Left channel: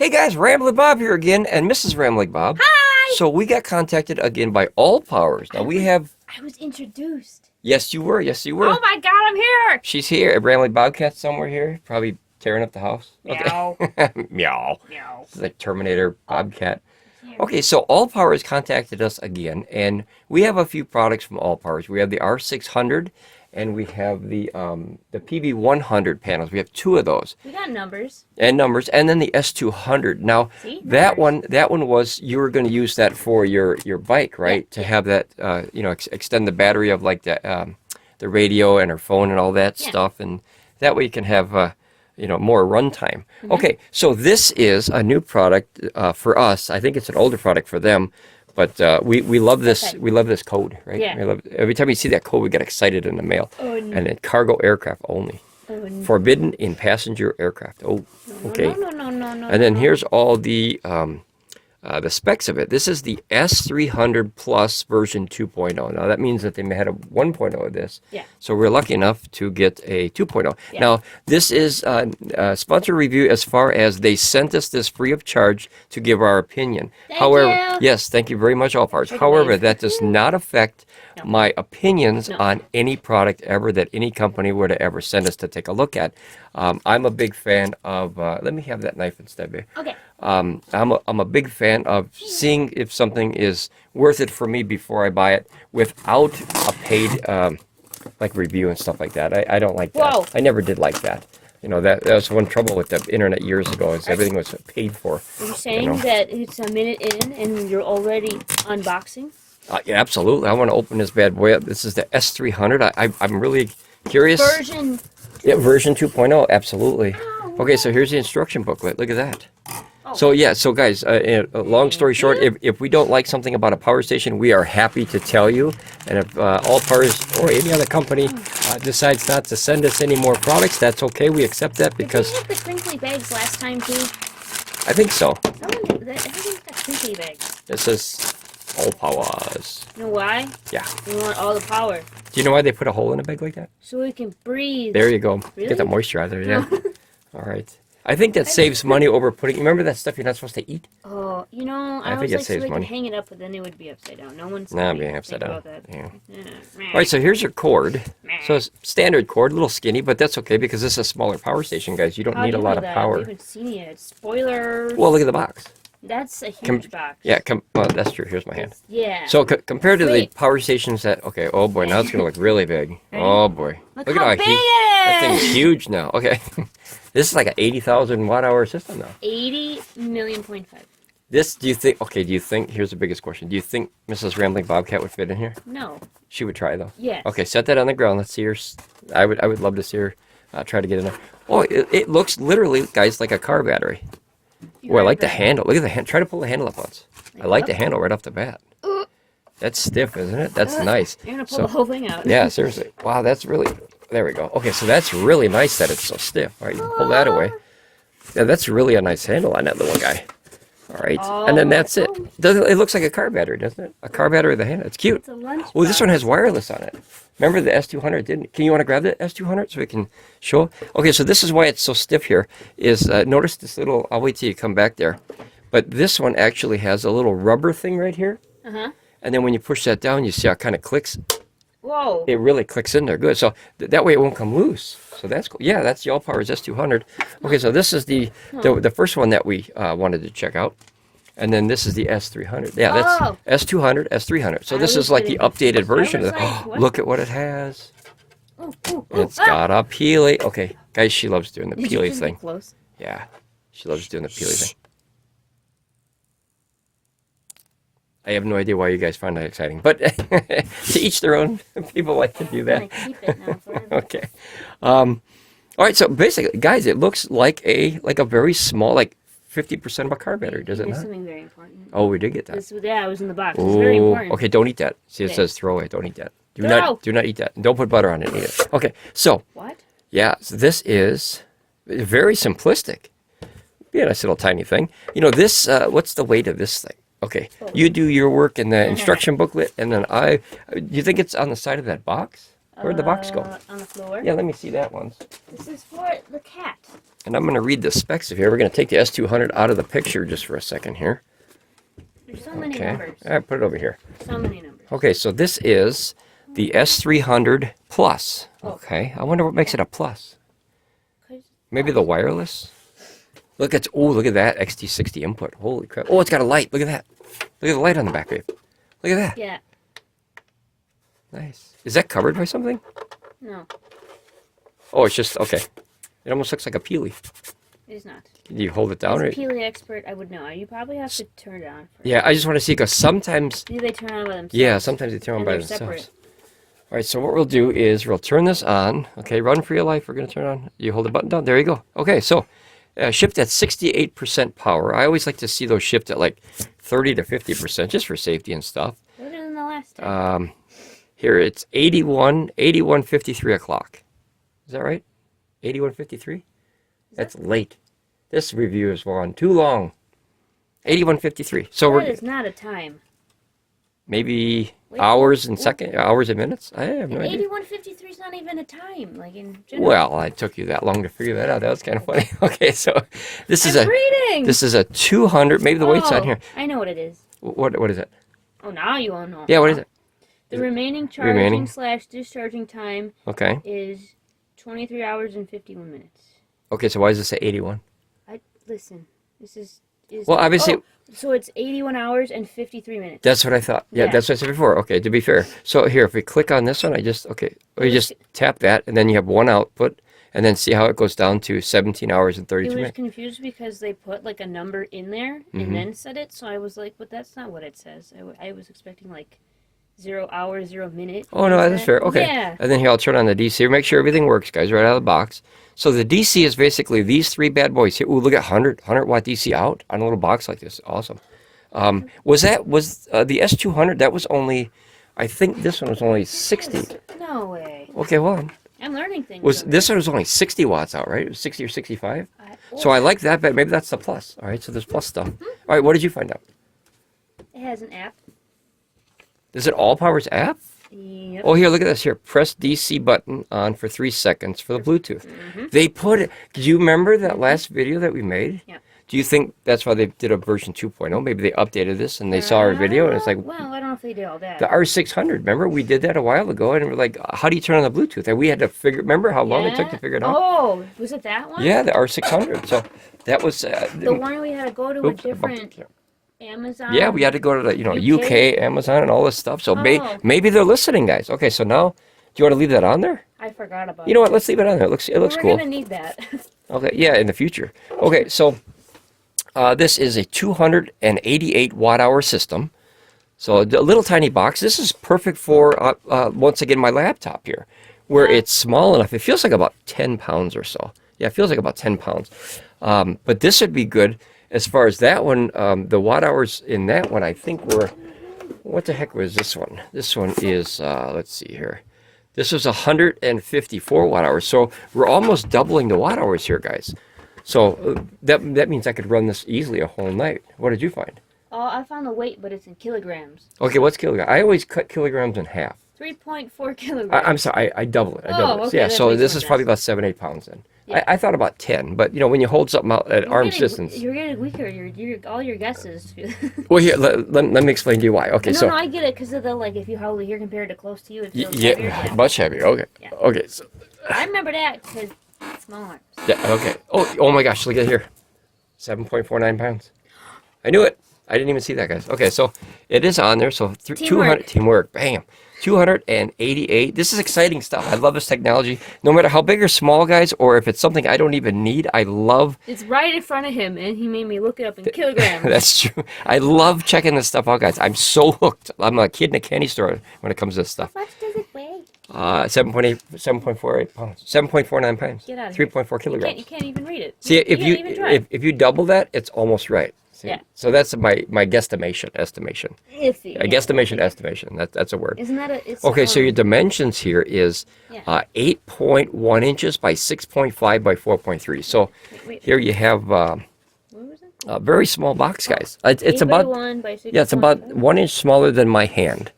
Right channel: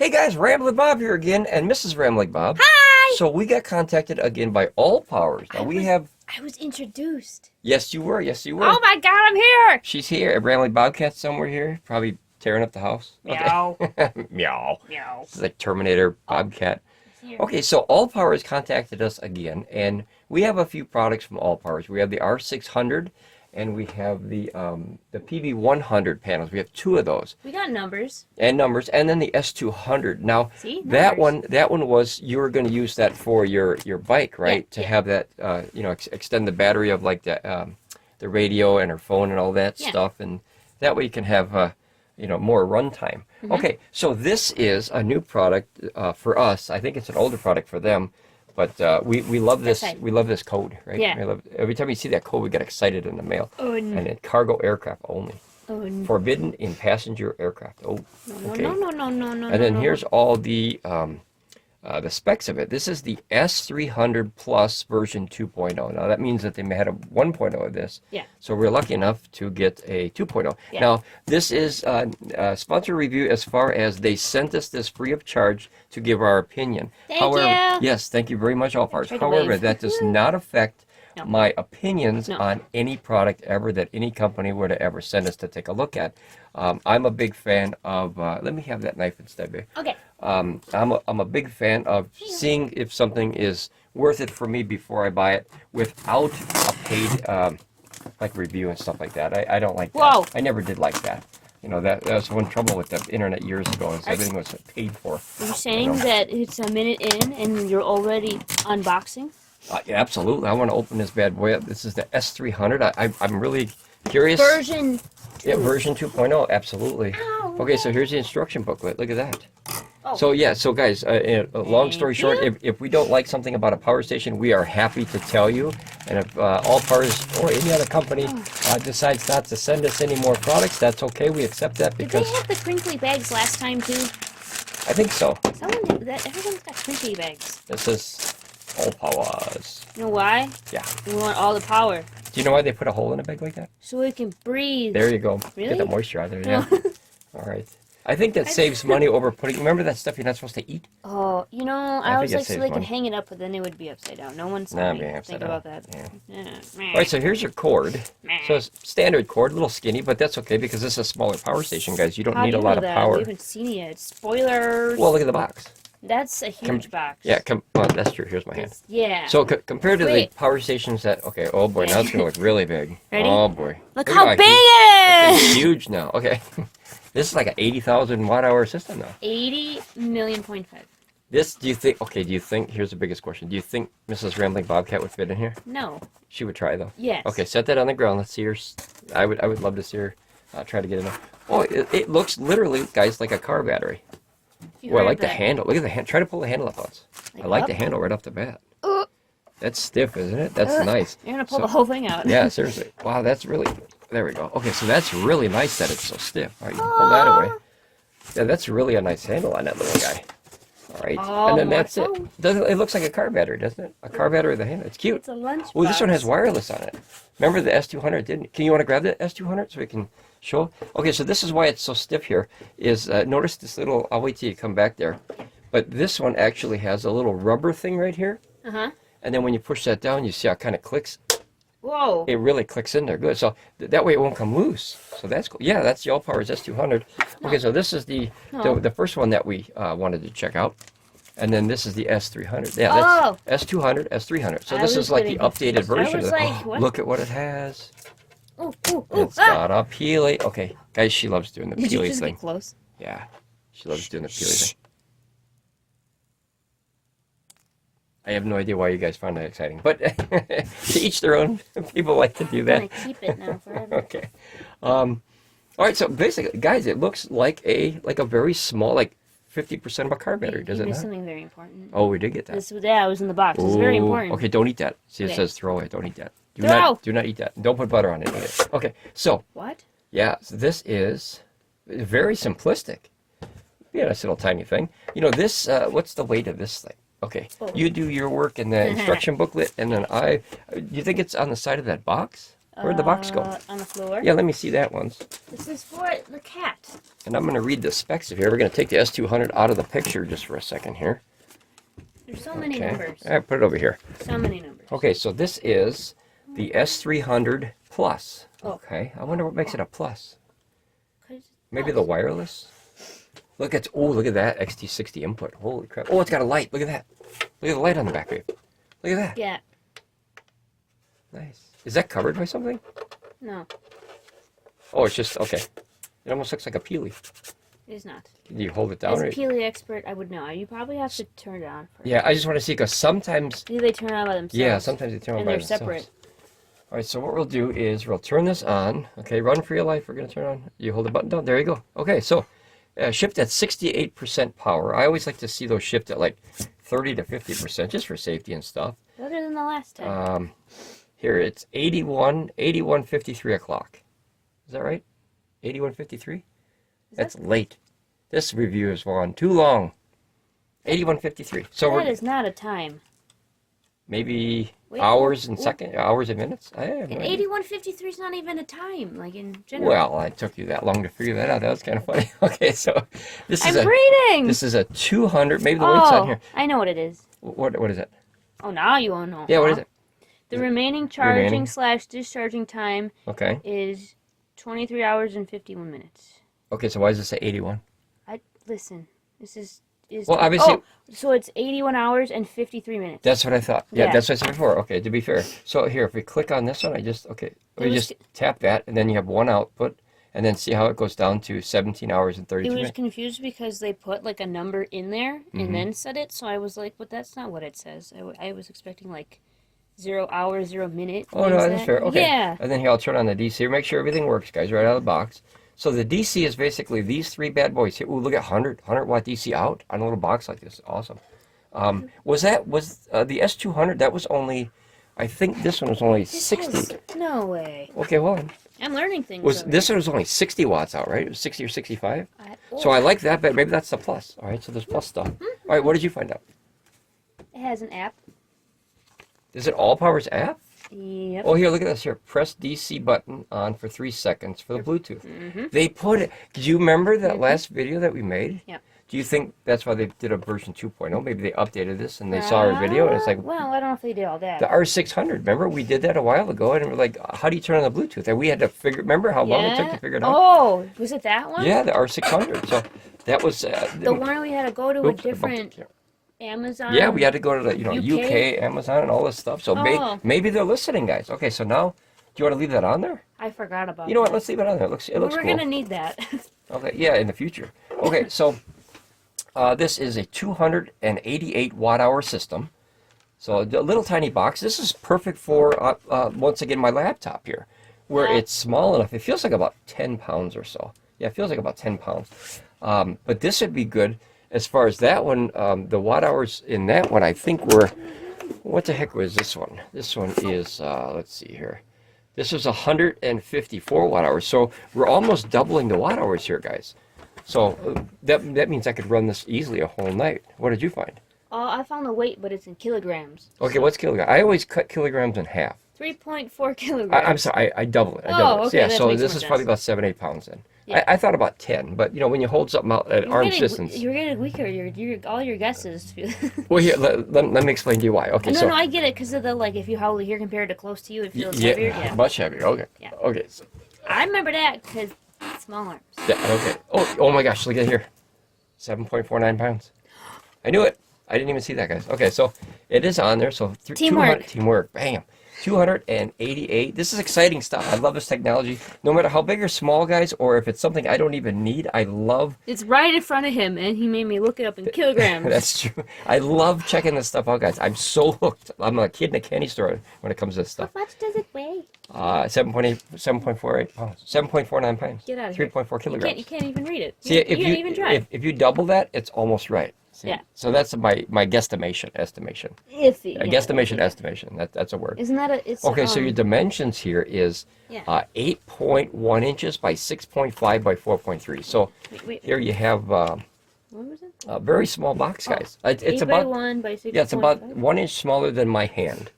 Hey guys, Ramblin Bob here again, and Mrs. Ramblin Bob. Hi! So we got contacted again by Allpowers. Now I was introduced. Yes you were, yes you were. Oh my god, I'm here! She's here, a Ramblin Bobcat somewhere here, probably tearing up the house. Meow. Okay. Meow. Meow. It's like Terminator Bobcat. Okay, so Allpowers contacted us again, and we have a few products from Allpowers. We have the R600, and we have the PV100 panels. We have two of those. We got numbers. And then the S200. Now, See? that one was, you were going to use that for your bike, right? Yeah, to have that, extend the battery of like the radio and her phone and all that stuff, and that way you can have more runtime. Okay, so this is a new product for us. I think it's an older product for them, but we love this. Okay. We love this code, right? Yeah. Every time we see that code, we get excited in the mail. Oh, no. And in cargo aircraft only. Oh, no. Forbidden in passenger aircraft. Oh, okay. No. And then here's all the specs of it. This is the S300 Plus version 2.0. Now that means that they had a 1.0 of this. Yeah. So we're lucky enough to get a 2.0. Yeah. Now this is a sponsor review as far as they sent us this free of charge to give our opinion. Thank you. Yes, thank you very much, Allpowers. Take a However, wave. that does not affect No. my opinions No. on any product ever that any company were to ever send us to take a look at. I'm a big fan of, let me have that knife instead, babe. Okay. I'm a big fan of seeing if something is worth it for me before I buy it without a paid like review and stuff like that. I don't like that. Whoa. I never did like that. That was one trouble with the internet years ago, is everything was paid for. Are you saying that it's a minute in and you're already unboxing? Yeah, absolutely. I want to open this bad boy up. This is the S300. I'm really curious. Version 2. Yeah, version 2.0, absolutely. Okay, so here's the instruction booklet. Look at that. Oh. So guys, long story short, if we don't like something about a power station, we are happy to tell you. And if Allpowers or any other company decides not to send us any more products, that's okay. We accept that because Did they have the crinkly bags last time too? I think so. Everyone's got crinkly bags. This is Allpowers. You know why? Yeah. We want all the power. Do you know why they put a hole in a bag like that? So we can breathe. There you go. Really? Get the moisture out of there, yeah. All right. I think that saves money over putting, remember that stuff you're not supposed to eat? Oh, I think was it like, so saves they money. could hang it up, but then they would be upside down. No one's Nah, going being to upside think down. about that. Yeah. All right, so here's your cord. So it's standard cord, a little skinny, but that's okay because this is a smaller power station, guys. You don't How need do a you lot know of that? power. We haven't seen it yet. Spoilers. Well, look at the box. That's a huge box. Yeah, well, that's true. Here's my hand. Yeah. So compared to the Wait. power stations that, okay, oh boy, now it's going to look really big. Ready? Oh boy. Look at how that big huge- That it thing's is! huge now. Okay. This is like an 80,000 watt-hour system now. 80 million point five. This, do you think, here's the biggest question. Do you think Mrs. Ramblin Bobcat would fit in here? No. She would try, though. Yes. Okay, set that on the ground. Let's see her. I would love to see her try to get enough. Oh, it looks literally, guys, like a car battery. You Oh, I heard like the that. handle. Look at the hand. Try to pull the handle up once. I like the up? handle right off the bat. Uh, That's stiff, isn't it? That's nice. You're going to pull So- the whole thing out. Yeah, seriously. Wow, that's really... There we go. Okay, so that's really nice that it's so stiff. All right, you can pull that away. Yeah, that's really a nice handle on that little guy. All right, and then that's it. It looks like a car battery, doesn't it? A car battery with a handle. It's cute. It's a lunch Well, this one has wireless on it. Remember the S200 didn't? Can you want to grab the S200 so we can show? Okay, so this is why it's so stiff here. Is notice this little? I'll wait till you come back there. But this one actually has a little rubber thing right here. Uh-huh. And then when you push that down, you see how it kind of clicks. Whoa. It really clicks in there good. So that way it won't come loose. So that's cool. Yeah, that's the Allpowers S200. Okay, so this is the first one that we wanted to check out. And then this is the S300. Yeah, that's S200, S300. So this is like the updated version of it. Look at what it has. It's got a Peely. Okay, guys, she loves doing the Did you Peely just thing. get close? Yeah, she loves doing the Peely thing. I have no idea why you guys find that exciting, but to each their own. People like to do that. I'm gonna keep it now forever. Okay. All right. So basically, guys, it looks like a very small, like 50% of a car battery, does it There's not? something very important. Oh, we did get that. This was in the box. It's very important. Okay, don't eat that. See, it Okay. says throw away. Don't eat that. Do No. not eat that. Don't put butter on it either. Okay. So What? yeah, so this is very simplistic. Yeah, nice little tiny thing. This. What's the weight of this thing? Okay, you do your work in the instruction booklet, and then do you think it's on the side of that box? Where'd the box go? On the floor. Yeah, let me see that once. This is for the cat. And I'm going to read the specs of here. We're going to take the S200 out of the picture just for a second here. There's so many numbers. All right, put it over here. So many numbers. Okay, so this is the S300 Plus. Okay, I wonder what makes it a plus. Maybe the wireless? Look at that XT60 input. Holy crap. Oh, it's got a light. Look at that. Look at the light on the back of it. Look at that. Yeah. Nice. Is that covered by something? No. Oh, it's just, okay. It almost looks like a Peely. It is not. Do you hold it down? As a Right? Peely expert, I would know. You probably have to turn it on first. Yeah, I just want to see, because sometimes... Maybe they turn on by themselves. Yeah, sometimes they turn on by themselves. Separate. All right, so what we'll do is we'll turn this on. Okay, run for your life. We're going to turn it on. You hold the button down. There you go. Okay, so shipped at 68% power. I always like to see those shipped at like 30 to 50% just for safety and stuff. Better than the last time. Here, it's 81:53 o'clock. Is that right? 81:53? That's late. This review is on too long. 81:53. So that is not a time. Maybe hours and hours and minutes? I have no idea. 81:53 is not even a time, like in general. Well, it took you that long to figure that out. That was kind of funny. Okay, so this is reading. This is a 200. Maybe the weight's on here. I know what it is. What is it? Oh, now you won't know. Yeah, what is it? The remaining charging / discharging time is 23 hours and 51 minutes. Okay, so why does it say 81? Listen, this is well, obviously. So it's 81 hours and 53 minutes. That's what I thought. Yeah, that's what I said before. Okay, to be fair. So here, if we click on this one, we just tap that, and then you have one output, and then see how it goes down to 17 hours and 32 minutes. It was confused because they put like a number in there and then said it, so I was like, but that's not what it says. I was expecting like 0 hour, 0 minute. Oh, no, that's fair. Okay. Yeah. And then here, I'll turn on the DC. Make sure everything works, guys, right out of the box. So the DC is basically these three bad boys here. Ooh, look at 100 watt DC out on a little box like this. Awesome. Was the S200, that was only, I think this one was only 60. No way. Okay, well. I'm learning things. This one was only 60 watts out, right? It was 60 or 65? So I like that, but maybe that's the plus. All right, so there's plus stuff. All right, what did you find out? It has an app. Is it Allpowers app? Yep. Oh, here, look at this here. Press DC button on for 3 seconds for the Bluetooth. They put it. Do you remember that last video that we made? Yeah. Do you think that's why they did a version 2.0? Maybe they updated this and they saw our video and it's like... Well, I don't know if they did all that. The R600, remember? We did that a while ago and we're like, how do you turn on the Bluetooth? And we had to figure... Remember how long it took to figure it out? Oh, was it that one? Yeah, the R600. So that was... the one we had to go to a different... Amazon. Yeah, we had to go to the UK, Amazon, and all this stuff. So maybe they're listening, guys. Okay, so now, do you want to leave that on there? I forgot about. You know what? Let's leave it on there. It looks cool. We're gonna need that. Okay, yeah, in the future. Okay, so this is a 288 watt-hour system. So a little tiny box. This is perfect for once again my laptop here, where it's small enough. It feels like about 10 pounds or so. Yeah, it feels like about 10 pounds. But this would be good. As far as that one, the watt hours in that one, I think were, what the heck was this one? This one is, let's see here. This was 154 watt hours. So we're almost doubling the watt hours here, guys. So that means I could run this easily a whole night. What did you find? I found the weight, but it's in kilograms. Okay, what's kilogram? I always cut kilograms in half. 3.4 kilograms. I'm sorry, I double it. Okay, yeah, so this is probably about 7-8 pounds then. Yeah. I thought about 10, but when you hold something out at arm's distance, you're getting weaker. All your guesses. Well, here let me explain to you why. Okay, no, I get it because of the if you hold it here compared to close to you, it feels heavier. Yeah, much heavier. Okay. Yeah. Okay. So I remember that because small arms. Yeah. Okay. Oh my gosh! Look at here, 7.49 pounds. I knew it. I didn't even see that, guys. Okay, so it is on there. So teamwork. Bam. 288. This is exciting stuff. I love this technology. No matter how big or small, guys, or if it's something I don't even need, I love... It's right in front of him, and he made me look it up in kilograms. That's true. I love checking this stuff out, guys. I'm so hooked. I'm a kid in a candy store when it comes to this stuff. How much does it weigh? 7.48 pounds. 7.49 pounds. Get out of here. 3.4 kilograms. You can't even read it. See, if you double that, it's almost right. Yeah. So that's my guesstimation, estimation. Iffy. A guesstimation, estimation. That's a word. Isn't that a... It's, okay, so your dimensions here is 8.1 inches by 6.5 by 4.3. So here you have what was it? a very small box, guys. It's about 1 by 6. it's about 1 inch smaller than my hand,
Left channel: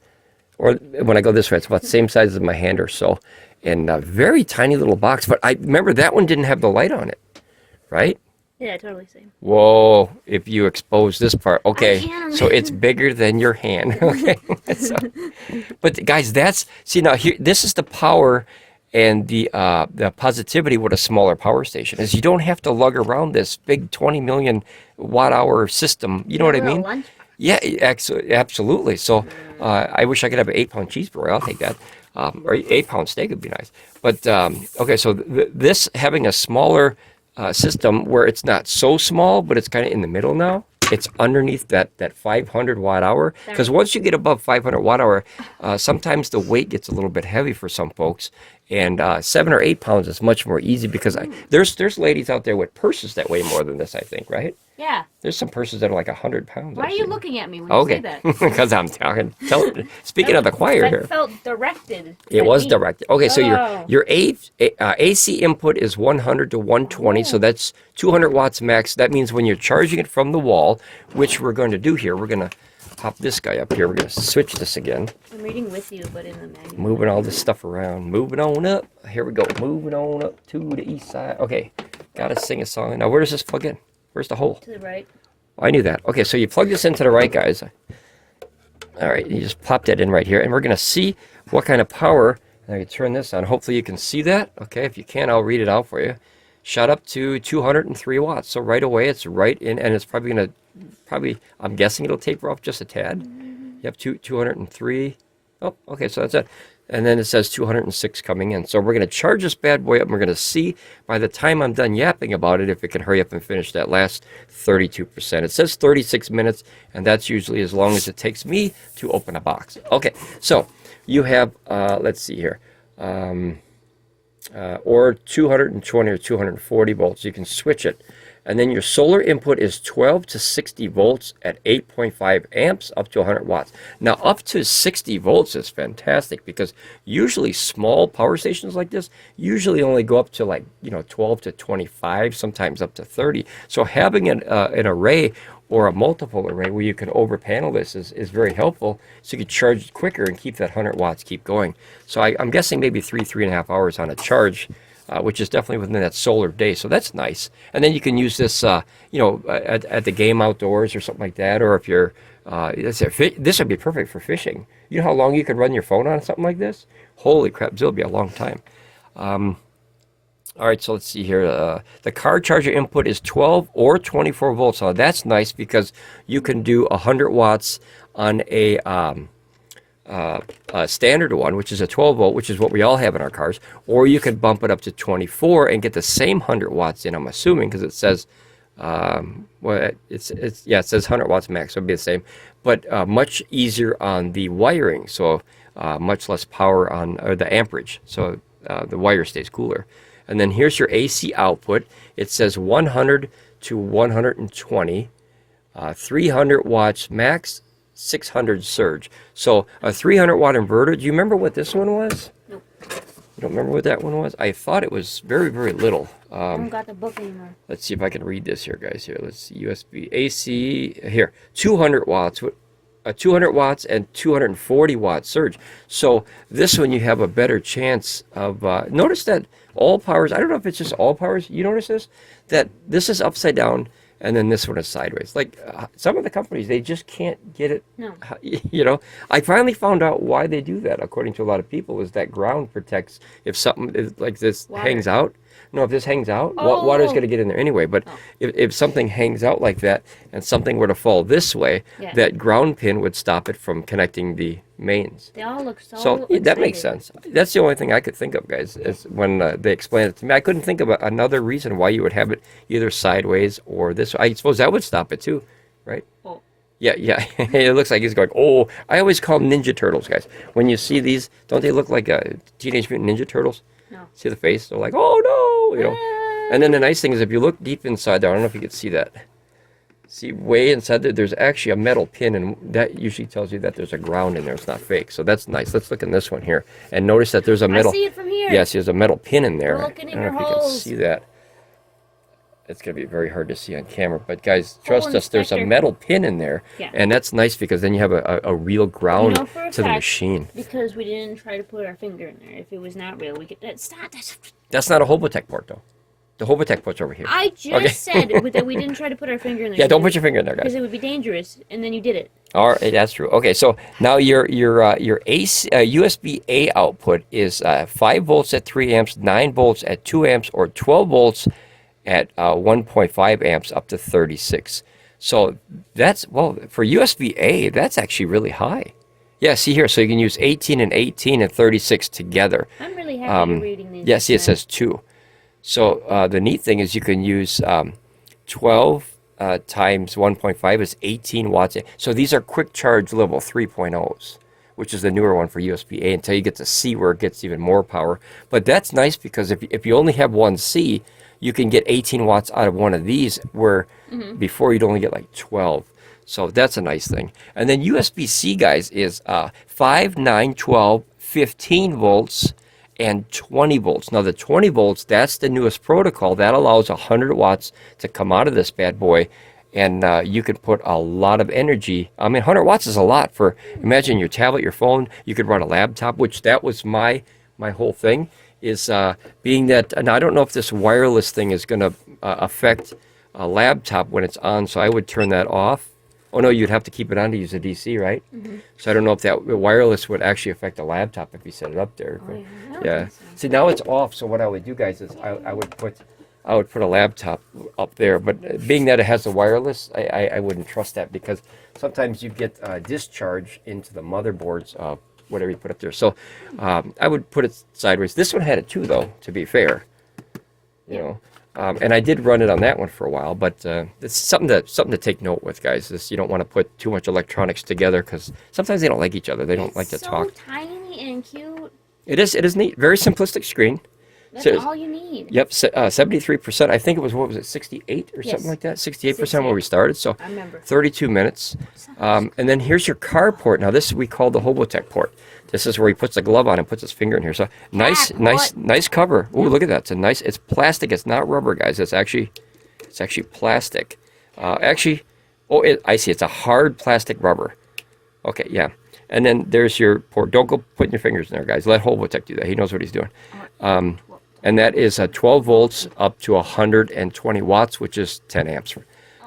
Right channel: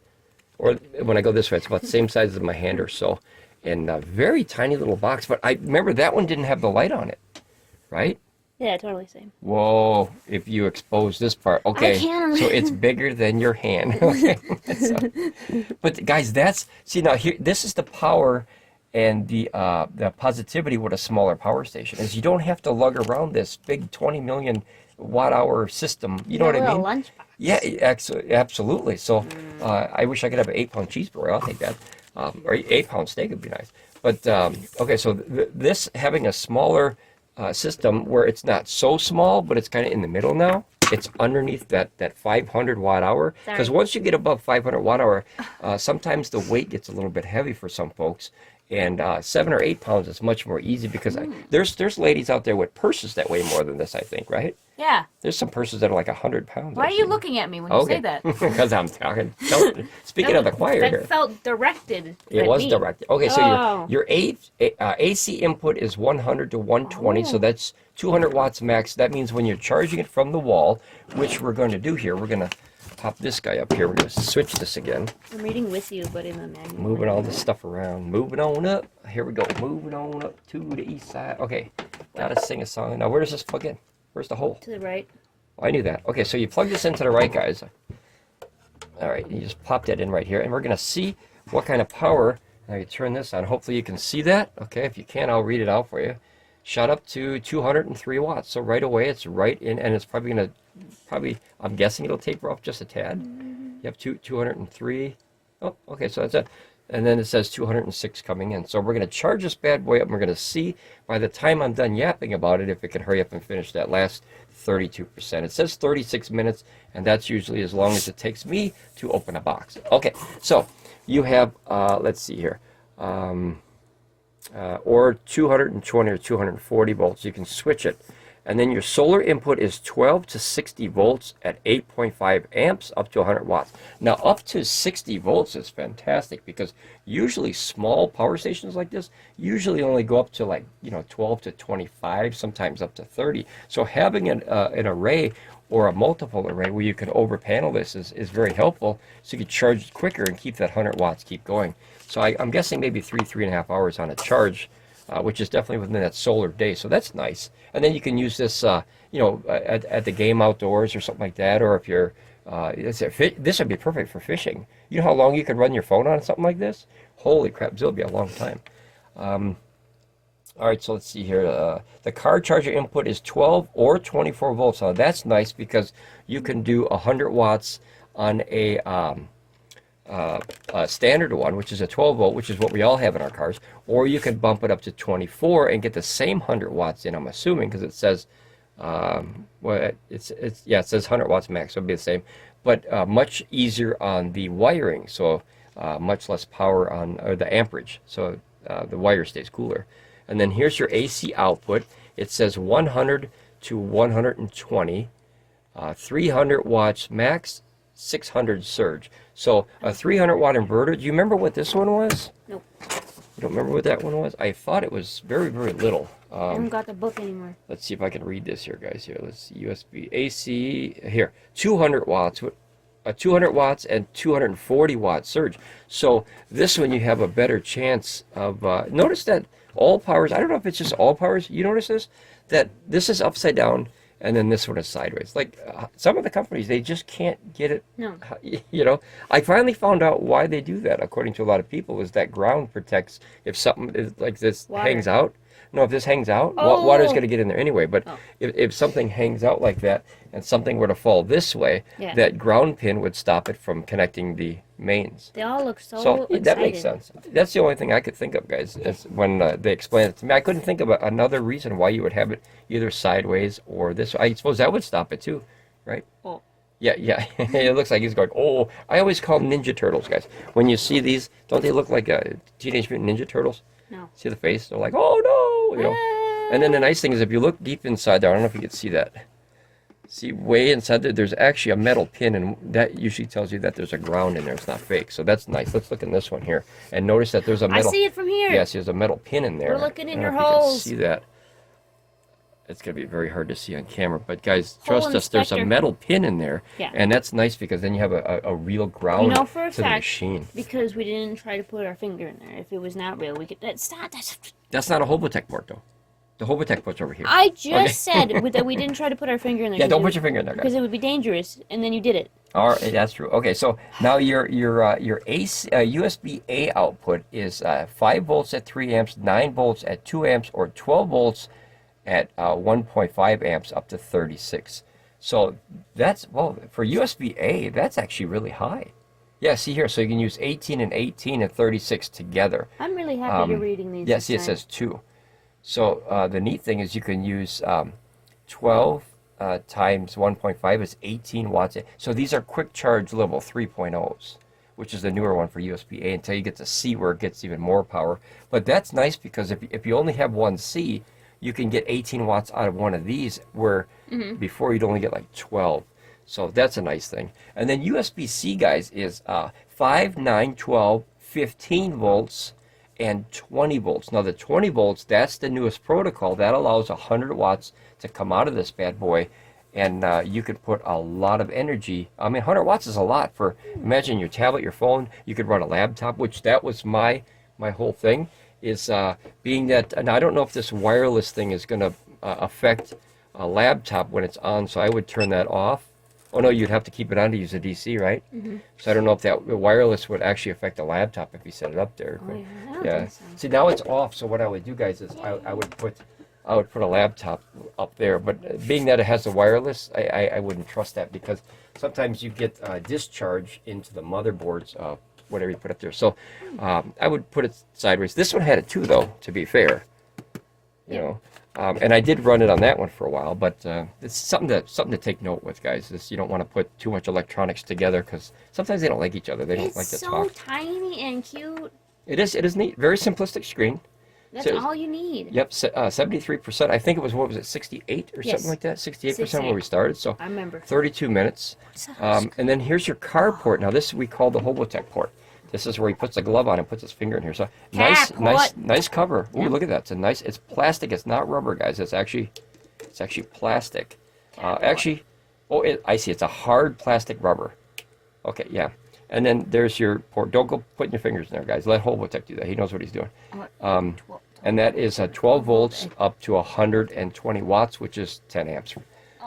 or when I go this way, it's about the same size as my hand or so. And a very tiny little box. But I remember that one didn't have the light on it, right? Yeah, totally same. Whoa, if you expose this part. Okay, can. so it's bigger than your hand. Okay. But guys, see now here, this is the power and the positivity with a smaller power station is you don't have to lug around this big 20 million watt hour system. You know what I mean? Yeah, absolutely. So I wish I could have an 8-pound cheeseburger. I'll take that. Or 8-pound steak would be nice. But okay, so this having a smaller system where it's not so small, but it's kind of in the middle now. It's underneath that 500 watt hour. Because once you get above 500 watt hour, sometimes the weight gets a little bit heavy for some folks. And 7 or 8 pounds is much more easy because there's ladies out there with purses that weigh more than this, I think, right? Yeah. There's some purses that are like 100 pounds. Why are you looking at me when you say that? Because I'm talking. Speaking of the choir here. That felt directed. It was directed. Okay, so your AC input is 100 to 120, so that's 200 watts max. That means when you're charging it from the wall, which we're going to do here, we're going to pop this guy up here. We're going to switch this again. I'm reading with you, but in the manual. Moving all this stuff around. Moving on up. Here we go. Moving on up to the east side. Okay, got to sing a song. Now, where does this plug in? Where's the hole? To the right. I knew that. Okay, so you plug this into the right, guys. All right, you just pop that in right here, and we're going to see what kind of power. Now you turn this on. Hopefully you can see that. Okay, if you can, I'll read it out for you. Shot up to 203 watts. So right away, it's right in, and it's probably going to, I'm guessing it'll taper off just a tad. You have 203. Oh, okay, so that's it. And then it says 206 coming in. So we're going to charge this bad boy up, and we're going to see by the time I'm done yapping about it if it can hurry up and finish that last 32%. It says 36 minutes, and that's usually as long as it takes me to open a box. Okay, so you have, let's see here, or 220 or 240 volts. You can switch it. And then your solar input is 12 to 60 volts at 8.5 amps up to 100 watts. Now, up to 60 volts is fantastic because usually small power stations like this usually only go up to 12 to 25, sometimes up to 30. So having an array or a multiple array where you can over panel this is very helpful, so you can charge it quicker and keep that 100 watts keep going. So I'm guessing maybe 3.5 hours on a charge, which is definitely within that solar day, so that's nice. And then you can use this, at the game outdoors or something like that, or if you're, this would be perfect for fishing. You know how long you could run your phone on something like this? Holy crap, this will be a long time. All right, so let's see here. The car charger input is 12 or 24 volts. Now that's nice because you can do 100 watts on a standard one, which is a 12 volt, which is what we all have in our cars, or you could bump it up to 24 and get the same 100 watts in, I'm assuming, because it says, it says 100 watts max, so it'll be the same, but much easier on the wiring, so much less power on the amperage, so the wire stays cooler. And then here's your AC output. It says 100 to 120, 300 watts max, 600 surge. So a 300 watt inverter. Do you remember what this one was? Nope. You don't remember what that one was? I thought it was very, very little. I haven't got the book anymore. Let's see if I can read this here, guys. Here, let's see. USB AC. Here, 200 watts. 200 watts and 240 watt surge. So this one you have a better chance of. Notice that Allpowers. I don't know if it's just Allpowers. You notice this? That this is upside down. And then this one is sideways. Like some of the companies, they just can't get it. No. You know, I finally found out why they do that. According to a lot of people, is that ground protects if something is like this hangs out. No, if this hangs out, water's going to get in there anyway. But if something hangs out like that and something were to fall this way, that ground pin would stop it from connecting the mains. They all look so that makes sense. That's the only thing I could think of, guys, is when they explained it to me. I couldn't think of another reason why you would have it either sideways or this way. I suppose that would stop it too, right? Oh. Yeah. It looks like he's going, oh, I always call them Ninja Turtles, guys. When you see these, don't they look like Teenage Mutant Ninja Turtles? No. See the face? They're like, oh, no, you know. And then the nice thing is if you look deep inside there, I don't know if you can see that. See, way inside there, there's actually a metal pin, and that usually tells you that there's a ground in there. It's not fake, so that's nice. Let's look in this one here, and notice that there's a metal. I see it from here. Yes, there's a metal pin in there. We're looking in your holes. See that? it's going to be very hard to see on camera. But guys, Hole trust us, there's a inspector. metal pin in there. Yeah. And that's nice because then you have a real ground for a to the fact, machine. because we didn't try to put our finger in there. If it was not real, we could. That's not a Hobotech port, though. The Hobotech port's over here. I just said that we didn't try to put our finger in there. Yeah, don't put your finger in there, because guys. it would be dangerous, and then you did it. All right, that's true. Okay, so now your AC, USB-A output is 5 volts at 3 amps, 9 volts at 2 amps, or 12 volts at 1.5 amps up to 36. So that's, well, for USB-A, that's actually really high. Yeah, see here, so you can use 18 and 18 and 36 together. I'm really happy you're reading these. Yeah, see, it says 2. So the neat thing is you can use 12 times 1.5 is 18 watts. So these are quick charge level 3.0s, which is the newer one for USB-A until you get to C where it gets even more power. But that's nice because if you only have one C, you can get 18 watts out of one of these where before you'd only get like 12. So that's a nice thing. And then USB-C, guys, is 5, 9, 12, 15 volts, and 20 volts. Now the 20 volts, that's the newest protocol. That allows 100 watts to come out of this bad boy, and you could put a lot of energy. I mean, 100 watts is a lot for, imagine your tablet, your phone. You could run a laptop, which that was my whole thing, is being that, and I don't know if this wireless thing is going to affect a laptop when it's on, so I would turn that off. Oh no, you'd have to keep it on to use a DC, right? So I don't know if that wireless would actually affect a laptop if you set it up there. Oh, yeah. I don't Yeah. think so. See, now it's off. So what I would do, guys, is I would put a laptop up there. But being that it has the wireless, I wouldn't trust that because sometimes you get discharge into the motherboards of whatever you put up there. So I would put it sideways. This one had it too, though. To be fair, you know. And I did run it on that one for a while, but it's something to take note with, guys. Is you don't want to put too much electronics together because sometimes they don't like each other. They don't like to talk. It's so tiny and cute. It is neat. Very simplistic screen. That's So- all you need. Yep, 73%. I think it was, what was it, 68 or Yes. something like that? 68% where we started. So I remember. 32 minutes. And then here's your car port. Now this we call the Hobotech port. This is where he puts the glove on and puts his finger in here. So nice cover. Ooh, look at that. It's plastic. It's not rubber, guys. It's actually plastic. I see. It's a hard plastic rubber. Okay, yeah. And then there's your port. Don't go putting your fingers in there, guys. Let Hobotech do that. He knows what he's doing. And that is 12 volts up to 120 watts, which is 10 amps.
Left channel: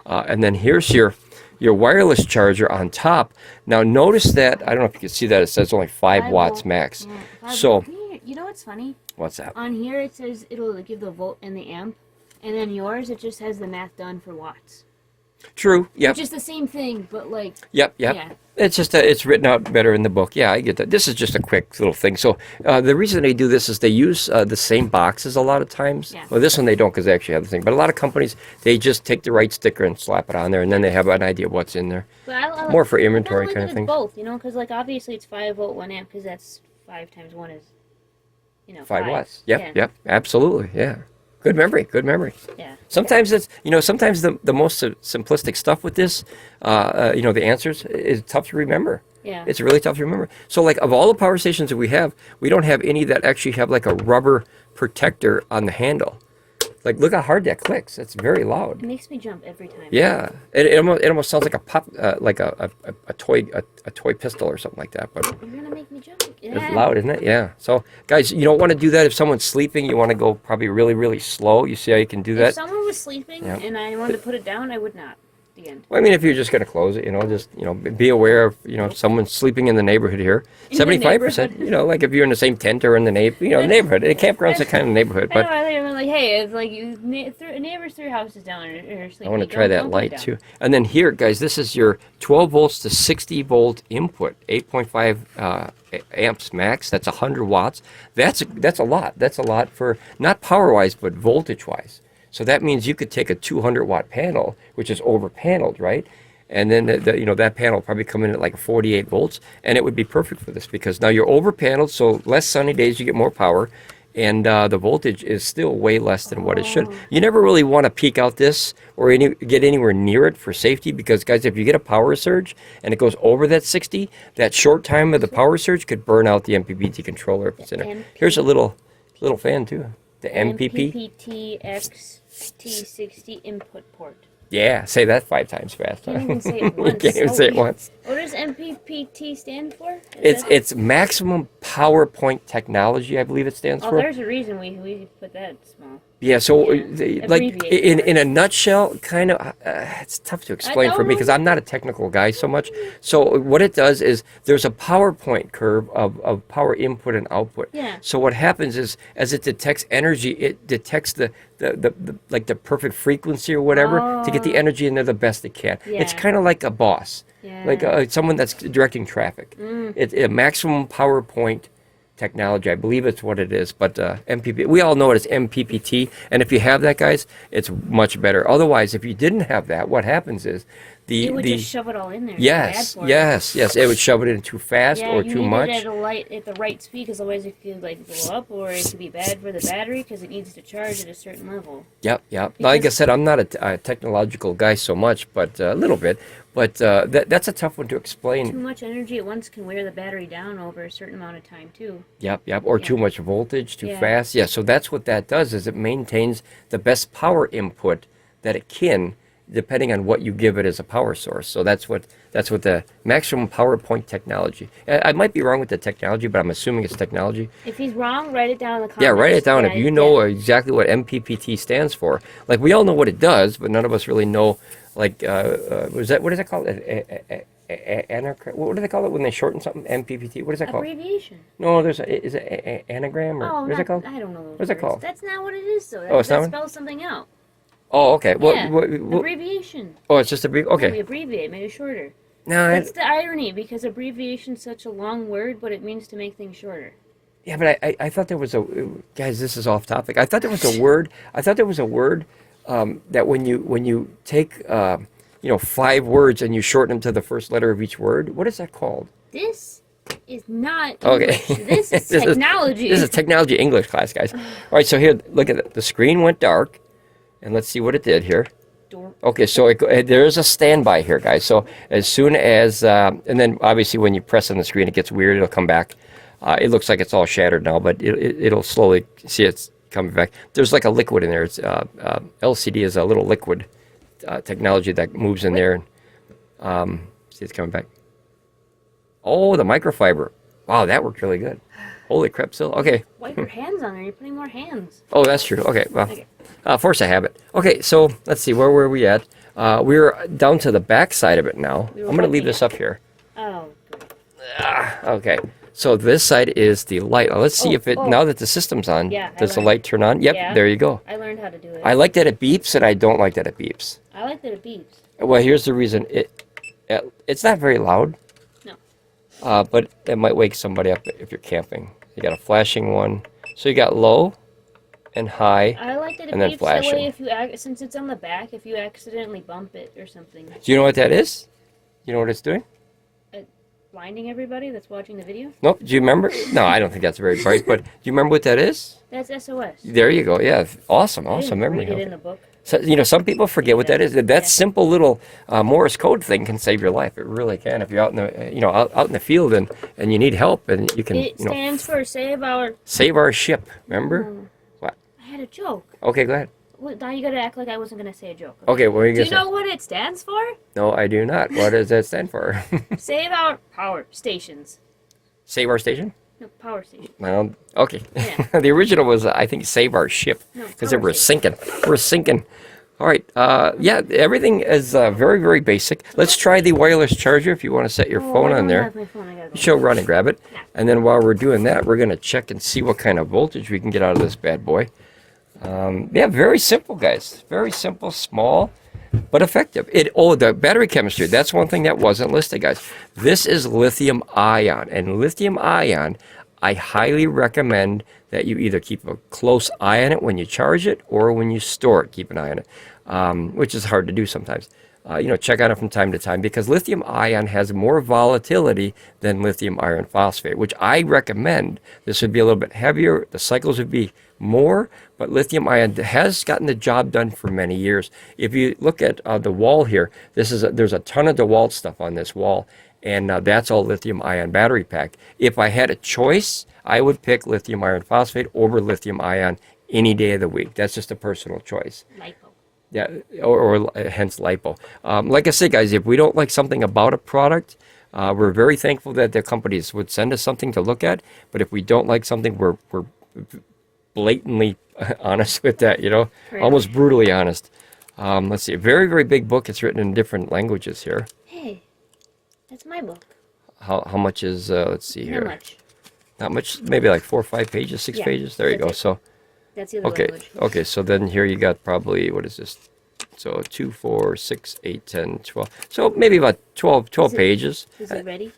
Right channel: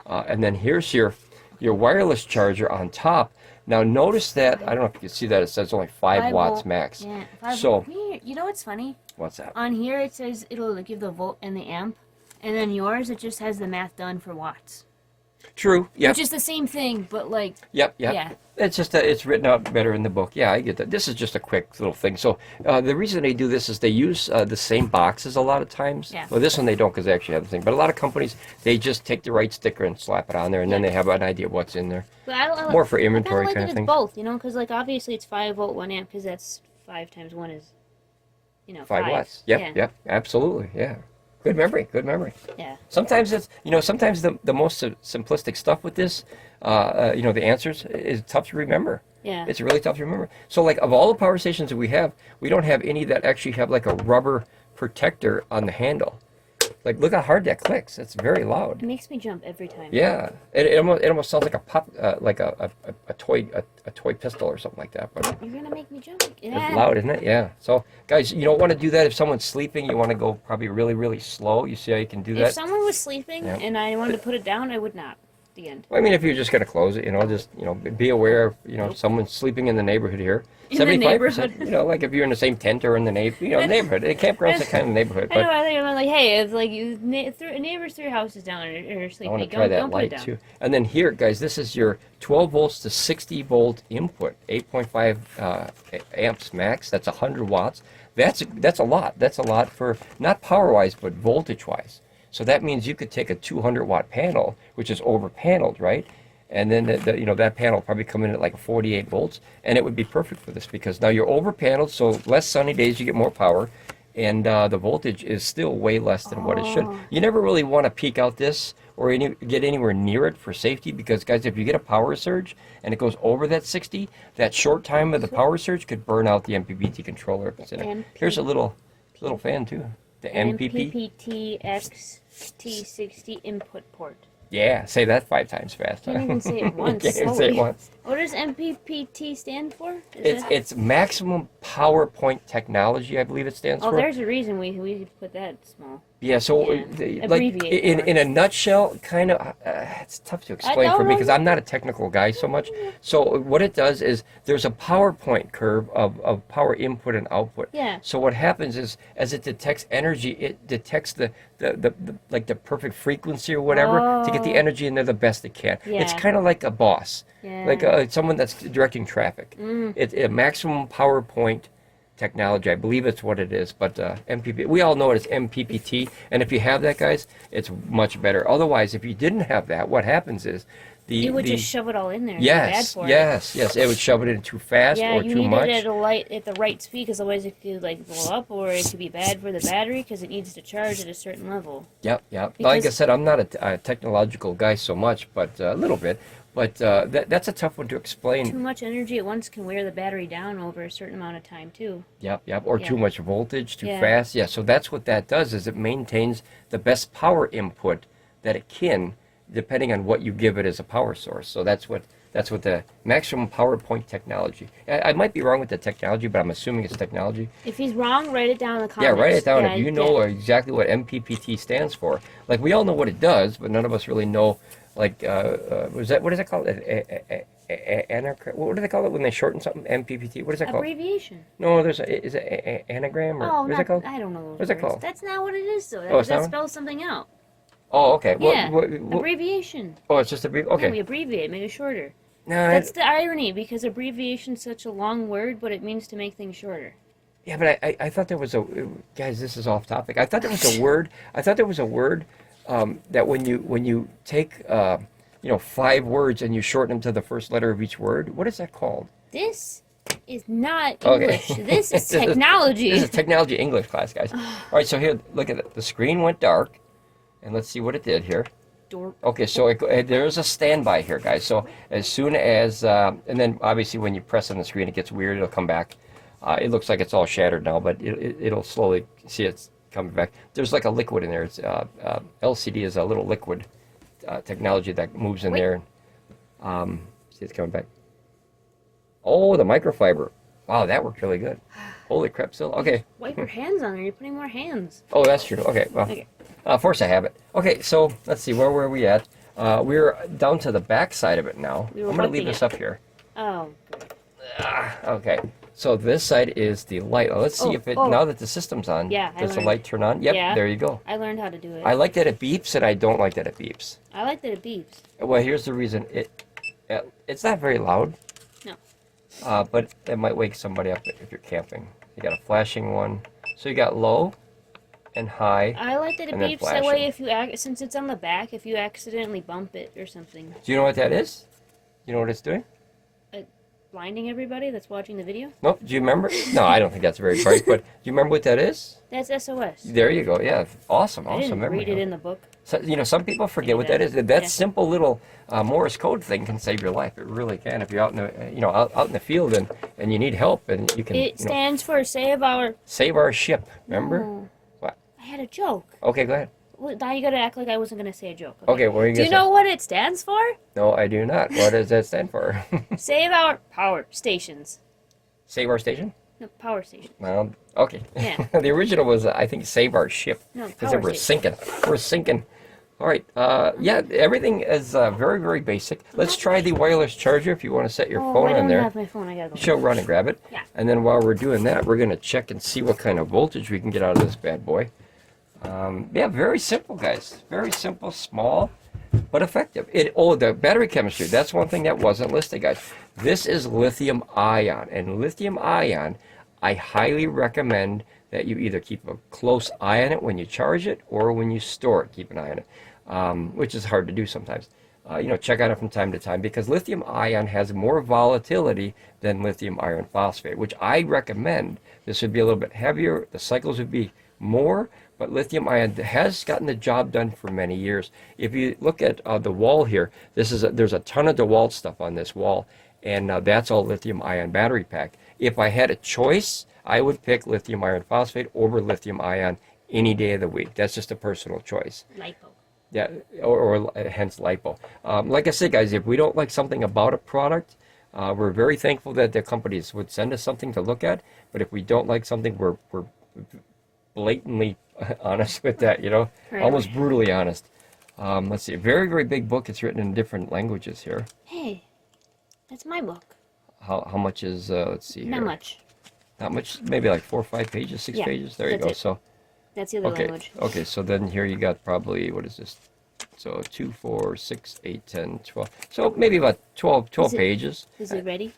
And then here's your wireless charger on top. Now notice that, I don't know if you can see that, it says only 5 watts max. Yeah, So, you know what's funny? what's that? On here it says it'll give the volt and the amp, and then yours it just has the math done for watts. True, yep. Which is the same thing, but like. Yep. Yeah. It's just it's written out better in the book. Yeah, I get that. This is just a quick little thing. So the reason they do this is they use the same boxes a lot of times. Yeah. Well, this one they don't because they actually have the thing. But a lot of companies, they just take the right sticker and slap it on there, and then they have an idea of what's in there. But I More for I inventory like kind of it's thing. both, because like obviously it's 5 volt 1 amp because that's 5 times 1 is, 5 watts. Yep. Absolutely. Yeah. Good memory. Yeah. Sometimes it's, sometimes the most simplistic stuff with this, the answers is tough to remember. Yeah. It's really tough to remember. So like of all the power stations that we don't have any that actually have like a rubber protector on the handle. Like look how hard that clicks. It's very loud. It makes me jump every time. Yeah. It almost sounds like a pop, like a toy pistol or something like that. But You're gonna make me jump. it's loud, isn't it? Yeah. So guys, you don't want to do that if someone's sleeping. You want to go probably really, really slow. You see how you can do If that? someone was sleeping Yeah. and I wanted to put it down, I would not. The end. Well, I mean, if you're just going to close it, just, be aware of, if someone's sleeping in the neighborhood here. In the 75%, like if you're in the same tent or in the neighborhood. A campground's a kind of neighborhood. I But know, I'm like, hey, if like neighbors 3 houses down are sleeping. I want to try that don't put it light down. too. And then here, guys, this is your 12 volts to 60 volt input, 8.5 amps max. That's 100 watts. That's a lot. That's a lot for not power wise, but voltage wise. So that means you could take a 200 watt panel, which is over paneled, right? And then that panel will probably come in at like 48 volts, and it would be perfect for this because now you're over paneled, so less sunny days you get more power, and the voltage is still way less than what it should. You never really want to peak out this or get anywhere near it for safety because, guys, if you get a power surge and it goes over that 60, that short time of the power surge could burn out the MPPT controller if it's in there. Here's a little fan too. The MPP. MPPT XT60 input port. Yeah, say that 5 times fast. Can't even say it once. Can't even say it weird. once. What does MPPT stand for? It's maximum power point technology, I believe it stands Oh, for. there's a reason we put that small. Yeah, so Yeah. like Abbreviate in a nutshell, kind of, it's tough to explain for me because I'm not a technical guy so much. So what it does is there's a PowerPoint curve of power input and output. Yeah. So what happens is as it detects energy, it detects the like the perfect frequency or whatever to get the energy in there the best it can. It's Yeah. kind of like a boss, Yeah. like someone that's directing traffic. It's a maximum power point technology. I believe it's what it is, but MPP, we all know it as MPPT, and if you have that, guys, it's much better. Otherwise, if you didn't have that, what happens is It would just shove it all in there. yes, it would shove it in too fast Yeah, or you too need much. it at the right speed, because otherwise it could like blow up, or it could be bad for the battery because it needs to charge at a certain level. Yep. Like I Because- said, I'm not a technological guy so much, but a little bit. But that's a tough one to Too explain. much energy at once can wear the battery down over a certain amount of time too. Yep. Or too Yeah. much voltage, too Yeah. fast. Yeah. So that's what that does is it maintains the best power input that it can, depending on what you give it as a power source. So that's what the maximum power point technology. I might be wrong with the technology, but I'm assuming it's technology. If he's wrong, write it down in the comments. Yeah, write it down if you know yeah. exactly what MPPT stands for. Like we all know what it does, but none of us really know. Like, what is that called? What do they call it when they shorten something? MPPT. What is that called? Abbreviation. No, is it anagram or Oh, what is it called? I don't know those What's it words. called? That's not what it is, though. Oh, it's That not? spells something out. Oh, okay. Yeah, What, abbreviation. oh, it's just a brief. Yeah, we Okay. abbreviate, make it shorter. No, That's the irony, because abbreviation's such a long word, but it means to make things shorter. yeah, but I thought there was a guys. This is off topic. I thought there was a word. I thought there was a word that when you take 5 words and you shorten them to the first letter of each word. What is that called? This is not Okay. English. This is technology. This is technology English class, guys. All right, so here, look at it. The screen went dark, and let's see what it did here. Dorp. Okay, so there's a standby here, guys. So as soon as, and then obviously when you press on the screen, it gets weird. It'll come back. It looks like it's all shattered now, but it'll slowly see it's coming back. There's like a liquid in there. It's LCD is a little liquid technology that moves in there. And see, it's coming back. Oh, the microfiber. Wow, that worked really good. Holy crap, still. Okay. Wipe your hands on there. You're putting more hands. Oh, that's true. Okay, well, Okay. force of habit. Okay, so let's see, where were we at? We're down to the back side of it now. We were I'm going to leave looking this up here. Oh. Okay, so this side is the light. Now, let's see if it, oh. now that the system's on, Yeah, I does the learned. light turn on? Yep, Yeah. there you go. I learned how to do it. I like that it beeps, and I don't like that it beeps. I like that it beeps. Well, here's the reason. It's not very loud. No. But it might wake somebody up if you're camping. You got a flashing one. So you got low and high. I like that it And then beeps that flashing. way if you since it's on the back, if you accidentally bump it or something. Do you know what that is? You know what it's doing? Blinding everybody that's watching the video? Nope. Do you remember? No, I don't think that's very bright. But do you remember what that is? That's SOS. There you go. Yeah, awesome, I awesome didn't memory. read it in the book. So, some people forget what that is. That Yeah. simple little Morse code thing can save your life. It really can. If you're out in the out in the field and you need help and you can It stands for Save Our... save our ship. Remember? Oh, What? I had a joke. Okay, go ahead. Well, now you gotta act like I wasn't gonna say a joke. Okay, what are you Do gonna you say? know what it stands for? No, I do not. What does that stand for? Save Our Power Stations. Save our station? No, power station. Well, okay. Yeah. The original was, I think, save our ship. No, Because power we're station. sinking. We're sinking. All right. Yeah, everything is very, very basic. Let's try the wireless charger if you want to set your phone I on don't there. have my phone. I gotta go. She'll run and grab it. Yeah. And then while we're doing that, we're going to check and see what kind of voltage we can get out of this bad boy. Yeah, very simple, guys. Very simple, small, but effective. The battery chemistry, that's one thing that wasn't listed, guys. This is lithium ion. And lithium ion, I highly recommend that you either keep a close eye on it when you charge it or when you store it, keep an eye on it, which is hard to do sometimes. Check on it from time to time because lithium ion has more volatility than lithium iron phosphate, which I recommend. This would be a little bit heavier. The cycles would be more, but lithium ion has gotten the job done for many years. If you look at the wall here, there's a ton of DeWalt stuff on this wall, and that's all lithium ion battery pack. If I had a choice, I would pick lithium iron phosphate over lithium ion any day of the week. That's just a personal choice. Lipo. Yeah, or hence lipo. Like I said, guys, if we don't like something about a product, we're very thankful that the companies would send us something to look at. But if we don't like something, we're blatantly honest with that, you know, Right. almost brutally honest. Let's see, a very, very big book. It's written in different languages here. Hey, that's my book. How much is, let's see here. Not much. Not much, maybe like 4 or 5 pages, 6 pages. There you go. it. So, That's the other okay, language. okay. So then here you got probably, what is this? So 2, 4, 6, 8, 10, 12. So maybe about 12 pages. Is it ready?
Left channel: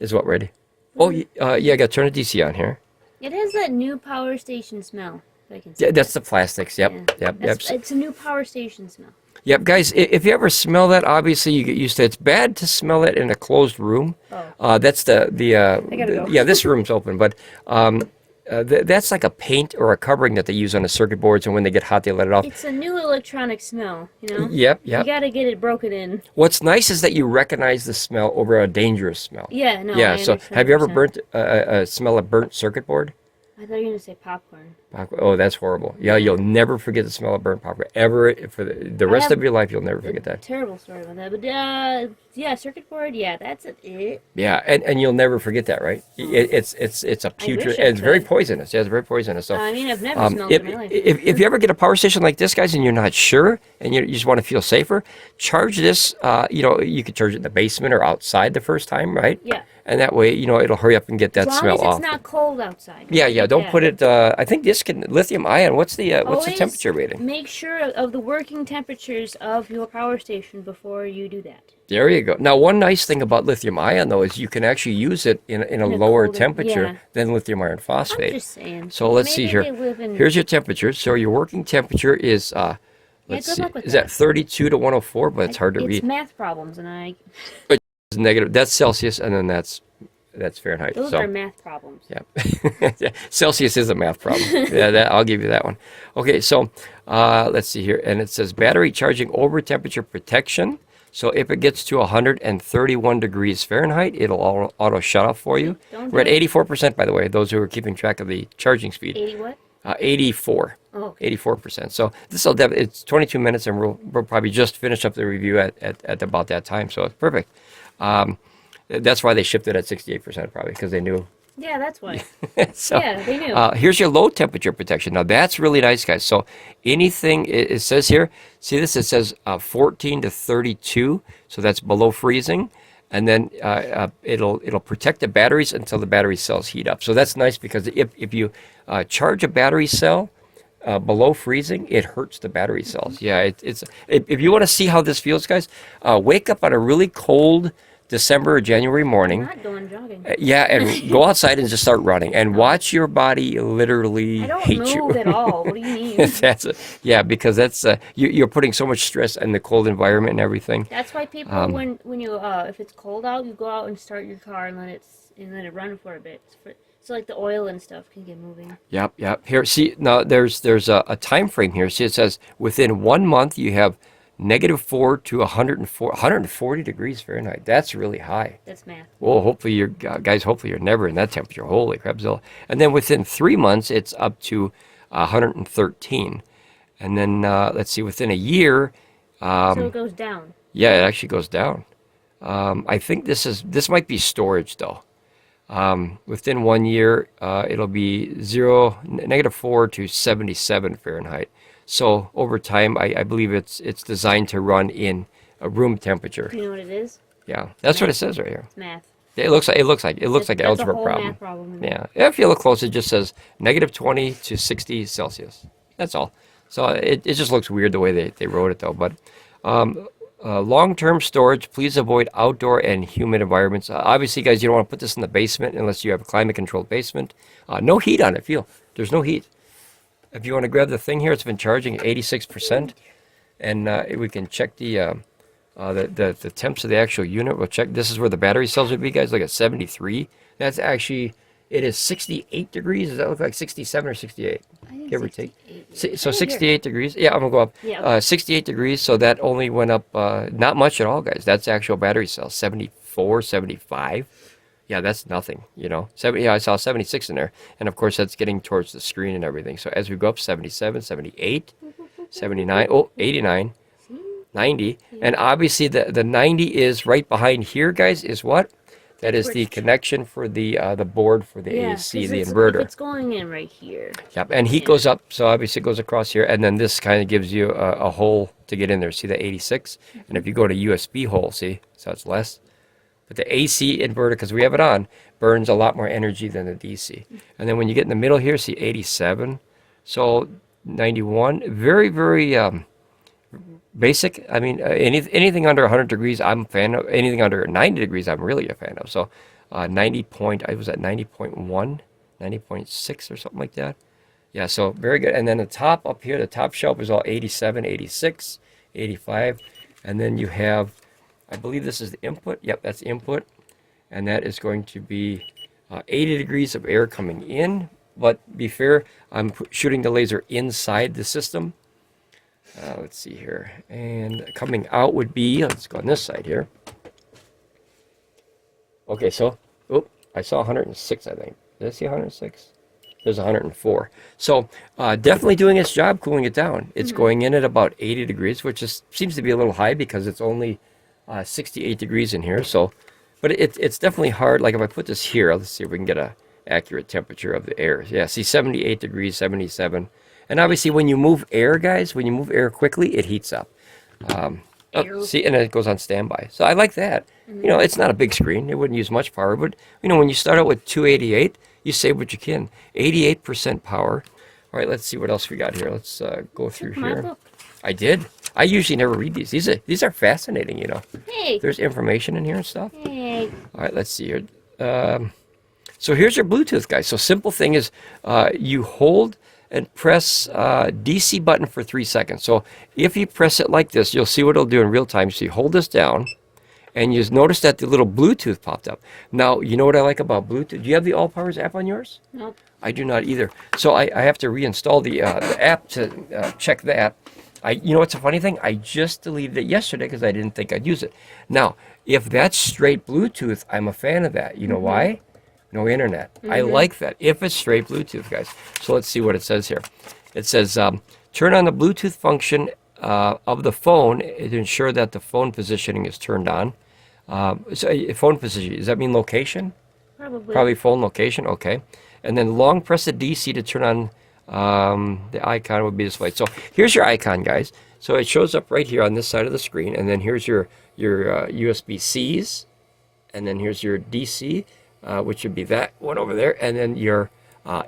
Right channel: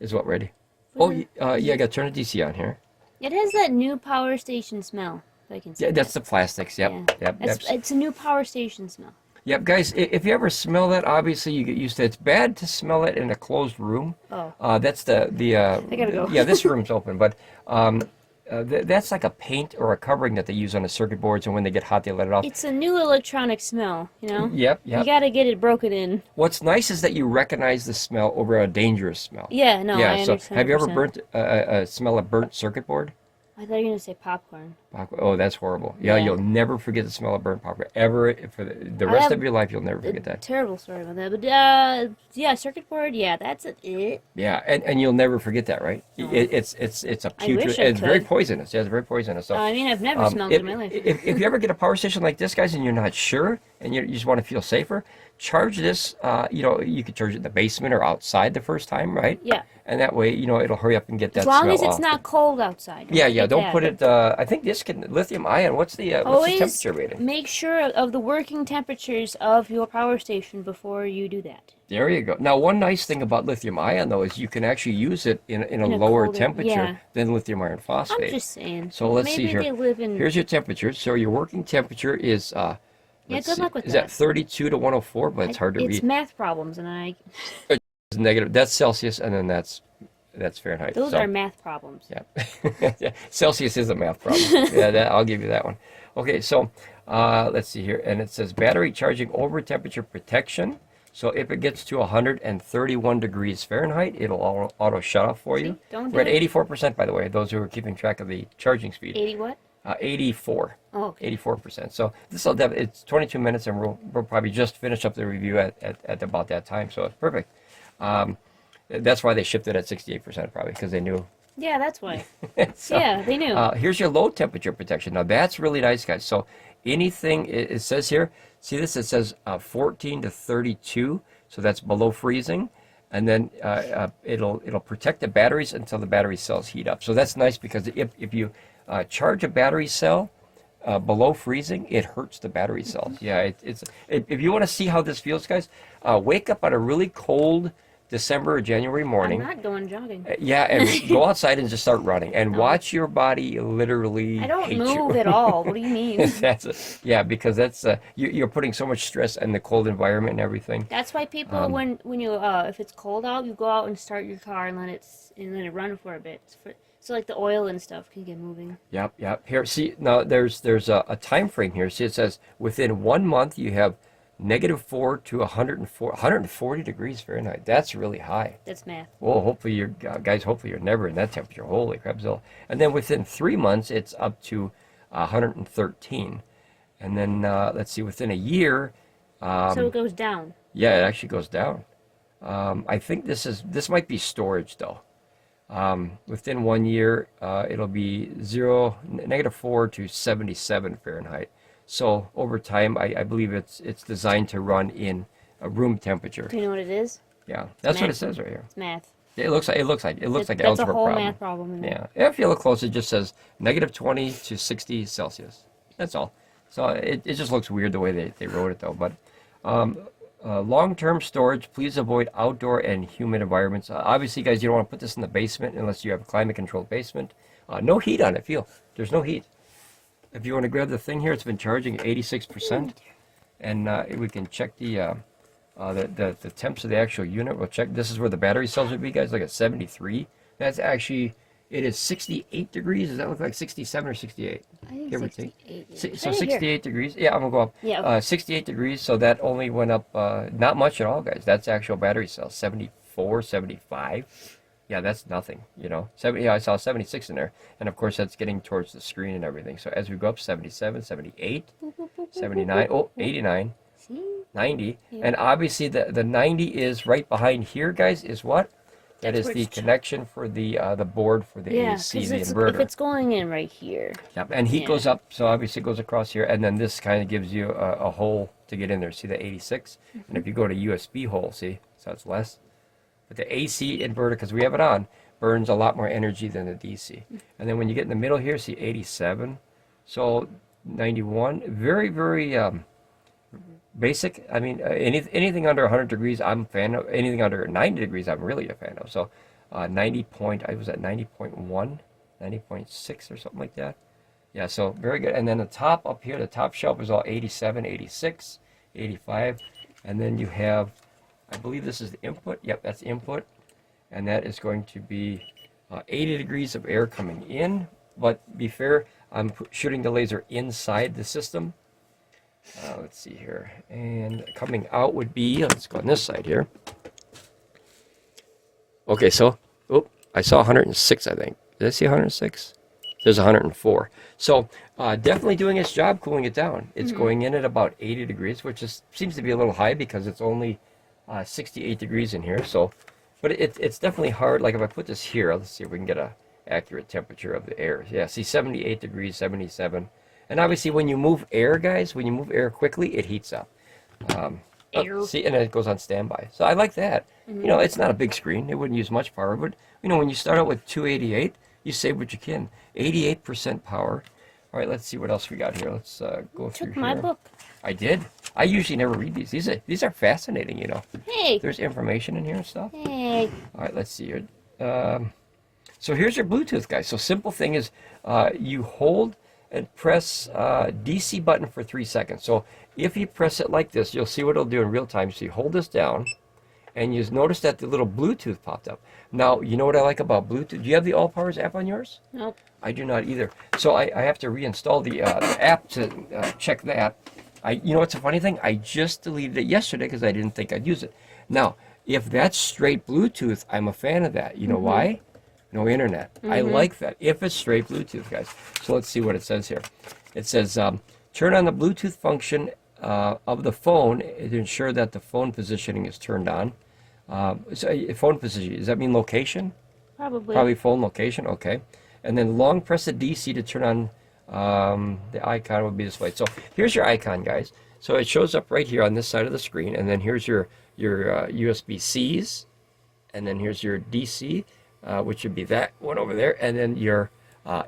Is what ready? Oh, yeah, I got to turn the DC on here. It has that new power station smell. If I can see Yeah, that's the plastics. Yep, Yeah. yep. It's a new power station smell. Yep, guys, if you ever smell that, obviously you get used to it. It's bad to smell it in a closed room. Oh. That's the I gotta go. yeah, this room's open, but that's like a paint or a covering that they use on the circuit boards, and when they get hot, they let it off. It's a new electronic smell, you know? Yep, You yep. gotta get it broken in. What's nice is that you recognize the smell over a dangerous smell. Yeah, no, Yeah, I so understand have you ever 100%. burnt smell a burnt circuit board? I thought you were gonna say popcorn. Oh, that's horrible. Yeah, Yeah. you'll never forget the smell of burnt popcorn. Ever, for the rest have of your life, you'll never forget that. Terrible story about that, but yeah, circuit board, yeah, that's it. Yeah, and you'll never forget that, right? It's a putrid. wish I It's very could. poisonous. Yeah, it's very poisonous. So, I mean, I've never smelled it in my life. if you ever get a power station like this, guys, and you're not sure, and you just want to feel safer, charge this. You know, you could charge it in the basement or outside the first time, right? Yeah. And that way, you know, it'll hurry up and get that As long smell as it's off. not cold outside. Yeah. Don't Yeah. put it. I think this can lithium ion. What's the Always temperature rating? make sure of the working temperatures of your power station before you do that. There you go. Now, one nice thing about lithium ion, though, is you can actually use it in a lower colder- temperature yeah. than lithium iron I'm phosphate. just saying. So let's see Maybe here. they live in- Here's your temperature. So your working temperature is let's good see, luck with is that. that 32 to 104? But it's hard to It's read. math problems, and It's negative. That's Celsius, and then that's Fahrenheit. those so, are math problems. yeah. Celsius is a math problem. Yeah, I'll give you that one. Okay, so let's see here. And it says battery charging over temperature protection. So if it gets to 131 degrees Fahrenheit, it'll auto shut off for you. Don't We're at do it. 84%, by the way, those who are keeping track of the charging speed. 80 what? 84. Oh, okay. 84%. So this will it's 22 minutes, and we'll probably just finish up the review at about that time. So it's perfect. That's why they shipped it at 68%, probably, because they knew. Yeah, that's why. So, Yeah, they knew. here's your low temperature protection. Now that's really nice, guys. So anything it says here, see this? It says 14 to 32, so that's below freezing, and then it'll protect the batteries until the battery cells heat up. So that's nice because if you charge a battery cell below freezing, it hurts the battery cells. Yeah, if you want to see how this feels, guys, wake up on a really cold December or January morning. I'm not going jogging. Yeah, and go outside and just start running and watch your body literally I don't hate move you. at all. What do you mean? Yeah, because that's you're putting so much stress in the cold environment and everything. That's why people, when you if it's cold out, you go out and start your car and let it run for a bit. So like the oil and stuff can get moving. Yep. Here, see now there's a time frame here. See, it says within 1 month you have -4 to 140 degrees Fahrenheit. That's really high. That's math. Well, hopefully hopefully you're never in that temperature. Holy crapzilla. And then within 3 months, it's up to 113. And then, let's see, within a year, So it goes down. yeah, it actually goes down. I think this might be storage, though. Within 1 year, it'll be -4 to 77 Fahrenheit. So over time, I believe it's designed to run in a room temperature. Do you know what it is? Yeah, that's what it says right here. It's math. It looks like That's a algebra whole problem. math problem. in there. Yeah, if you look close, it just says -20 to 60 Celsius. That's all. So it just looks weird the way they wrote it, though. But long-term storage, please avoid outdoor and humid environments. Obviously, guys, you don't want to put this in the basement unless you have a climate-controlled basement. No heat on it. There's no heat. If you want to grab the thing here, it's been charging at 86%, and we can check the temps of the actual unit. We'll check. This is where the battery cells would be, guys. Look at 73. That's actually, it is 68 degrees. Does that look like 67 or 68? I think Give or take. 68. So Right here. 68 degrees. Yeah, I'm gonna go up. Yeah, okay. 68 degrees. So that only went up not much at all, guys. That's actual battery cells. 74, 75. Yeah, that's nothing, you know. 70, yeah, I saw 76 in there. And of course, that's getting towards the screen and everything. So as we go up 77, 78, 79, oh, 89, 90. And obviously the 90 is right behind here, guys, is what? That is the connection for the board for the AC, the inverter. If it's going in right here. Yep, and heat goes up, so obviously it goes across here, and then this kind of gives you a hole to get in there. See the 86? And if you go to USB hole, see, so it's less. But the AC inverter, because we have it on, burns a lot more energy than the DC. And then when you get in the middle here, see 87. So 91, very, very basic. I mean, anything under 100 degrees, I'm a fan of. Anything under 90 degrees, I'm really a fan of. So I was at 90.1, 90.6 or something like that. Yeah, so very good. And then the top up here, the top shelf is all 87, 86, 85. And then you have, I believe this is the input. Yep, that's the input. And that is going to be 80 degrees of air coming in. But be fair, I'm shooting the laser inside the system. Let's see here. And coming out would be, let's go on this side here. Okay, so, oh, I saw 106, I think. Did I see 106? There's 104. So definitely doing its job, cooling it down. It's going in at about 80 degrees, which seems to be a little high because it's only 68 degrees in here. So, but it's definitely hard. Like if I put this here, let's see if we can get a accurate temperature of the air. Yeah, see 78 degrees, 77. And obviously when you move air, guys, when you move air quickly, it heats up. See, and it goes on standby. So I like that. You know, it's not a big screen. It wouldn't use much power. But, you know, when you start out with 288, you save what you can. 88% power. All right, let's see what else we got here. Let's go through here. My book. I did. I usually never read these. These are fascinating, you know. Hey. There's information in here and stuff. Hey. All right, let's see here. So here's your Bluetooth, guys. So simple thing is you hold and press DC button for 3 seconds. So if you press it like this, you'll see what it'll do in real time. So you hold this down, and you notice that the little Bluetooth popped up. Now, you know what I like about Bluetooth? Do you have the Allpowers app on yours? Nope. I do not either. So I have to reinstall the app to check that. You know what's a funny thing? I just deleted it yesterday because I didn't think I'd use it. Now, if that's straight Bluetooth, I'm a fan of that. You know why? No internet. I like that. If it's straight Bluetooth, guys. So let's see what it says here. It says, turn on the Bluetooth function of the phone to ensure that the phone positioning is turned on. So phone position, does that mean location? Probably. Probably phone location, okay. And then long press the DC to turn on the icon would be displayed. So here's your icon, guys. So it shows up right here on this side of the screen. And then here's your USB-Cs. And then here's your DC. Which would be that one over there, and then your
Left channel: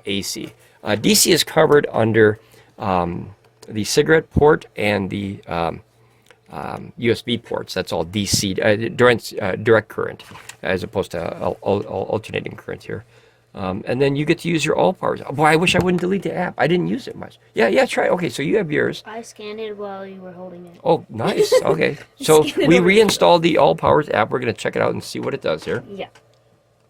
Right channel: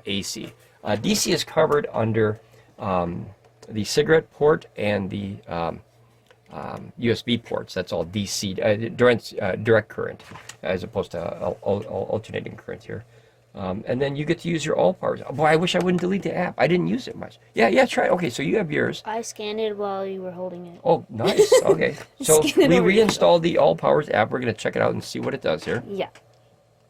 AC. DC is covered under the cigarette port and the USB ports. That's all DC, direct current, as opposed to alternating current here. And then you get to use your Allpowers. Boy, I wish I wouldn't delete the app. I didn't use it much. Yeah, try. Okay, so you have yours. I scanned it while you were holding it. Oh, nice. Okay, so we reinstalled the Allpowers app. We're going to check it out and see what it does here. Yeah.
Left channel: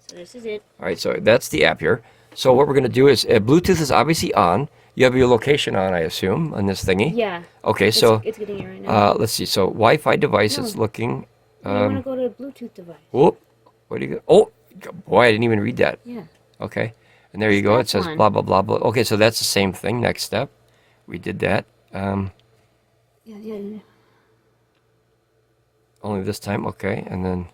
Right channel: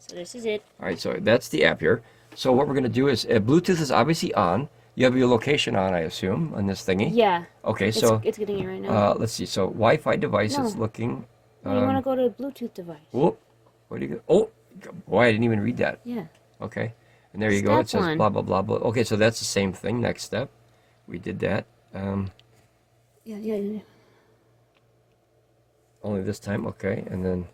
So this is it. All right, so that's the app here. So what we're going to do is, Bluetooth is obviously on. You have your location on, I assume, on this thingy. Yeah. Okay, so it's getting it right now. let's see. So Wi-Fi device is looking. You want to go to a Bluetooth device. Oh, what do you go? Oh, boy, I didn't even read that. Yeah. Okay, and there you go. It says one. blah blah blah blah. Okay, so that's the same thing. Next step, we did that. Yeah. Only this time, okay, and then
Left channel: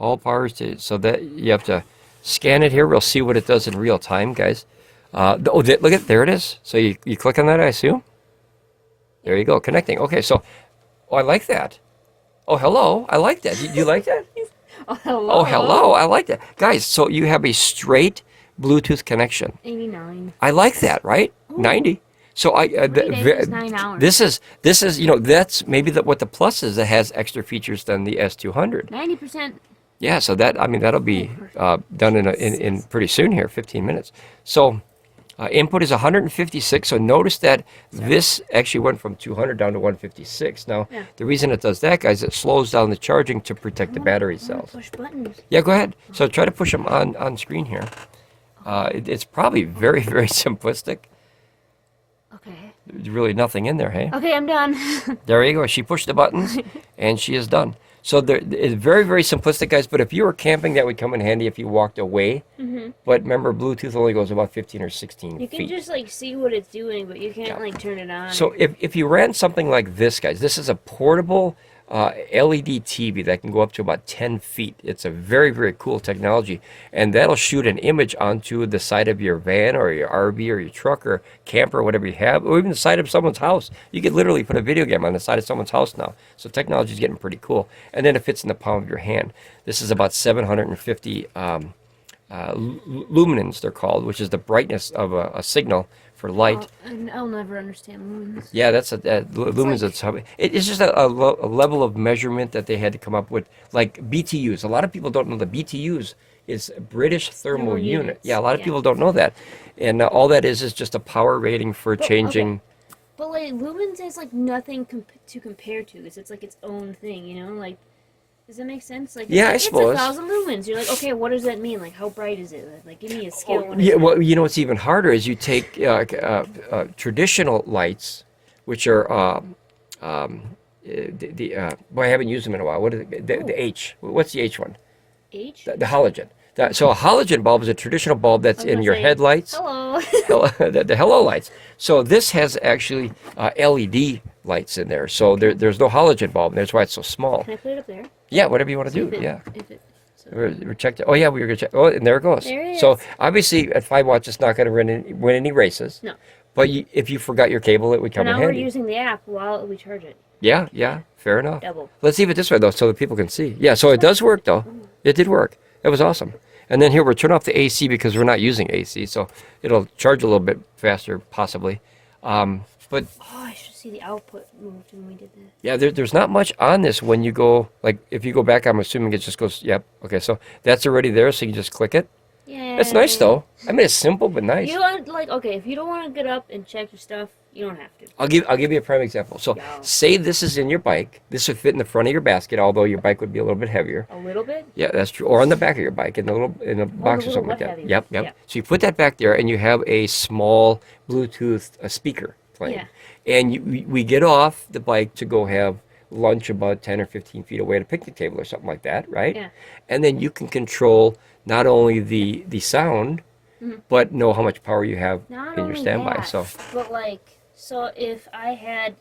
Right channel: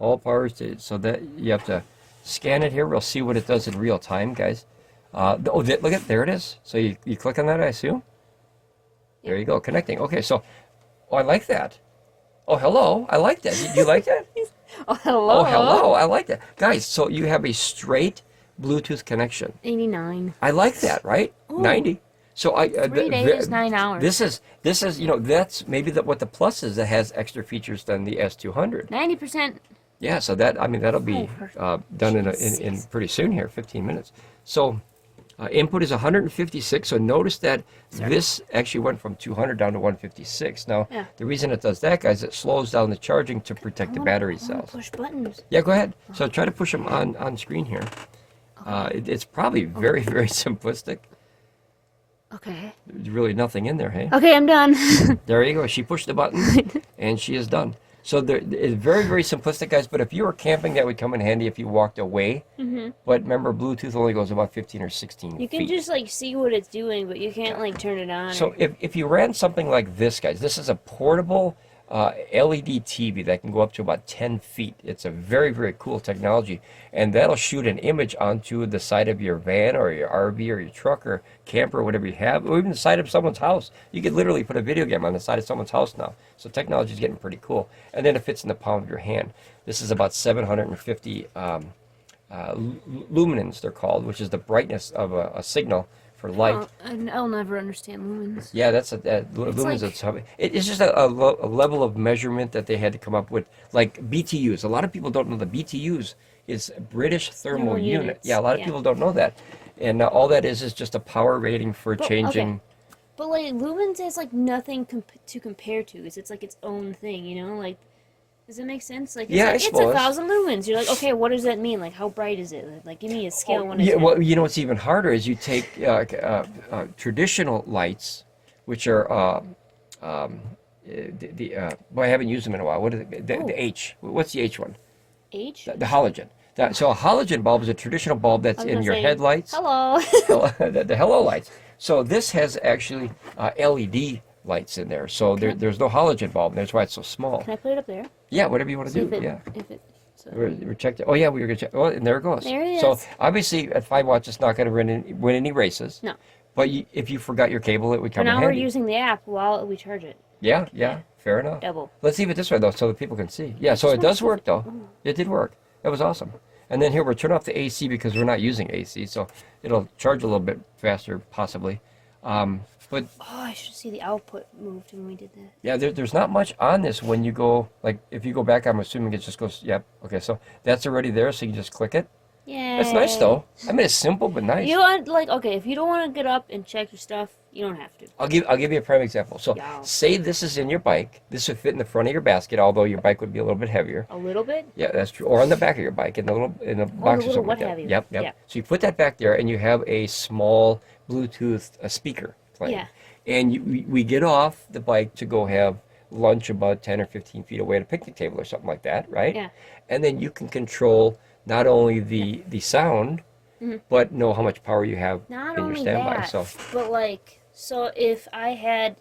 Allpowers. So that you have to scan it here. We'll see what it does in real time, guys. Look at there it is. So you click on that, I assume. There you go, connecting. Okay, so I like that. Oh, hello, I like that. You like that? Oh, hello. Oh, hello, I like that, guys. So you have a straight Bluetooth connection. 89. I like that, right? Ooh. 90. So 3 days, 9 hours. This is you know, that's maybe what the plus is. It has extra features than the S200. 90%. Yeah, so that'll be done in pretty soon here, 15 minutes. So input is 156. So notice that this actually went from 200 down to 156. Now the reason it does that, guys, it slows down the charging to protect the battery cells. Push buttons. Yeah, go ahead. So try to push them on screen here. It's probably very, very simplistic. Okay. There's really nothing in there, hey? Okay, I'm done. There you go. She pushed the button, and she is done. So it's very, very simplistic, guys. But if you were camping, that would come in handy if you walked away. But remember, Bluetooth only goes about 15 or 16 You can feet. just like see what it's doing, but you can't like turn it on. So if you ran something like this, guys, this is a portable LED TV that can go up to about 10 feet. It's a very, very cool technology. And that'll shoot an image onto the side of your van or your RV or your truck or camper, whatever you have, or even the side of someone's house. You could literally put a video game on the side of someone's house now. So technology is getting pretty cool. And then it fits in the palm of your hand. This is about 750 luminance, they're called, which is the brightness of a signal for light. I'll never understand lumens. Yeah, that's lumens. It's just a level of measurement that they had to come up with, like BTUs. A lot of people don't know the BTUs is British thermal unit. Yeah, a lot of people don't know that, and all that is just a power rating for changing. Okay. But like lumens is like nothing to compare to. It's like its own thing, you know? Like, does that make sense? Like, yeah, I it's suppose. 1,000 lumens. You're like, okay, what does that mean? Like, how bright is it? Like, give me a scale. Yeah, well, you know what's even harder is you take traditional lights, which are well, I haven't used them in a while. What is it? The H. What's the H one? H? The halogen. So a halogen bulb is a traditional bulb that's in your headlights. Hello. the hello lights. So this has actually LED lights in there. So there's no halogen bulb. That's why it's so small. Can I put it up there? Yeah, whatever you want to do. Yeah. We're checked. Oh yeah, we were gonna check. Oh, and there it goes. There it So is. obviously at 5 watts, it's not going to win any races. No. But if you forgot your cable, it would come in now handy. we're using the app while we charge it. Yeah, fair enough. Double. Let's leave it this way though, so that people can see. Yeah, so it does work though. It did work. That was awesome. And then here we're turning off the AC because we're not using AC, so it'll charge a little bit faster, possibly. But I should see the output moved when we did that. yeah, there's not much on this when you go, like, if you go back, I'm assuming it just goes, yep, okay, so that's already there, so you just click it. Yeah. It's nice, though. I mean, it's simple, but nice. You want, like, okay, if you don't want to get up and check your stuff, you don't have to. I'll give you a prime example. So, say this is in your bike. This would fit in the front of your basket, although your bike would be a little bit heavier. A little bit? Yeah, that's true. Or on the back of your bike, in the box or something like that. Yep. Yeah. So you put that back there, and you have a small Bluetooth speaker playing. Yeah. And we get off the bike to go have lunch about 10 or 15 feet away at a picnic table or something like that, right? Yeah. And then you can control not only the sound, but know how much power you have Not in your only standby. that, but like, so if I had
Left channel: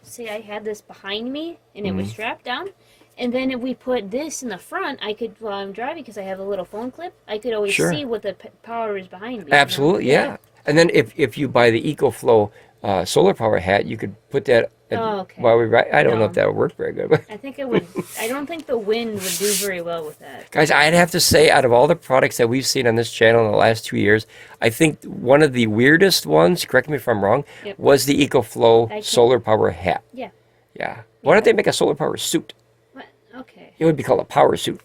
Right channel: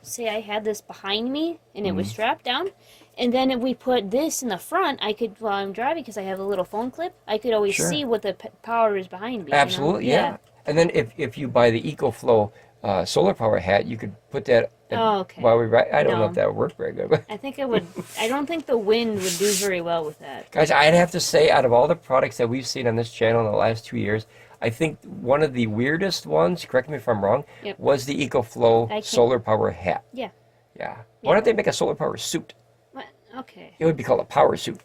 this behind me and it was strapped down, and then if we put this in the front, I could, while I'm driving, because I have a little phone clip, I could always see what the power is behind me. Absolutely, you know? yeah. And then if you buy the EcoFlow solar power hat, you could put that while we ride. I don't know if that would work very good. But I think it would. I don't think the wind would do very well with that. guys, I'd have to say, out of all the products that we've seen on this channel in the last 2 years, I think one of the weirdest ones, correct me if I'm wrong, was the EcoFlow solar power hat. Yeah. Yeah. Why don't they make a solar power suit? What? Okay. It would be called a power suit.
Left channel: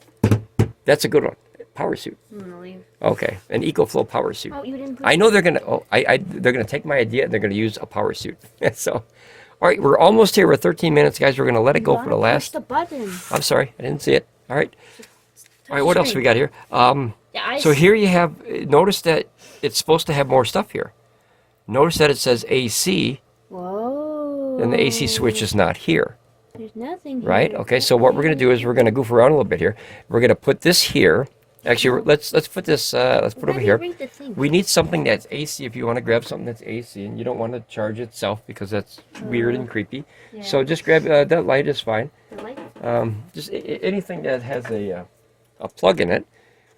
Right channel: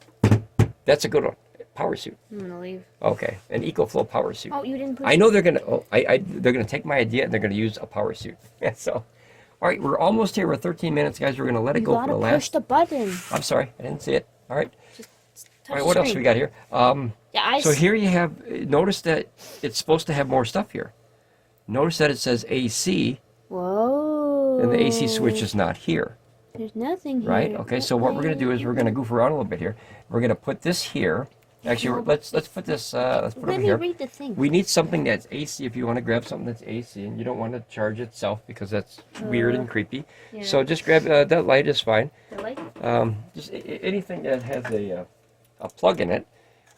That's a good one. Power suit. I'm gonna leave. Okay, an EcoFlow power suit. Oh, you didn't put I know they're gonna. They're gonna take my idea and they're gonna use a power suit. So, all right, we're almost here. We're 13 minutes, guys. We're gonna let it go for the last. Push the button. I'm sorry, I didn't see it. All right. All right. the What else screen. we got here? So here you have. Notice that it's supposed to have more stuff here. Notice that it says AC, Whoa. and the AC switch is not here. There's nothing here. Right. Okay. So what we're gonna do is we're gonna goof around a little bit here. We're gonna put this here. Actually, let's put this. Let's put it over here. Read the thing. We need something that's AC if you want to grab something that's AC, and you don't want to charge itself because that's weird and creepy. Yeah. So just grab that light is fine. The light? Just anything that has a plug in it,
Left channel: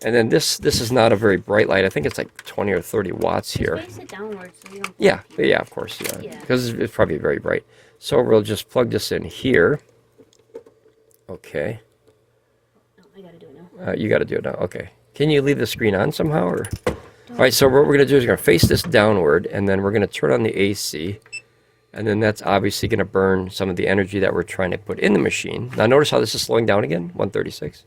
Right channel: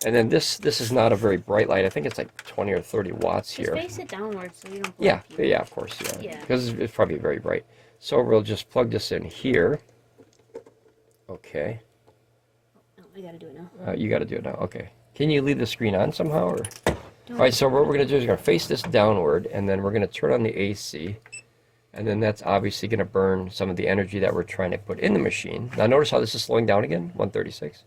and then this is not a very bright light. I think it's like 20 or 30 watts here. Just face it downward so you don't. Yeah, of course, Yeah. because it's probably very bright. So we'll just plug this in here. Okay. Oh, I gotta do it now. You got to do it now. Okay. Can you leave the screen on somehow? Or? All right, so what we're going to do is we're going to face this downward, and then we're going to turn on the AC, and then that's obviously going to burn some of the energy that we're trying to put in the machine. Now notice how this is slowing down again, 136.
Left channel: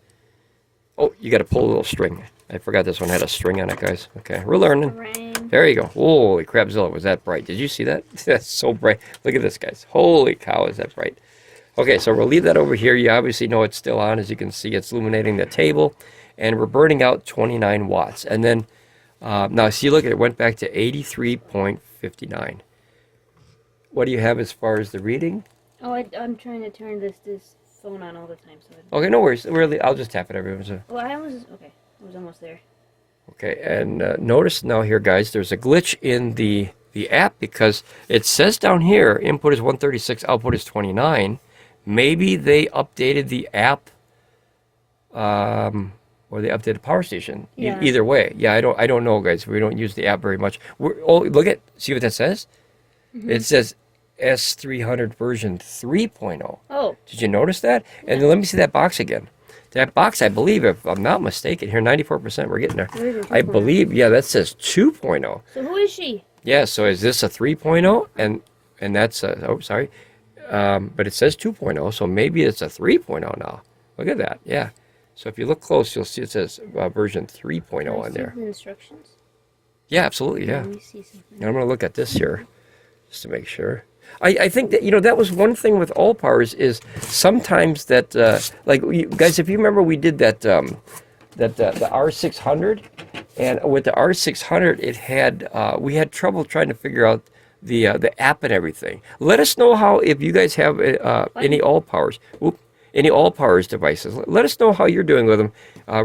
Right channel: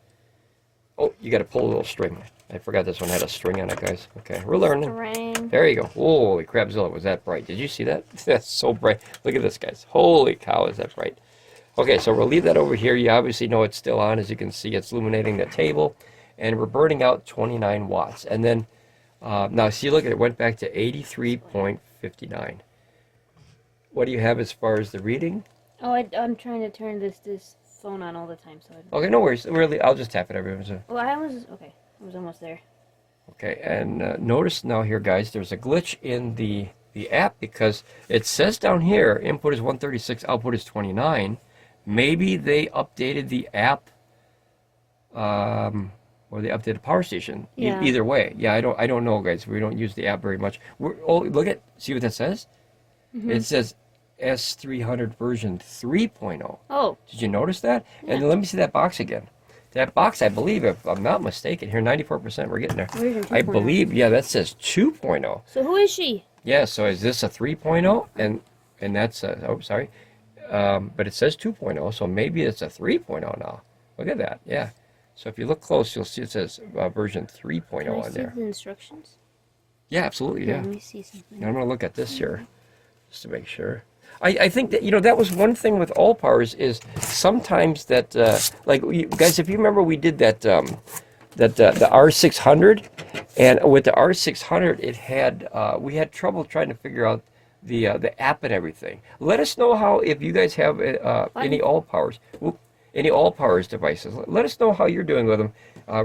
Oh, you got to pull a little string. I forgot this one had a string on it, guys. Okay, we're learning. Rain. There you go. Holy crapzilla, was that bright? Did you see that? That's so bright. Look at this, guys. Holy cow, is that bright. Okay, so we'll leave that over here. You obviously know it's still on. As you can see, it's illuminating the table. And we're burning out 29 watts. And then, now see, look, it went back to 83.59. What do you have as far as the reading? Oh, I'm trying to turn this phone on all the time. So. Okay, no worries. Really, I'll just tap it every once in a while. Well, okay. I was almost there. Okay, and notice now here, guys, there's a glitch in the app because it says down here input is 136, output is 29. Maybe they updated the app, or they updated Power Station. Yeah. Either way, yeah, I don't know, guys. We don't use the app very much. See what that says? It says S300 version 3.0. Oh. Did you notice that? Yeah. And then let me see that box again. That box, I believe, if I'm not mistaken, here 94%. We're getting there. I believe, yeah, that says 2.0. So who is she? Yeah. So is this a 3.0? And that's a, oh, sorry. But it says 2.0, so maybe it's a 3.0 now. Look at that. Yeah. So if you look close, you'll see it says version 3.0 on there. The instructions? Yeah, absolutely. Yeah. Let me see something. And I'm going to look at this here just to make sure. I think that, that was one thing with Allpowers is sometimes that, like, guys, if you remember, we did that, the R600, and with the R600, it had, we had trouble trying to figure out the app and everything. Let us know how, if you guys have any Allpowers, any Allpowers devices. Let us know how you're doing with them,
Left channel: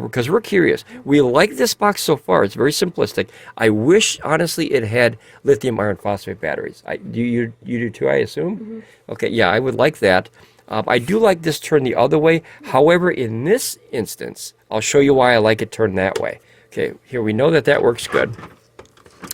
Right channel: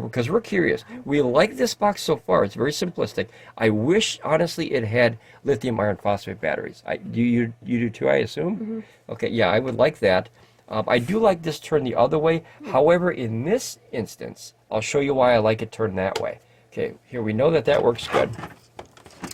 because we're curious. We like this box so far. It's very simplistic. I wish, honestly, it had lithium iron phosphate batteries. You do too, I assume? Okay, yeah, I would like that. I do like this turned the other way. However, in this instance, I'll show you why I like it turned that way. Okay, here we know that works good.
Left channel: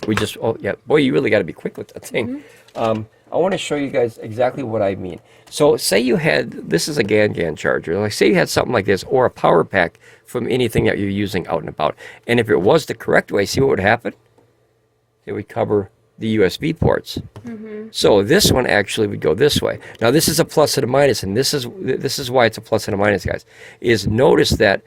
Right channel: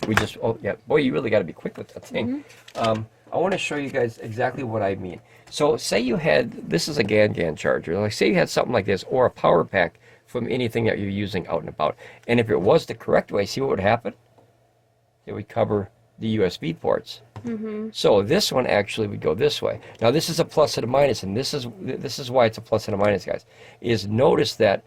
We just, oh yeah, boy, you really got to be quick with that thing. I want to show you guys exactly what I mean. So say you had, this is a GAN charger. Like say you had something like this or a power pack from anything that you're using out and about. And if it was the correct way, see what would happen? It would cover the USB ports. So this one actually would go this way. Now this is a plus and a minus, and this is why it's a plus and a minus, guys. Is notice that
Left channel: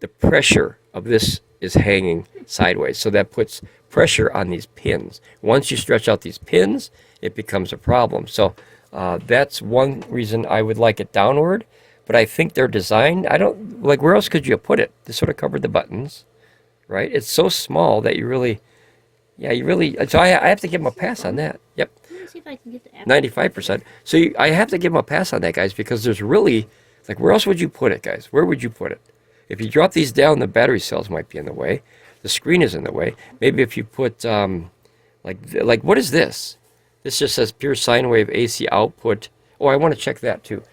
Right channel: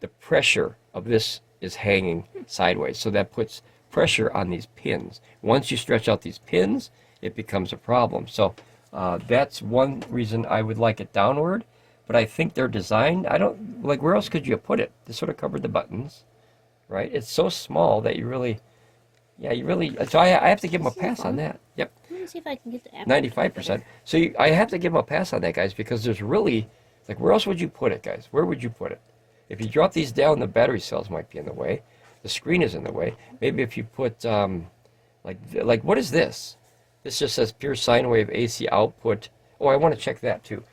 the pressure of this is hanging sideways. So that puts pressure on these pins. Once you stretch out these pins, it becomes a problem. So that's one reason I would like it downward. But I think they're designed, I don't, like where else could you put it? This sort of covered the buttons, right? It's so small that you really, so I have to give them a pass on that. Yep. Let me see if I can get the app. 95%. So I have to give them a pass on that, guys, because there's really, like where else would you put it, guys? Where would you put it? If you drop these down, the battery cells might be in the way. The screen is in the way. Maybe if you put, like what is this? This just says pure sine wave AC output. Oh, I want to check that too.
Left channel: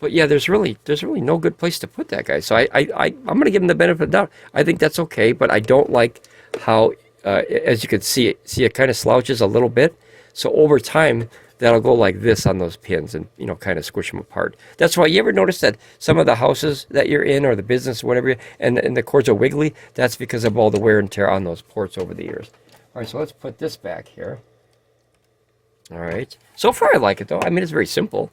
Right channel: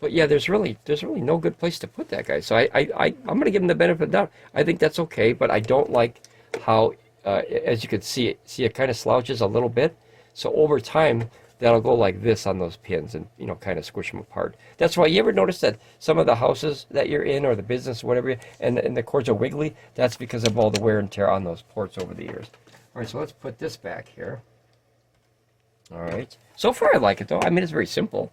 But yeah, there's really no good place to put that, guys. So I'm going to give them the benefit of the doubt. I think that's okay, but I don't like how, as you can see, it kind of slouches a little bit. So over time, that'll go like this on those pins and, kind of squish them apart. That's why you ever notice that some of the houses that you're in or the business, whatever, and the cords are wiggly? That's because of all the wear and tear on those ports over the years. All right, so let's put this back here. All right. So far, I like it, though. I mean, it's very simple.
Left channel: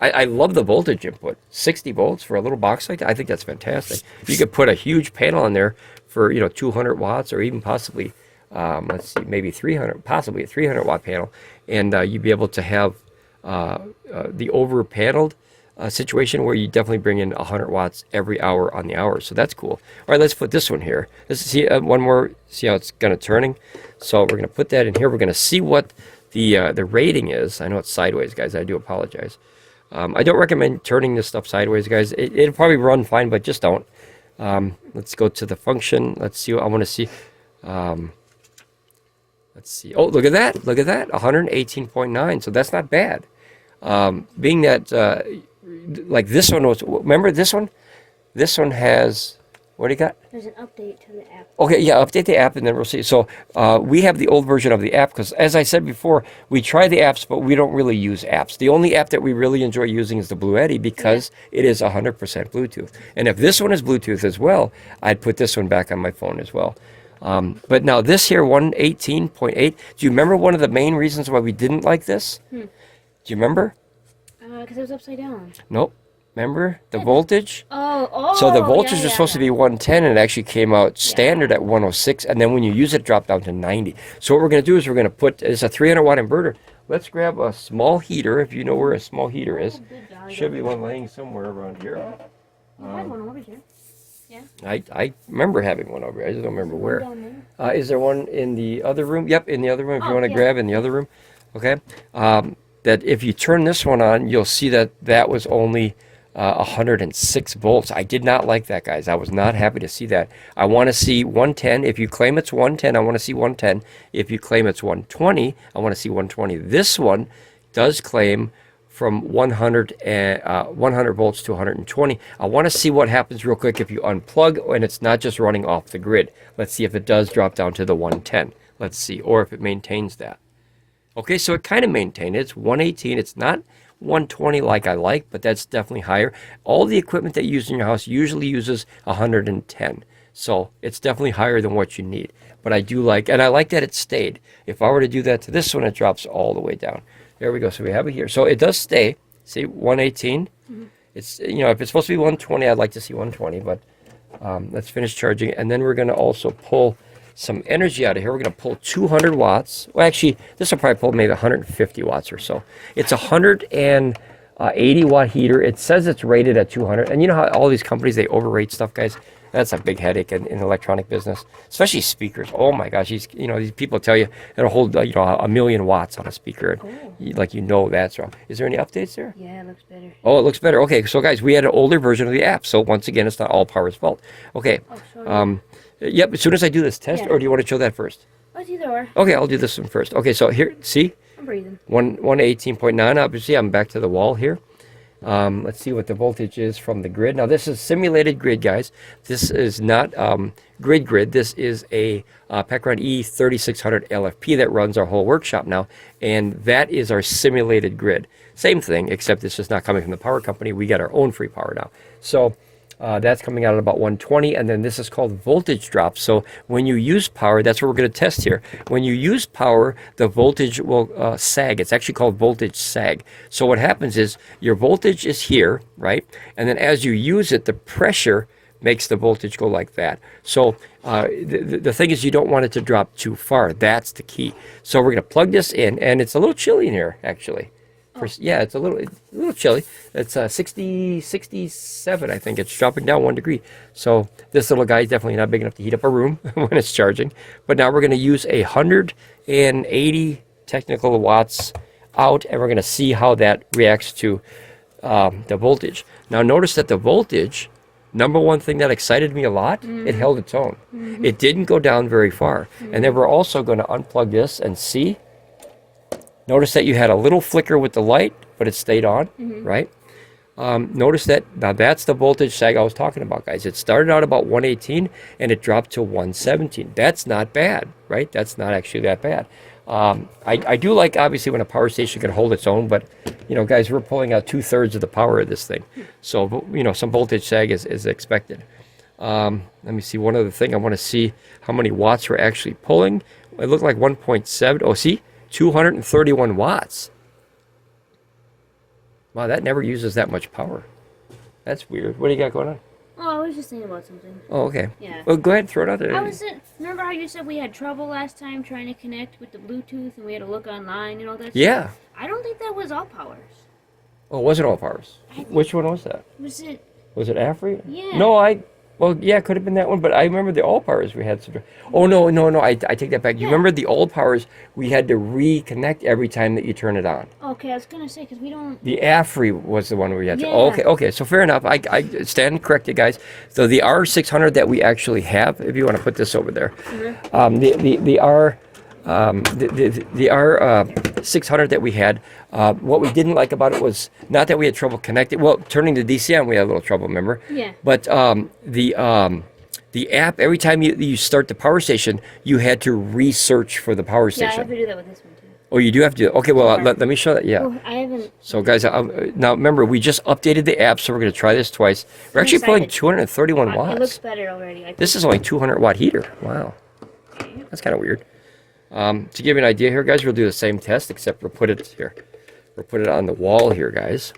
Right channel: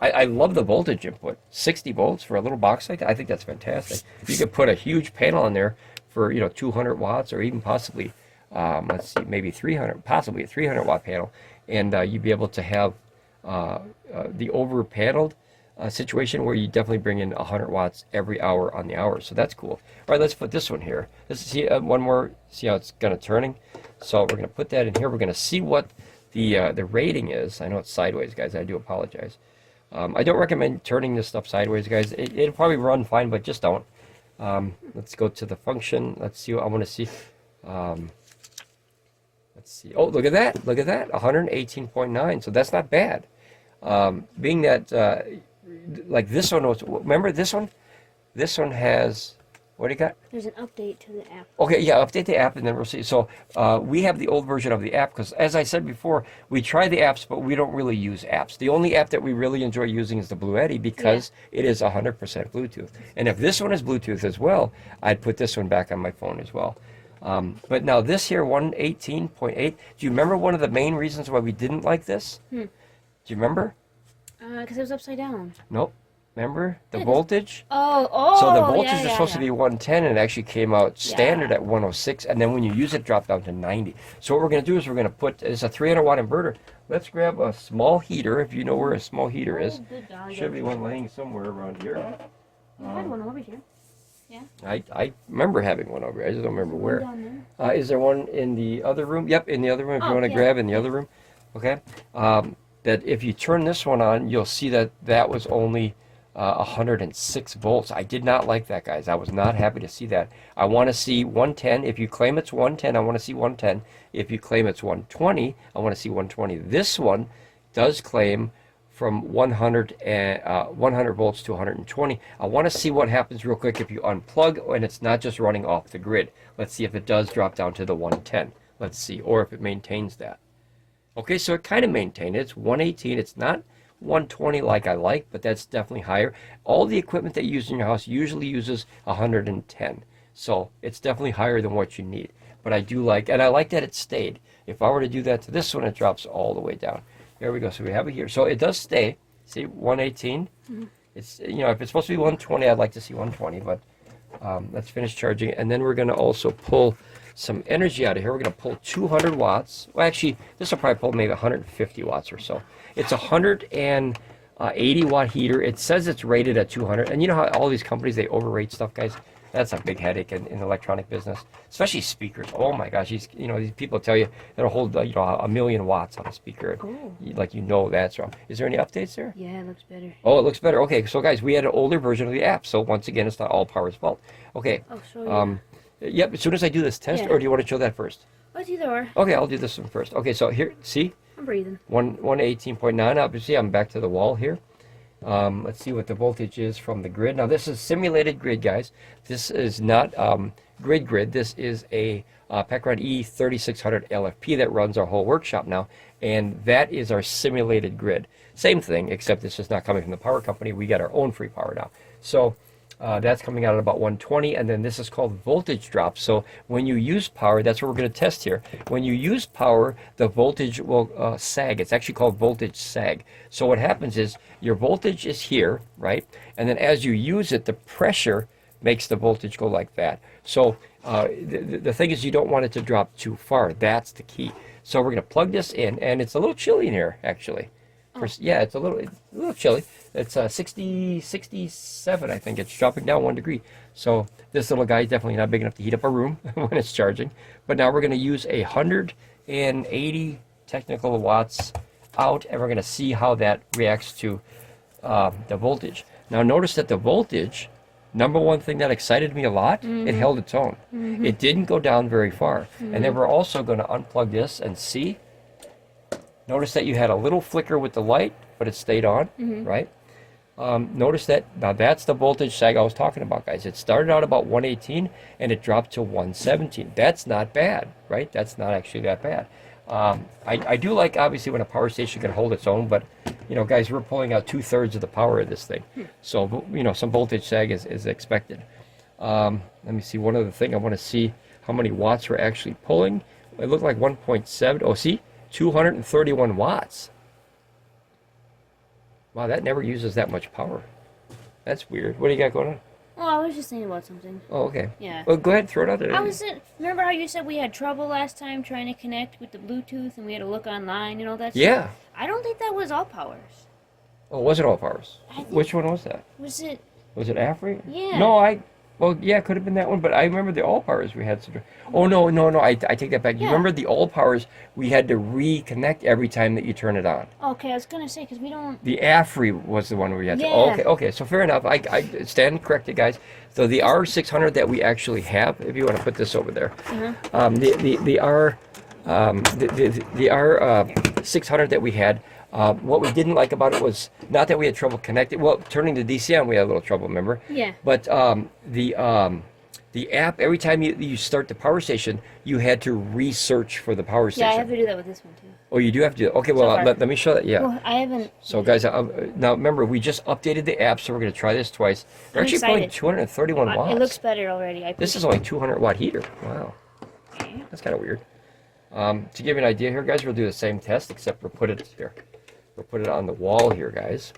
I love the voltage input. 60 volts for a little box like that. I think that's fantastic. You could put a huge panel in there for, 200 watts or even possibly, let's see, maybe 300, possibly a 300-watt panel. And you'd be able to have the over-paneled situation where you definitely bring in 100 watts every hour on the hour. So that's cool. All right, let's put this one here. Let's see one more, see how it's kind of turning. So we're going to put that in here. We're going to see what the rating is. I know it's sideways, guys. I do apologize. I don't recommend turning this stuff sideways, guys. It'll probably run fine, but just don't. Let's go to the function. Let's see what I want to see. Let's see. Oh, look at that. Look at that. 118.9. So that's not bad. Being that, like this one was, remember this one? This one has, what do you got? There's an update to the app. Okay, yeah, update the app and then we'll see. So we have the old version of the app because, as I said before, we try the apps, but we don't really use apps. The only app that we really enjoy using is the Blue Eddy because it is 100% Bluetooth. And if this one is Bluetooth as well, I'd put this one back on my phone as well. But now this here, 118.8, do you remember one of the main reasons why we didn't like this? Do you remember? Because it was upside down. Nope. Remember the voltage? Oh. So the voltage was supposed to be 110 and it actually came out standard at 106. And then when you use it, drop down to 90. So what we're going to do is we're going to put, it's a 300-watt inverter. Let's grab a small heater, if you know where a small heater is. Should be one laying somewhere around here. You had one over here. Yeah. I remember having one over here. I just don't remember where. Is there one in the other room? Yep, in the other room. If you want to grab in the other room. Okay. that if you turn this one on, you'll see that that was only 106 volts. I did not like that, guys. I was not happy to see that. I want to see 110. If you claim it's 110, I want to see 110. If you claim it's 120, I want to see 120. This one does claim from 100 volts to 120. I want to see what happens real quick if you unplug and it's not just running off the grid. Let's see if it does drop down to the 110. Let's see, or if it maintains that. Okay, so it kind of maintained it. It's 118. It's not 120 like I like, but that's definitely higher. All the equipment that you use in your house usually uses 110. So it's definitely higher than what you need. But I do like, and I like that it stayed. If I were to do that to this one, it drops all the way down. There we go. So we have it here. So it does stay. See, 118. It's, you know, if it's supposed to be 120, I'd like to see 120, but let's finish charging. And then we're going to also pull some energy out of here. We're going to pull 200 watts. Well, actually, this will probably pull maybe 150 watts or so. It's a 180 watt heater. It says it's rated at 200. And you know how all these companies, they overrate stuff, guys? That's a big headache in the electronic business, especially speakers. Oh my gosh, these people tell you it'll hold 1,000,000 watts on a speaker. Like that's wrong. Is there any updates there? Yeah, it looks better. Oh, it looks better. Okay, so guys, we had an older version of the app. So once again, it's not Allpower's fault. Okay. Yep. As soon as I do this test, or do you want to show that first? Let's either or. Okay, I'll do this one first. Okay, so here, see? I'm breathing. 118.9. Obviously, I'm back to the wall here. Let's see what the voltage is from the grid. Now, this is simulated grid, guys. This is not grid. This is a Pecron E3600 LFP that runs our whole workshop now, and that is our simulated grid. Same thing, except this is not coming from the power company. We get our own free power now. So that's coming out at about 120, and then this is called voltage drop. So when you use power, that's what we're going to test here. When you use power, the voltage will sag. It's actually called voltage sag. So what happens is your voltage is here, right? And then as you use it, the pressure makes the voltage go like that. So the thing is, you don't want it to drop too far. That's the key. So we're going to plug this in, and it's a little chilly in here, actually. Yeah, it's a little chilly. It's 67, I think. It's dropping down 1 degree. So this little guy is definitely not big enough to heat up a room when it's charging. But now we're going to use 180 technical watts out, and we're going to see how that reacts to the voltage. Now notice that the voltage, number one thing that excited me a lot, it held its own. It didn't go down very far. And then we're also going to unplug this and see. Notice that you had a little flicker with the light, but it stayed on, right? Notice that, now that's the voltage sag I was talking about, guys. It started out about 118, and it dropped to 117. That's not bad, right? That's not actually that bad. I do like, obviously, when a power station can hold its own, but, guys, we're pulling out 2/3 of the power of this thing. So, some voltage sag is expected. Let me see, one other thing. I want to see how many watts we're actually pulling. It looked like 1.7. Oh, see? 231 watts. Wow, that never uses that much power. That's weird. What do you got going on? Oh, I was just thinking about something. Oh, okay. Yeah. Well, go ahead, throw it out there. Remember how you said we had trouble last time trying to connect with the Bluetooth, and we had to look online and all that Yeah. stuff? I don't think that was Allpowers. Oh, it wasn't Allpowers. Which one was that? Was it? Was it AFERY? Yeah. No, well, yeah, it could have been that one, but I remember the Allpowers we had. Oh, no, I take that back. You remember the Allpowers, we had to reconnect every time that you turn it on. Okay, I was going to say, because we don't... The AFERY was the one where we had to... Yeah. Oh, okay, so fair enough. I stand corrected, guys. So the R600 that we actually have, if you want to put this over there, the R600 that we had, what we didn't like about it was not that we had trouble connecting. Well, turning the DC on, we had a little trouble, remember? Yeah. But the app, every time you start the power station, you had to research for the power station. Yeah, I have to do that with this one, too. Oh, you do have to do it? Okay, well, let me show that. Yeah. Well, I haven't... So, guys, now remember, we just updated the app, so we're going to try this twice. We're actually pulling 231 watts. It looks better already. This is only 200 watt heater. Wow. That's kind of weird. To give you an idea here, guys, we'll do the same test, except we'll put it here. We'll put it on the wall here, guys.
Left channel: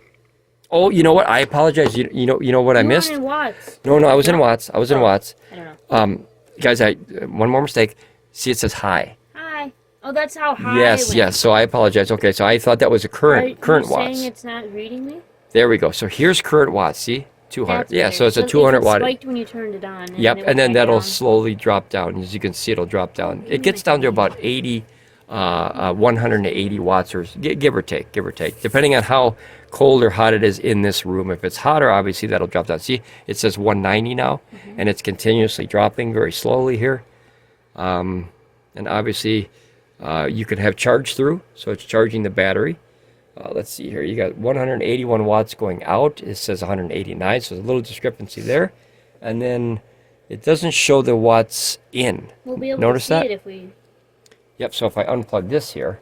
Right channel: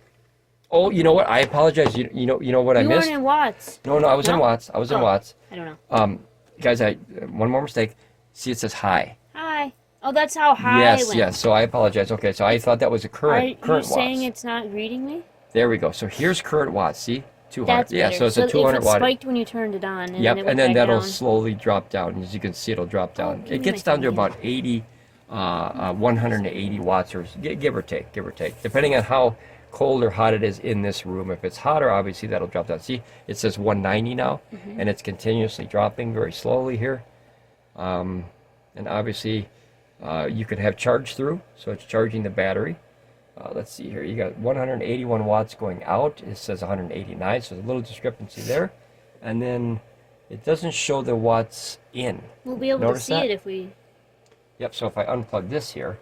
Oh, you know what? I apologize. You know what I missed? You weren't in watts. No, I was in watts. I was in watts. I don't know. Guys, one more mistake. See, it says high. Hi. Oh, that's how high Yes, it went. yes. So I apologize. Okay, so I thought that was a current watts. Are you saying it's not reading me? There we go. So here's current watts. See? 200. That's yeah, better. so it's a 200 watt. It spiked when you turned it on. Yep, and then that'll slowly drop down. As you can see, it'll drop down. It gets down to about 80 180 watts, or give or take, depending on how cold or hot it is in this room. If it's hotter, obviously that'll drop down. See, it says 190 now, and it's continuously dropping very slowly here. And obviously, you could have charge through, so it's charging the battery. Let's see here. You got 181 watts going out. It says 189, so there's a little discrepancy there. And then it doesn't show the watts in. We'll be able Notice to see that? it if we... Yep, so if I unplug this here,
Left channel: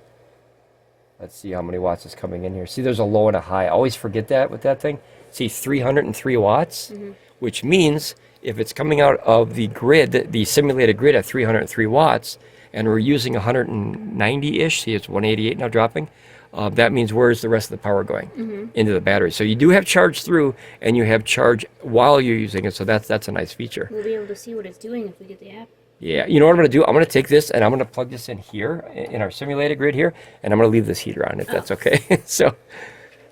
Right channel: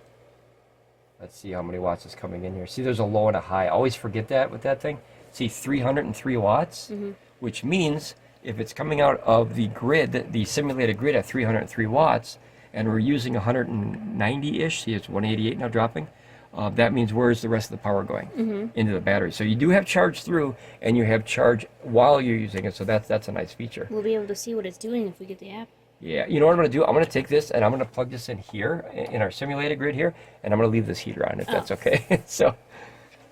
let's see how many watts is coming in here. See, there's a low and a high. I always forget that with that thing. See, 303 watts, which means if it's coming out of the grid, the simulated grid at 303 watts, and we're using 190-ish, see, it's 188 now dropping, that means where's the rest of the power going? Into the battery. So you do have charge through, and you have charge while you're using it, so that's a nice feature. We'll be able to see what it's doing if we get the app. Yeah, you know what I'm going to do? I'm going to take this and I'm going to plug this in here in our simulated grid here, and I'm going to leave this heater on if that's okay. so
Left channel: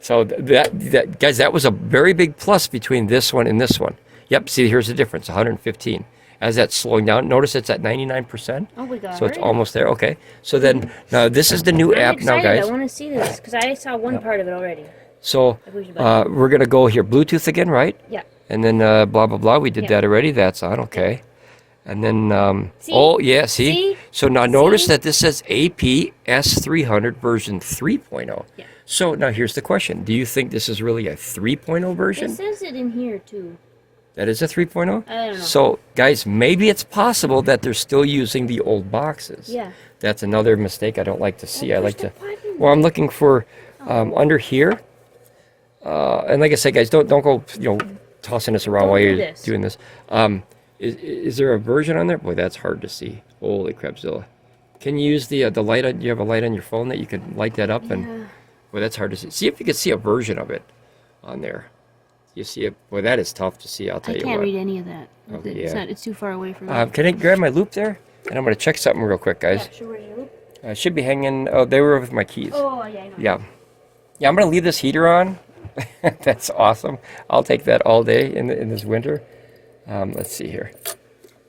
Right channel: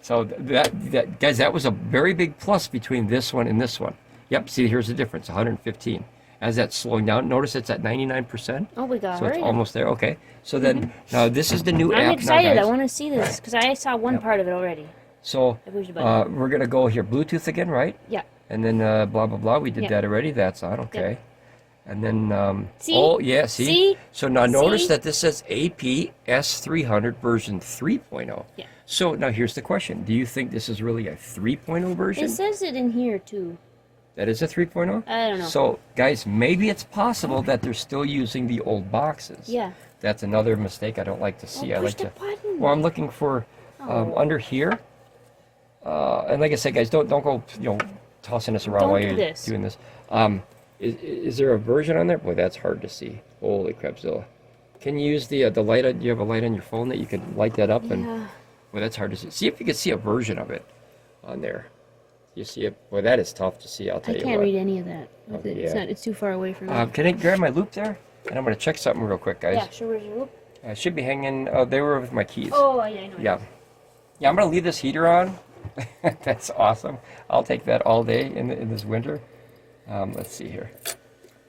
that guys, that was a very big plus between this one and this one. Yep, see, here's the difference, 115. As that's slowing down, notice it's at 99%. Oh, we got it. So it's almost there. Okay. So then now this is the new I'm app excited. now, guys. I want to see this because I saw one part of it already. So we're going to go here, Bluetooth again, right? Yeah. And then blah, blah, blah. We did that already. That's on. Okay. Yeah. And then, see? oh, yeah, see? So now notice See? that this says AP S300 version 3.0. Yeah. So now here's the question. Do you think this is really a 3.0 version? It says it in here, too. That is a 3.0? I don't know. So, guys, maybe it's possible that they're still using the old boxes. Yeah. That's another mistake I don't like to see. I like to... Button. Well, I'm looking for under here. And like I said, guys, don't go, tossing this around Don't while do you're this. doing this. Is there a version on there? Boy, that's hard to see. Holy crapzilla. Can you use the light on, do you have a light on your phone that you could light that up? And boy, that's hard to see. See if you can see a version of it on there. You see it? Boy, that is tough to see, I'll tell you what. I can't read any of that. Oh, It's too far away from me. Can I grab my loop there? And I'm going to check something real quick, guys. Yeah, sure. Where's your loop? It should be hanging, oh, they were with my keys. Oh, yeah, I know. Yeah. Yeah, I'm going to leave this heater on. That's awesome. I'll take that all day in this winter. Let's see here.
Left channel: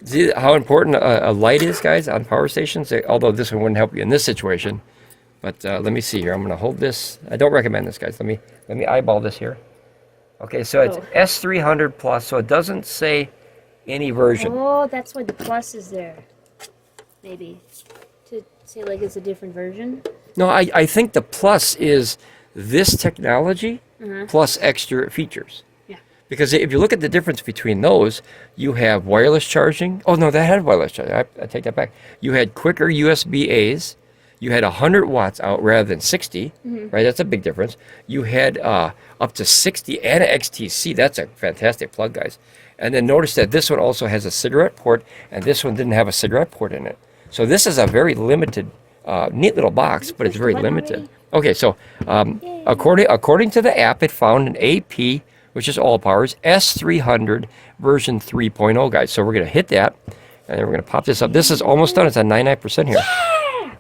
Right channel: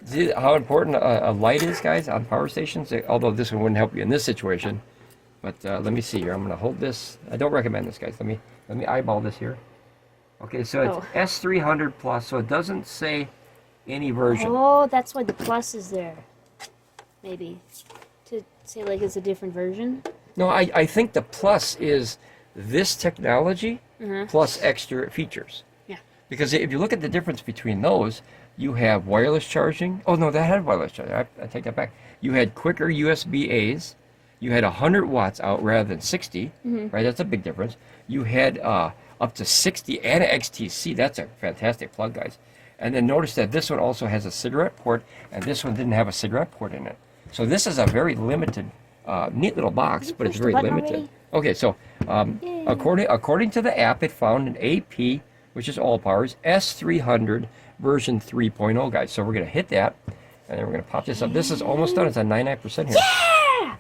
See how important a light is, guys, on power stations? Although this one wouldn't help you in this situation. But let me see here. I'm going to hold this. I don't recommend this, guys. Let me eyeball this here. Okay, so it's S300 plus, so it doesn't say any version. Oh, that's why the plus is there. Maybe. To say, like, it's a different version? No, I think the plus is this technology plus extra features. Yeah. Because if you look at the difference between those, you have wireless charging. Oh, no, that had wireless charging. I take that back. You had quicker USB-A's. You had 100 watts out rather than 60, right? That's a big difference. You had up to 60 and an XTC. That's a fantastic plug, guys. And then notice that this one also has a cigarette port, and this one didn't have a cigarette port in it. So this is a very limited, neat little box, but it's very limited. Okay, so according to the app, it found an AP, which is Allpowers, S300 version 3.0, guys. So we're going to hit that, and then we're going to pop this up. This is almost done. It's at 99% here.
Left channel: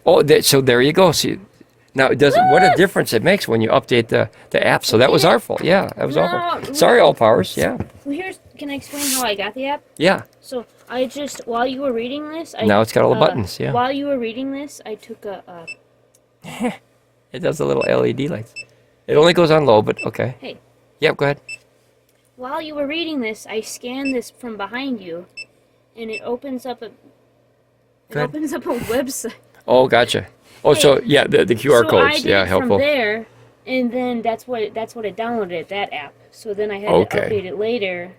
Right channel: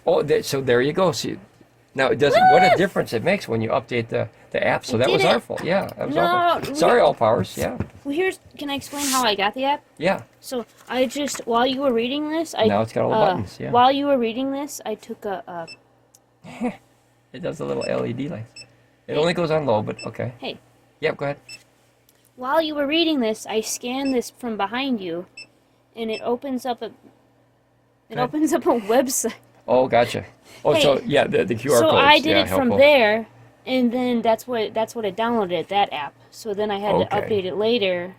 Oh, so there you go. See, now it does. What a difference it makes when you update the app. So that was our fault. Yeah, that was our fault. Sorry, Allpowers. Yeah. Well, can I explain how I got the app? Yeah. So I just, while you were reading this, now it's got all the buttons. Yeah. While you were reading this, I took a. It does the little LED lights. It only goes on low, but okay. Hey. Yep. Go ahead. While you were reading this, I scanned this from behind you, and it opens up a. It opens up a website. Oh, gotcha. Oh, so yeah, the QR codes. I did yeah, it helpful. from there, and then that's what it downloaded, that app. So then I had to update it later,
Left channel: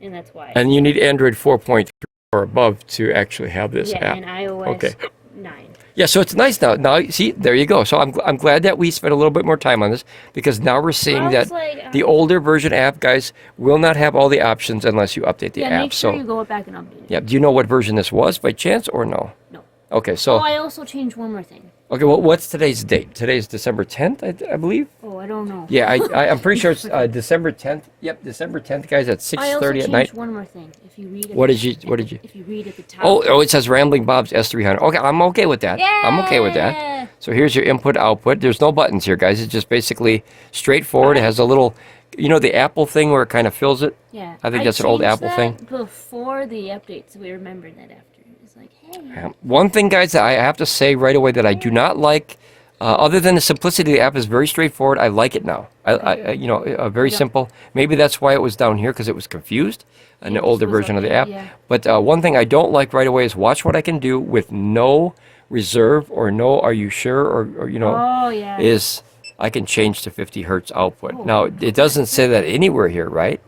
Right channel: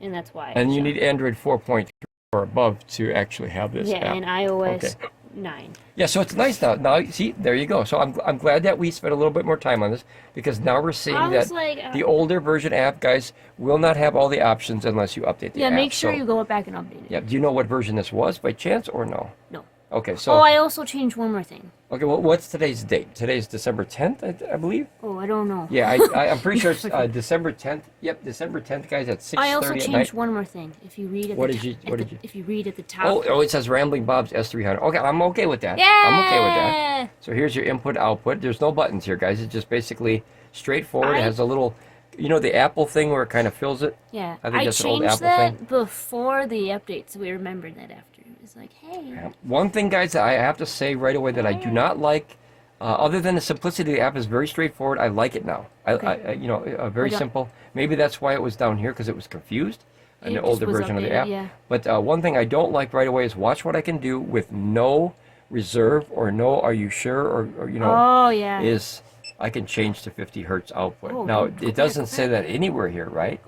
and that's why. And you need Android 4.3 or above to actually have this app. Yeah, and iOS 9. Yeah, so it's nice now. Now, see, there you go. So I'm glad that we spent a little bit more time on this, because now we're seeing that the older version app, guys, will not have all the options unless you update the app. Yeah, make sure you go back and update it. Yeah, do you know what version this was by chance or no? No. Okay, so... Oh, I also changed one more thing. Okay, well, what's today's date? Today's December 10th, I believe? Oh, I don't know. Yeah, I'm pretty sure it's December 10th. Yep, December 10th, guys, at 6:30 at night. I also changed one more thing. If you read What did you... If you read at the top... Oh, it says Ramblin Bob's S300. Okay, I'm okay with that. Yeah! I'm okay with that. So here's your input, output. There's no buttons here, guys. It's just basically straightforward. It has a little... You know the Apple thing where it kind of fills it? Yeah. I think that's an old Apple thing. Before the update, so we remembered that after. It's like, hey. One thing, guys, that I have to say right away that I do not like, other than the simplicity of the app is very straightforward. I like it now. You know, very simple. Maybe that's why it was down here, because it was confused, an older version of the app. Yeah. But one thing I don't like right away is watch what I can do with no reserve or no are you sure or you know, is I can change to 50 hertz output. Now, it doesn't say that anywhere here, right?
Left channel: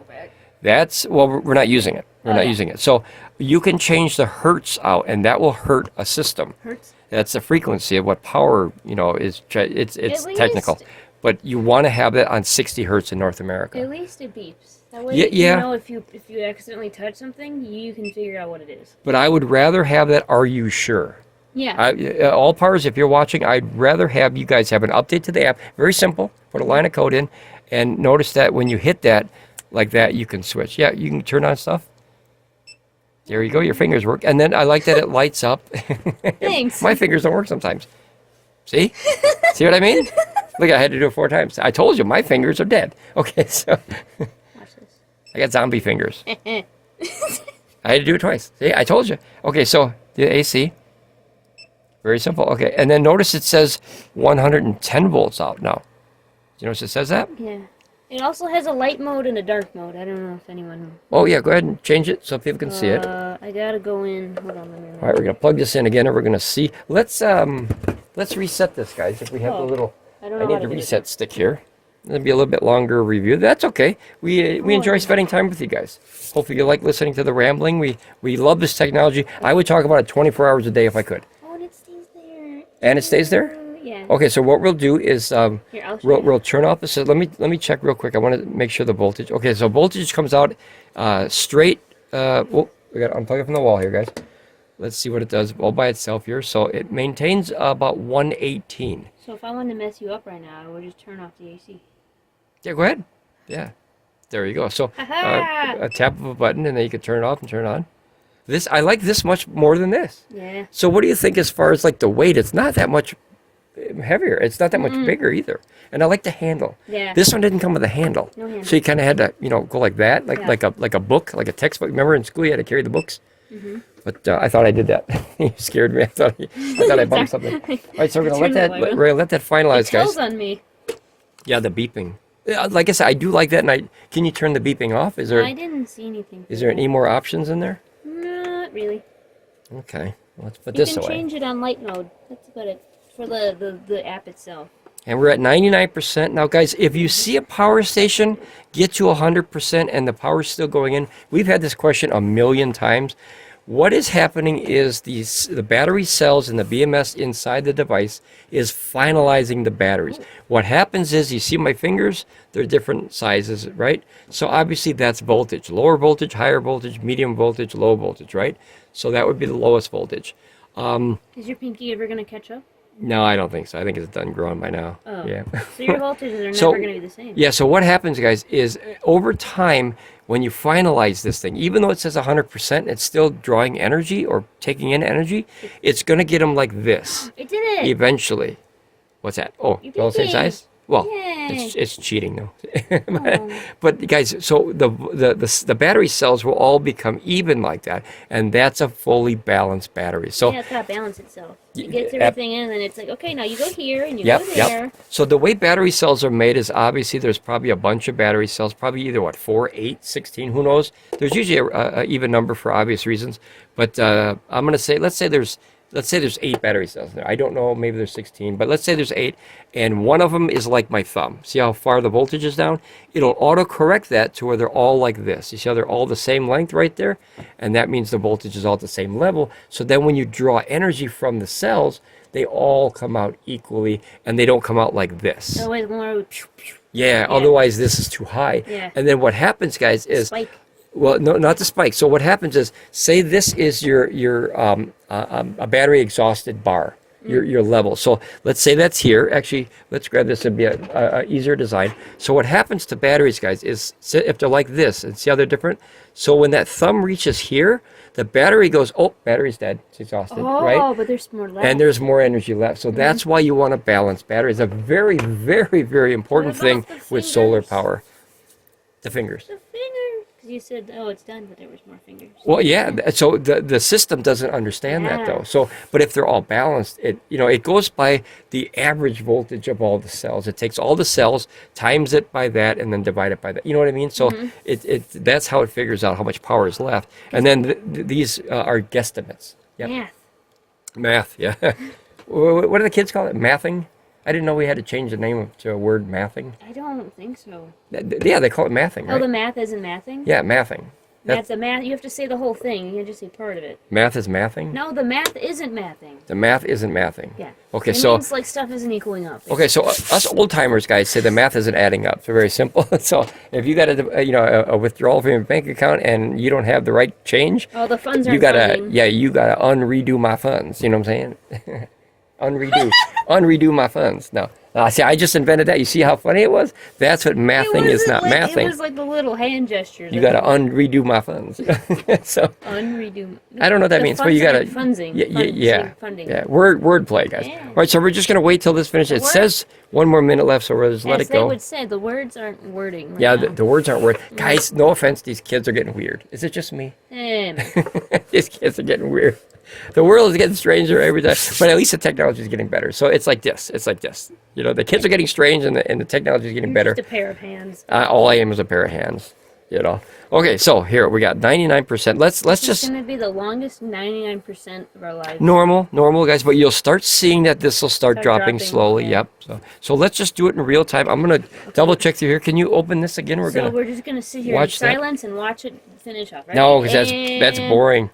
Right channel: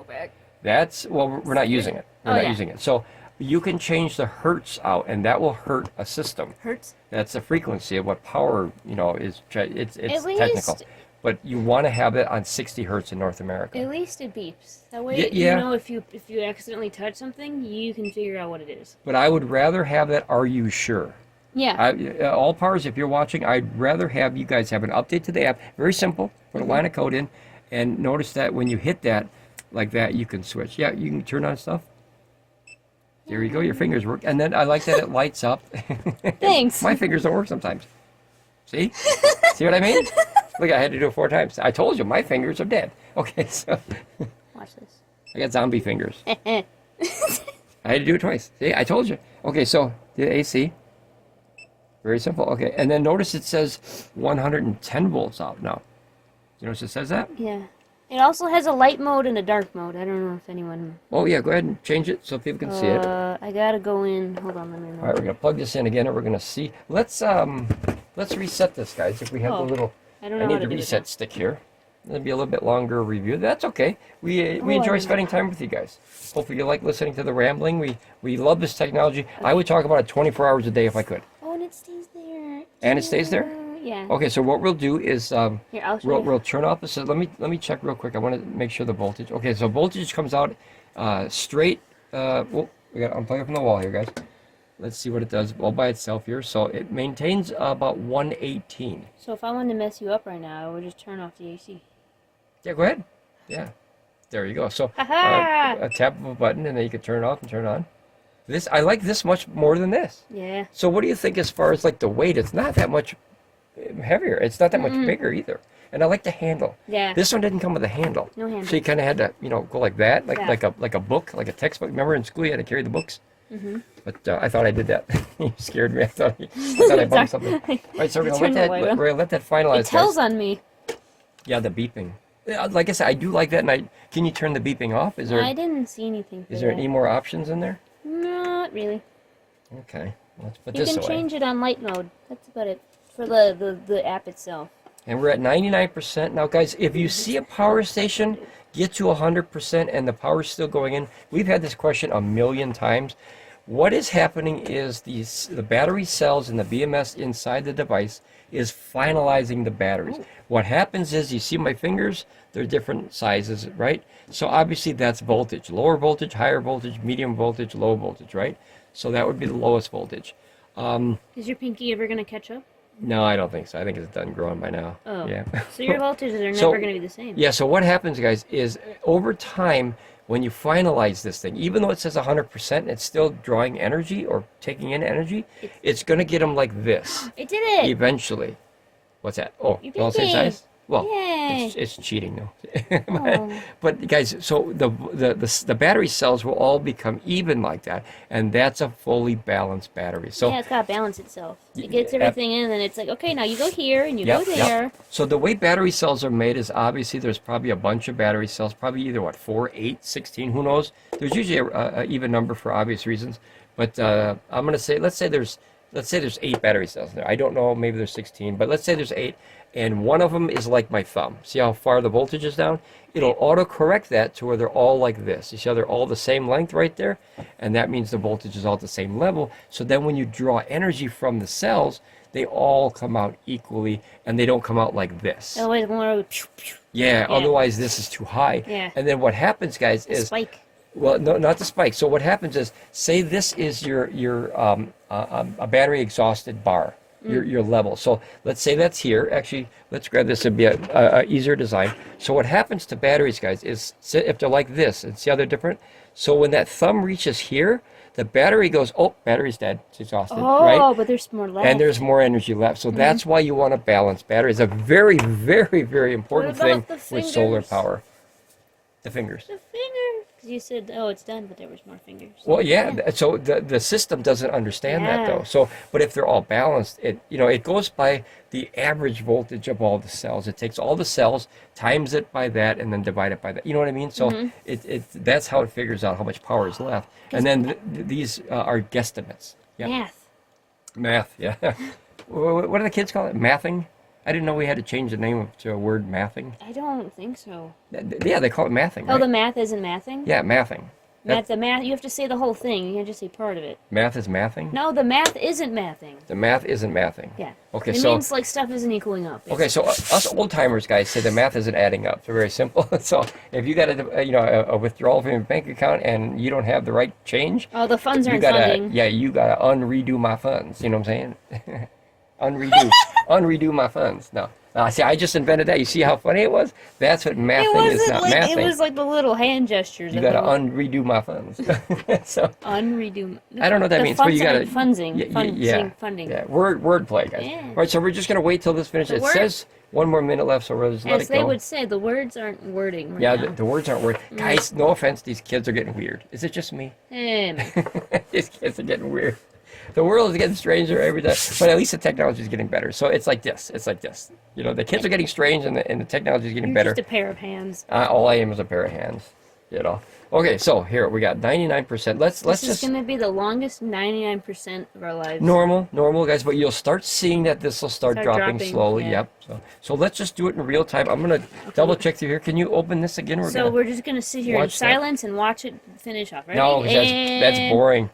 That's, well, we're not using it. We're not using it. So you can change the hertz out, and that will hurt a system. Hertz? That's the frequency of what power, you know, is. It's technical. But you want to have it on 60 hertz in North America. At least it beeps. That way, you know, if you accidentally touch something, you can figure out what it is. But I would rather have that, are you sure? Yeah. Allpowers, if you're watching, I'd rather have you guys have an update to the app. Very simple. Put a line of code in, and notice that when you hit that, like that, you can switch. Yeah, you can turn on stuff. There you go. Your fingers work. And then I like that it lights up. Thanks. My fingers don't work sometimes. See? See what I mean? Look, I had to do it 4 times. I told you, my fingers are dead. Okay, so. Watch this. I got zombie fingers. I had to do it twice. See, I told you. Okay, so the AC. Very simple. Okay, and then notice it says 110 volts out now. You notice it says that? Yeah. It also has a light mode and a dark mode. I don't know if anyone... Oh, yeah, go ahead and change it so people can see it. I gotta go in. Hold on a minute. All right, we're going to plug this in again, and we're going to see. Let's reset this, guys. If we have the little... I need the reset stick here. It'll be a little bit longer review. That's okay. We enjoy spending time with you guys. Hopefully you like listening to the rambling. We love this technology. I would talk about it 24 hours a day if I could. Oh, and it stays there. And it stays there? Yeah. Okay, so what we'll do is Here, we'll turn off the system. Let me check real quick. I want to make sure the voltage. Okay, so voltage comes out straight. Oh, we got to unplug it from the wall here, guys. Let's see what it does all by itself here. So it maintains about 118. So if I wanted to mess you up right now, I would just turn off the AC. Yeah, go ahead. Yeah, there you go. So a tap of a button, and then you can turn it off and turn it on. This, I like this much more than this. Yeah. So what do you think as far as like the weight? It's not that much heavier. It's not that much bigger either. And I like the handle. Yeah. This one didn't come with a handle. No handle. So you kind of had to, you know, go like that, like a book, like a textbook. Remember in school you had to carry the books? Mm-hmm. But I thought I did that. You scared me. I thought I bumped something. All right, so we're gonna let that finalize, it tells guys. on me. Yeah, the beeping. Like I said, I do like that. And can you turn the beeping off? Is there? I didn't see anything. Is there any more options in there? Not really. Okay, let's put this away. You can change it on light mode. That's about it for the app itself. And we're at 99%. Now, guys, if you see a power station get to 100% and the power's still going in, we've had this question a million times. What is happening is the battery cells and the BMS inside the device is finalizing the batteries. What happens is, you see my fingers, they're different sizes, right? So obviously that's voltage. Lower voltage, higher voltage, medium voltage, low voltage, right? So that would be the lowest voltage. Is your pinky ever going to catch up? No, I don't think so. I think it's done growing by now. Oh. Yeah. So your voltages are never going to be the same. Yeah, so what happens, guys, is over time, when you finalize this thing, even though it says 100%, it's still drawing energy or taking in energy, it's going to get them like this. It did it! Eventually. What's that? Oh, all the same size? Well, it's cheating though. But guys, so the battery cells will all become even like that, and that's a fully balanced battery. So yeah, it's got to balance itself. It gets everything in, and then it's like, okay, now you go here and you go there. Yep. So the way battery cells are made is obviously there's probably a bunch of battery cells, probably either 4, 8, 16, who knows? There's usually a even number for obvious reasons. But I'm going to say, let's say there's 8 battery cells there. I don't know, maybe there's 16, but let's say there's 8, and one of them is like my thumb. See how far the voltage is down? It'll auto-correct that to where they're all like this. You see how they're all the same length right there? And that means the voltage is all at the same level. So then when you draw energy from the cells, they all come out equally, and they don't come out like this. Yeah, otherwise this is too high. Yeah. And then what happens, guys, is... Spike. Well, no, not the spike. So what happens is, say this is your a battery exhausted bar, your level. So let's say that's here. Actually, let's grab this. It'd be a easier design. So what happens to batteries, guys, is if they're like this, and see how they're different. So when that thumb reaches here, the battery goes, oh, battery's dead. It's exhausted, right? Oh, but there's more left. And there's more energy left. So that's why you want to balance batteries. It's a very, very, very important thing with solar power. The fingers. The fingers. You said, oh, it's done, but there was more fingers. Well, yeah. So the system doesn't understand that though. So, but if they're all balanced, it goes by the average voltage of all the cells. It takes all the cells, times it by that, and then divide it by that. You know what I mean? So that's how it figures out how much power is left. And then these are guesstimates. Yep. Math. Yeah. What do the kids call it? Mathing? I didn't know we had to change the name to a word, mathing. I don't think so. Yeah, they call it mathing, right? Oh, the math isn't mathing? Yeah, mathing. Math, the math, you have to say the whole thing. You can't just say part of it. Math is mathing? No, the math isn't mathing. The math isn't mathing. Yeah. Okay, it means like stuff isn't equaling up. Okay, so us old timers guys say the math isn't adding up. So very simple. So if you got a withdrawal from your bank account and you don't have the right change, oh, the funds aren't funding. Yeah, you gotta unredo my funds. You know what I'm saying? Unredo my funds. No. See, I just invented that. You see how funny it was? That's what mathing is, not mathing. It was like the little hand gestures. You got to unredo my funds. So unredo. I don't know what that means, but you got to funding. Funding. Yeah. Word play, guys. Yeah. All right, so we're just gonna wait till this finishes. It says 1 more minute left, so we'll just let it go. They would say, the words aren't wording. Right now. The words aren't wording. Guys, no offense, these kids are getting weird. Is it just me? These kids are getting weird. The world is getting stranger every day, but at least the technology is getting better. So it's like this. It's like this. The kids are getting strange, and the technology is getting better. Just a pair of hands. All I am is a pair of hands. Okay, so here we got 99%. Let's just. It's going to be the longest 99% of our lives. Normal, guys. But you'll start seeing that this will start dropping slowly. Yeah. Yep. So let's just do it in real time. I'm gonna double check through here. Can you open this again? We're just gonna sit here in silence and watch it finish off. Right? No, because that's boring.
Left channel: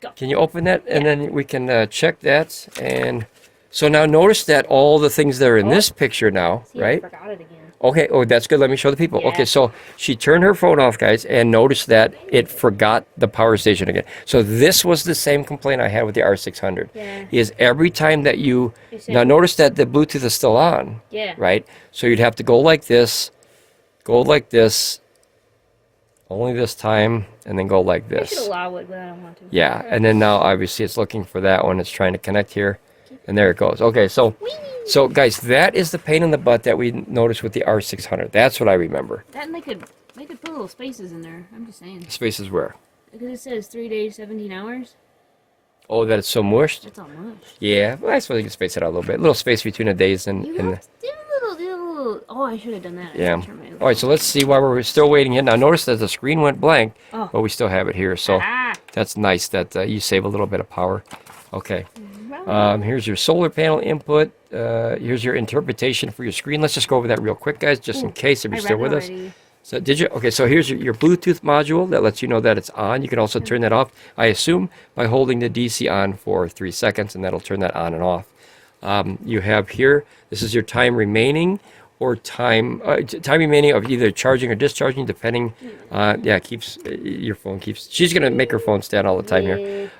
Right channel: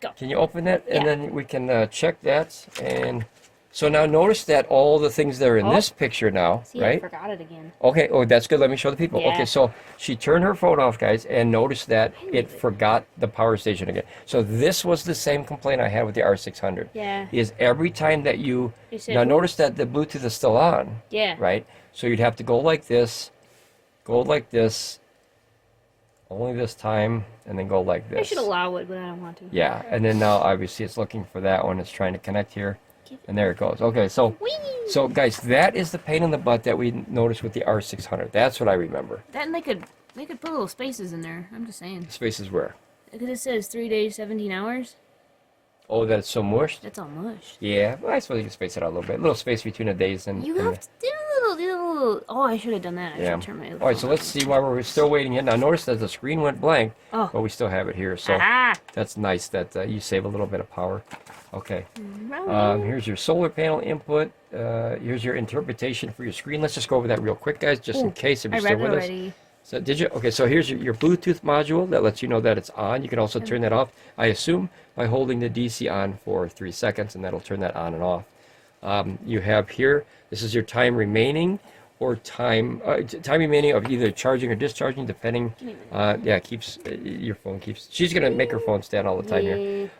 Go. Can you open that? And then we can check that. And so now notice that all the things that are in this picture now, right? I forgot it again. Okay. Oh, that's good. Let me show the people. Okay. So she turned her phone off, guys, and notice that it forgot the power station again. So this was the same complaint I had with the R600. Yeah. Is every time that now notice that the Bluetooth is still on. Yeah. Right. So you'd have to go like this, only this time, and then go like this. I should allow it, but I don't want to. Yeah, and then now obviously it's looking for that one. It's trying to connect here, and there it goes. Okay, so guys, that is the pain in the butt that we noticed with the R600. That's what I remember. And they could put little spaces in there. I'm just saying. Spaces where? Because it says 3 days, 17 hours. Oh, that it's so mushed? It's all mushed. Yeah, well, I suppose you can space it out a little bit. A little space between the days and... You have to do a little... Oh, I should have done that. Yeah. All right, so let's see why we're still waiting in. Now, notice that the screen went blank, but we still have it here. So that's nice that you save a little bit of power. Okay. Here's your solar panel input. Here's your interpretation for your screen. Let's just go over that real quick, guys, just in case if you're still with us. So did you? Okay, so here's your Bluetooth module that lets you know that it's on. You can also turn that off, I assume, by holding the DC on for 3 seconds, and that'll turn that on and off. You have here, this is your time remaining, or time remaining of either charging or discharging, depending. Keeps your phone keeps. She's gonna make her phone stand all the time here.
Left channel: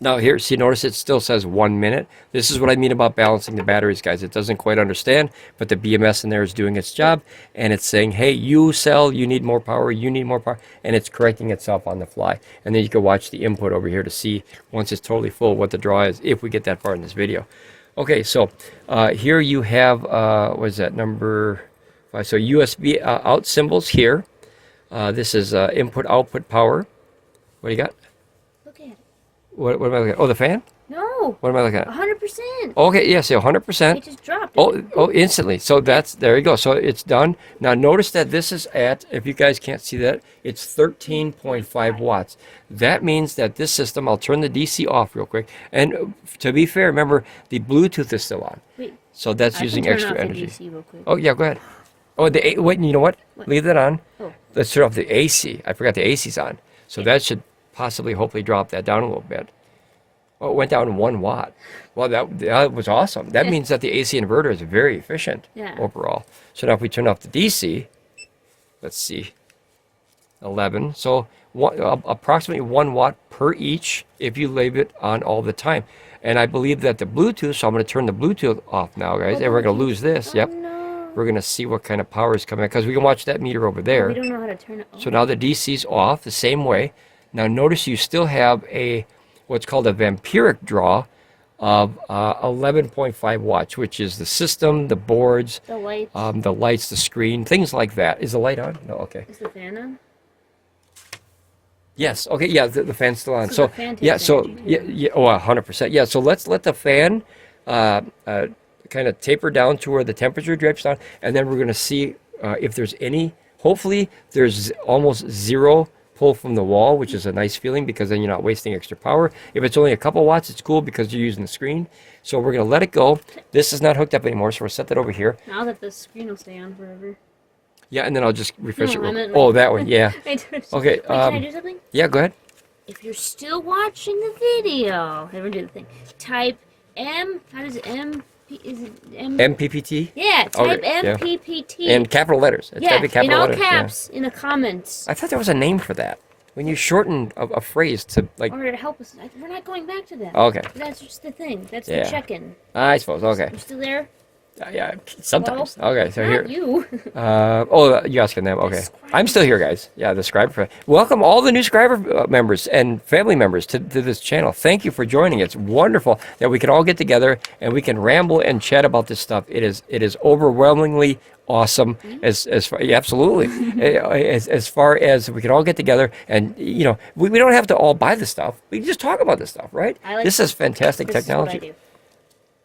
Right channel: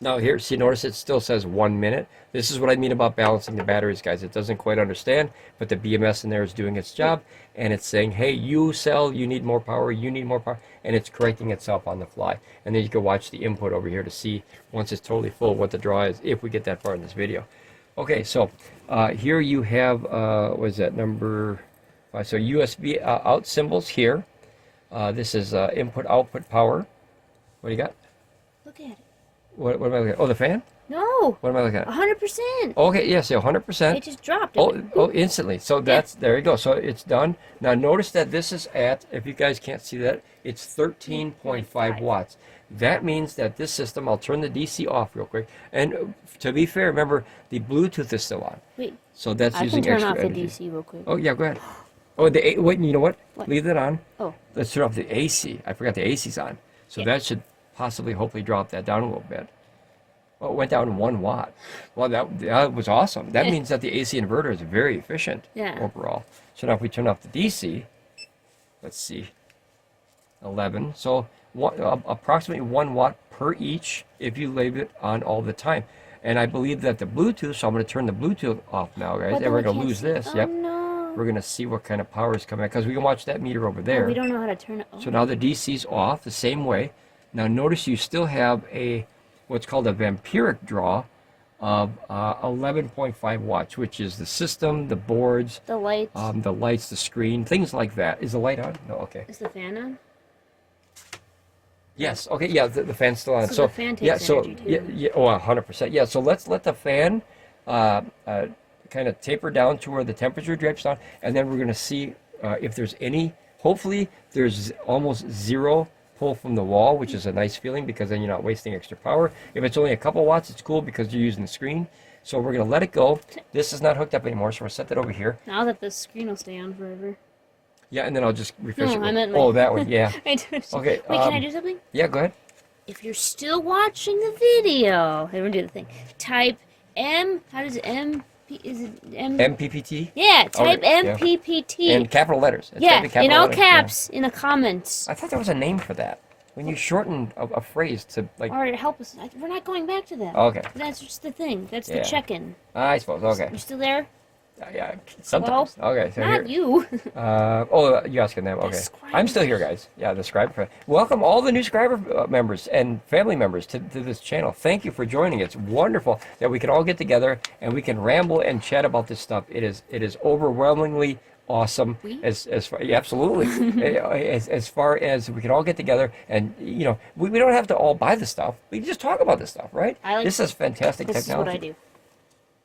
Now here, see, notice it still says 1 minute. This is what I mean about balancing the batteries, guys. It doesn't quite understand, but the BMS in there is doing its job, and it's saying, hey, you cell, you need more power, and it's correcting itself on the fly. And then you can watch the input over here to see, once it's totally full, what the draw is, if we get that far in this video. Okay, so here you have, what is that, number 5? So USB out symbols here. This is input, output, power. What do you got? Look at it. What am I looking at? Oh, the fan? No. What am I looking at? 100%. Okay, yeah, so 100%. It just dropped. Oh, instantly. So there you go. So it's done. Now notice that this is at, if you guys can't see that, it's 13.5 watts. That means that this system, I'll turn the DC off real quick. And to be fair, remember, the Bluetooth is still on. Wait. So that's using extra energy. I can turn off the DC real quick. Oh, yeah, go ahead. Oh, wait, you know what? Leave that on. Oh. Let's turn off the AC. I forgot the AC's on. So that should possibly, hopefully drop that down a little bit. Oh, it went down 1 watt. Well, that was awesome. That means that the AC inverter is very efficient overall. So now if we turn off the DC, let's see, 11. So approximately 1 watt per each if you leave it on all the time. And I believe that the Bluetooth, so I'm going to turn the Bluetooth off now, guys, and we're going to lose this. Yep. No. We're going to see what kind of power is coming out, because we can watch that meter over there. We don't know how to turn it on. So now the DC's off the same way. Now notice you still have what's called a vampiric draw of 11.5 watts, which is the system, the boards, the lights, the screen, things like that. Is the light on? No, okay. Is the fan on? Yes. Okay. Yeah. The fan's still on. So the fan takes yeah. So energy, too. yeah. Oh, 100%. Yeah. So let's let the fan uh, uh, kind of taper down to where the temperature drips down, and then we're going to see if there's any. Hopefully, there's almost zero pull from the wall, which is a nice feeling because then you're not wasting extra power. If it's only a couple watts, it's cool because you're using the screen. So we're going to let it go. This is not hooked up anymore, so we'll set that over here. Now that the screen will stay on forever. Yeah, and then I'll just refresh No, it. I meant Oh, like- that way. Yeah. Okay. Wait, can I do something? Yeah. Go ahead. If you're still watching the video, let me do the thing. Type M. How does it M? Is it M? MPPT. Yeah. Type Okay, yeah. MPPT. In capital letters. It's yeah, gotta be capital in all letters, yeah. caps in the comments. I thought there was a name for that. When you shorten a phrase to like. Or to help us. We're not going back to that. Okay. That's just the thing. That's Yeah. the check-in. I suppose. Okay. You still there? Yeah. Sometimes. Well, Okay. So not here. you. You're asking them. Okay. Subscribe. I'm still here, guys. Yeah. The subscriber. Welcome all the new subscriber members and family members to this channel. Thank you for joining. It's wonderful that we can all get together and we can ramble and chat about this stuff. It is overwhelmingly awesome as far, yeah, absolutely as far as we can all get together and we don't have to all buy the stuff. We can just talk about this stuff, right? This is fantastic This technology. is what I do.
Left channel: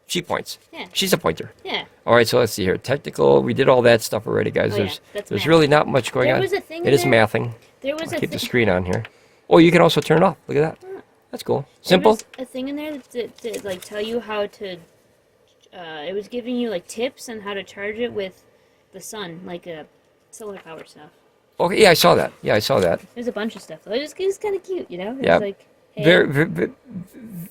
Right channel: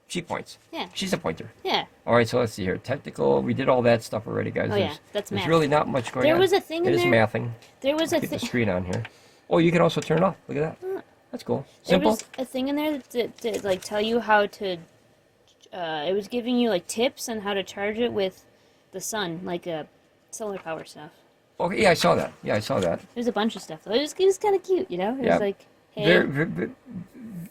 She points. Yeah. She's a pointer. Yeah. All right, so let's see here. Technical, we did all that stuff already, guys. Oh, yeah, There's that's there's math. really not much going There on. was a thing It in is there- mathing. There was a Keep the thing. screen on here. Oh, you can also turn it off. Look at that. That's cool. Simple. There was a thing in there that like tell you how to. It was giving you like tips on how to charge it with the sun, like solar power stuff. Okay, yeah, I saw that. Yeah, I saw that. There's a bunch of stuff. It was kind of cute, you know. It Yeah. was like hey,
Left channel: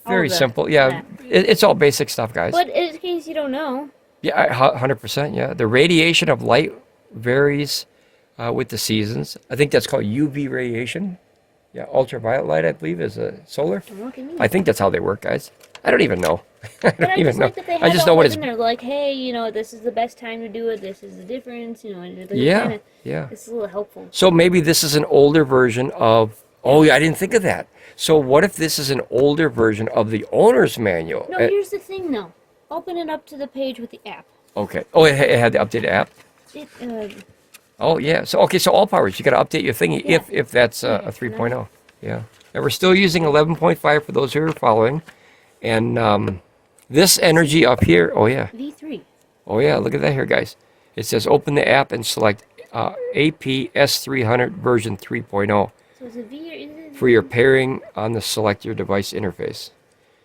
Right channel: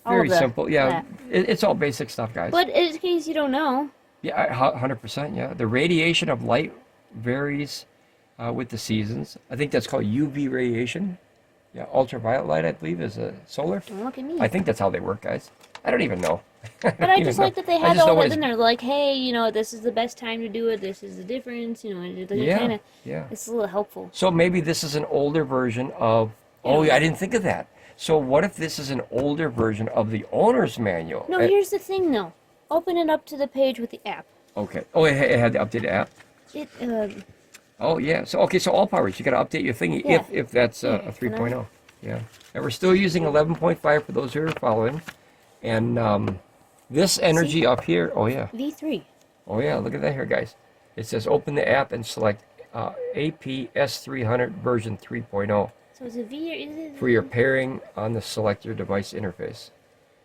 Very the- simple. Yeah, yeah. it's all basic stuff, guys. But in case you don't know, Yeah, 100%. Yeah, the radiation of light varies with the seasons. I think that's called UV radiation. Yeah, ultraviolet light, I believe, is solar. don't look at me. I think that's how they work, guys. I don't even know. But I just like that they I had just know all what that it's. in there. Like, hey, this is the best time to do it. This is the difference. And Yeah, kinda, yeah. it's a little helpful. So maybe this is an older version of. Oh, yeah, I didn't think of that. So what if this is an older version of the owner's manual? No, here's the thing, though. Open it up to the page with the app. Okay. Oh, it had the updated app. It Oh, yeah. So okay. So Allpowers, you got to update your thingy Yeah. if that's a 3.0. Yeah. And we're still using 11.5 for those who are following. And this energy up here. Oh yeah. V3. Oh yeah. Look at that here, guys. It says open the app and select AP S300 version 3.0 So is it V or is it? for your pairing on the select your device interface.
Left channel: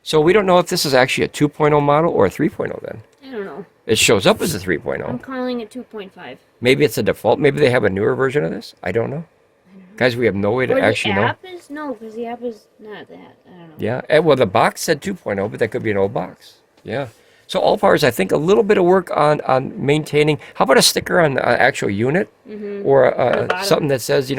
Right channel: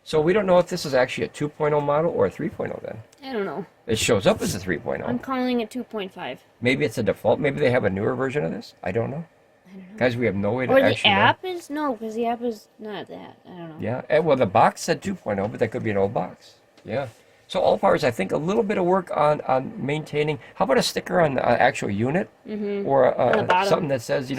So we don't know if this is actually a 2.0 model or a 3.0 then. I don't know. It shows up as a I'm 3.0. calling it 2.5. Maybe it's a default. Maybe they have a newer version of this. I don't know. Guys, we have no way to Or the actually know. app is? No, because the app is not that. I don't know. Yeah. Well, the box said 2.0, but that could be an old box. Yeah. So Allpowers, I think a little bit of work on maintaining. How about a sticker on the actual unit, or the bottom. something that says,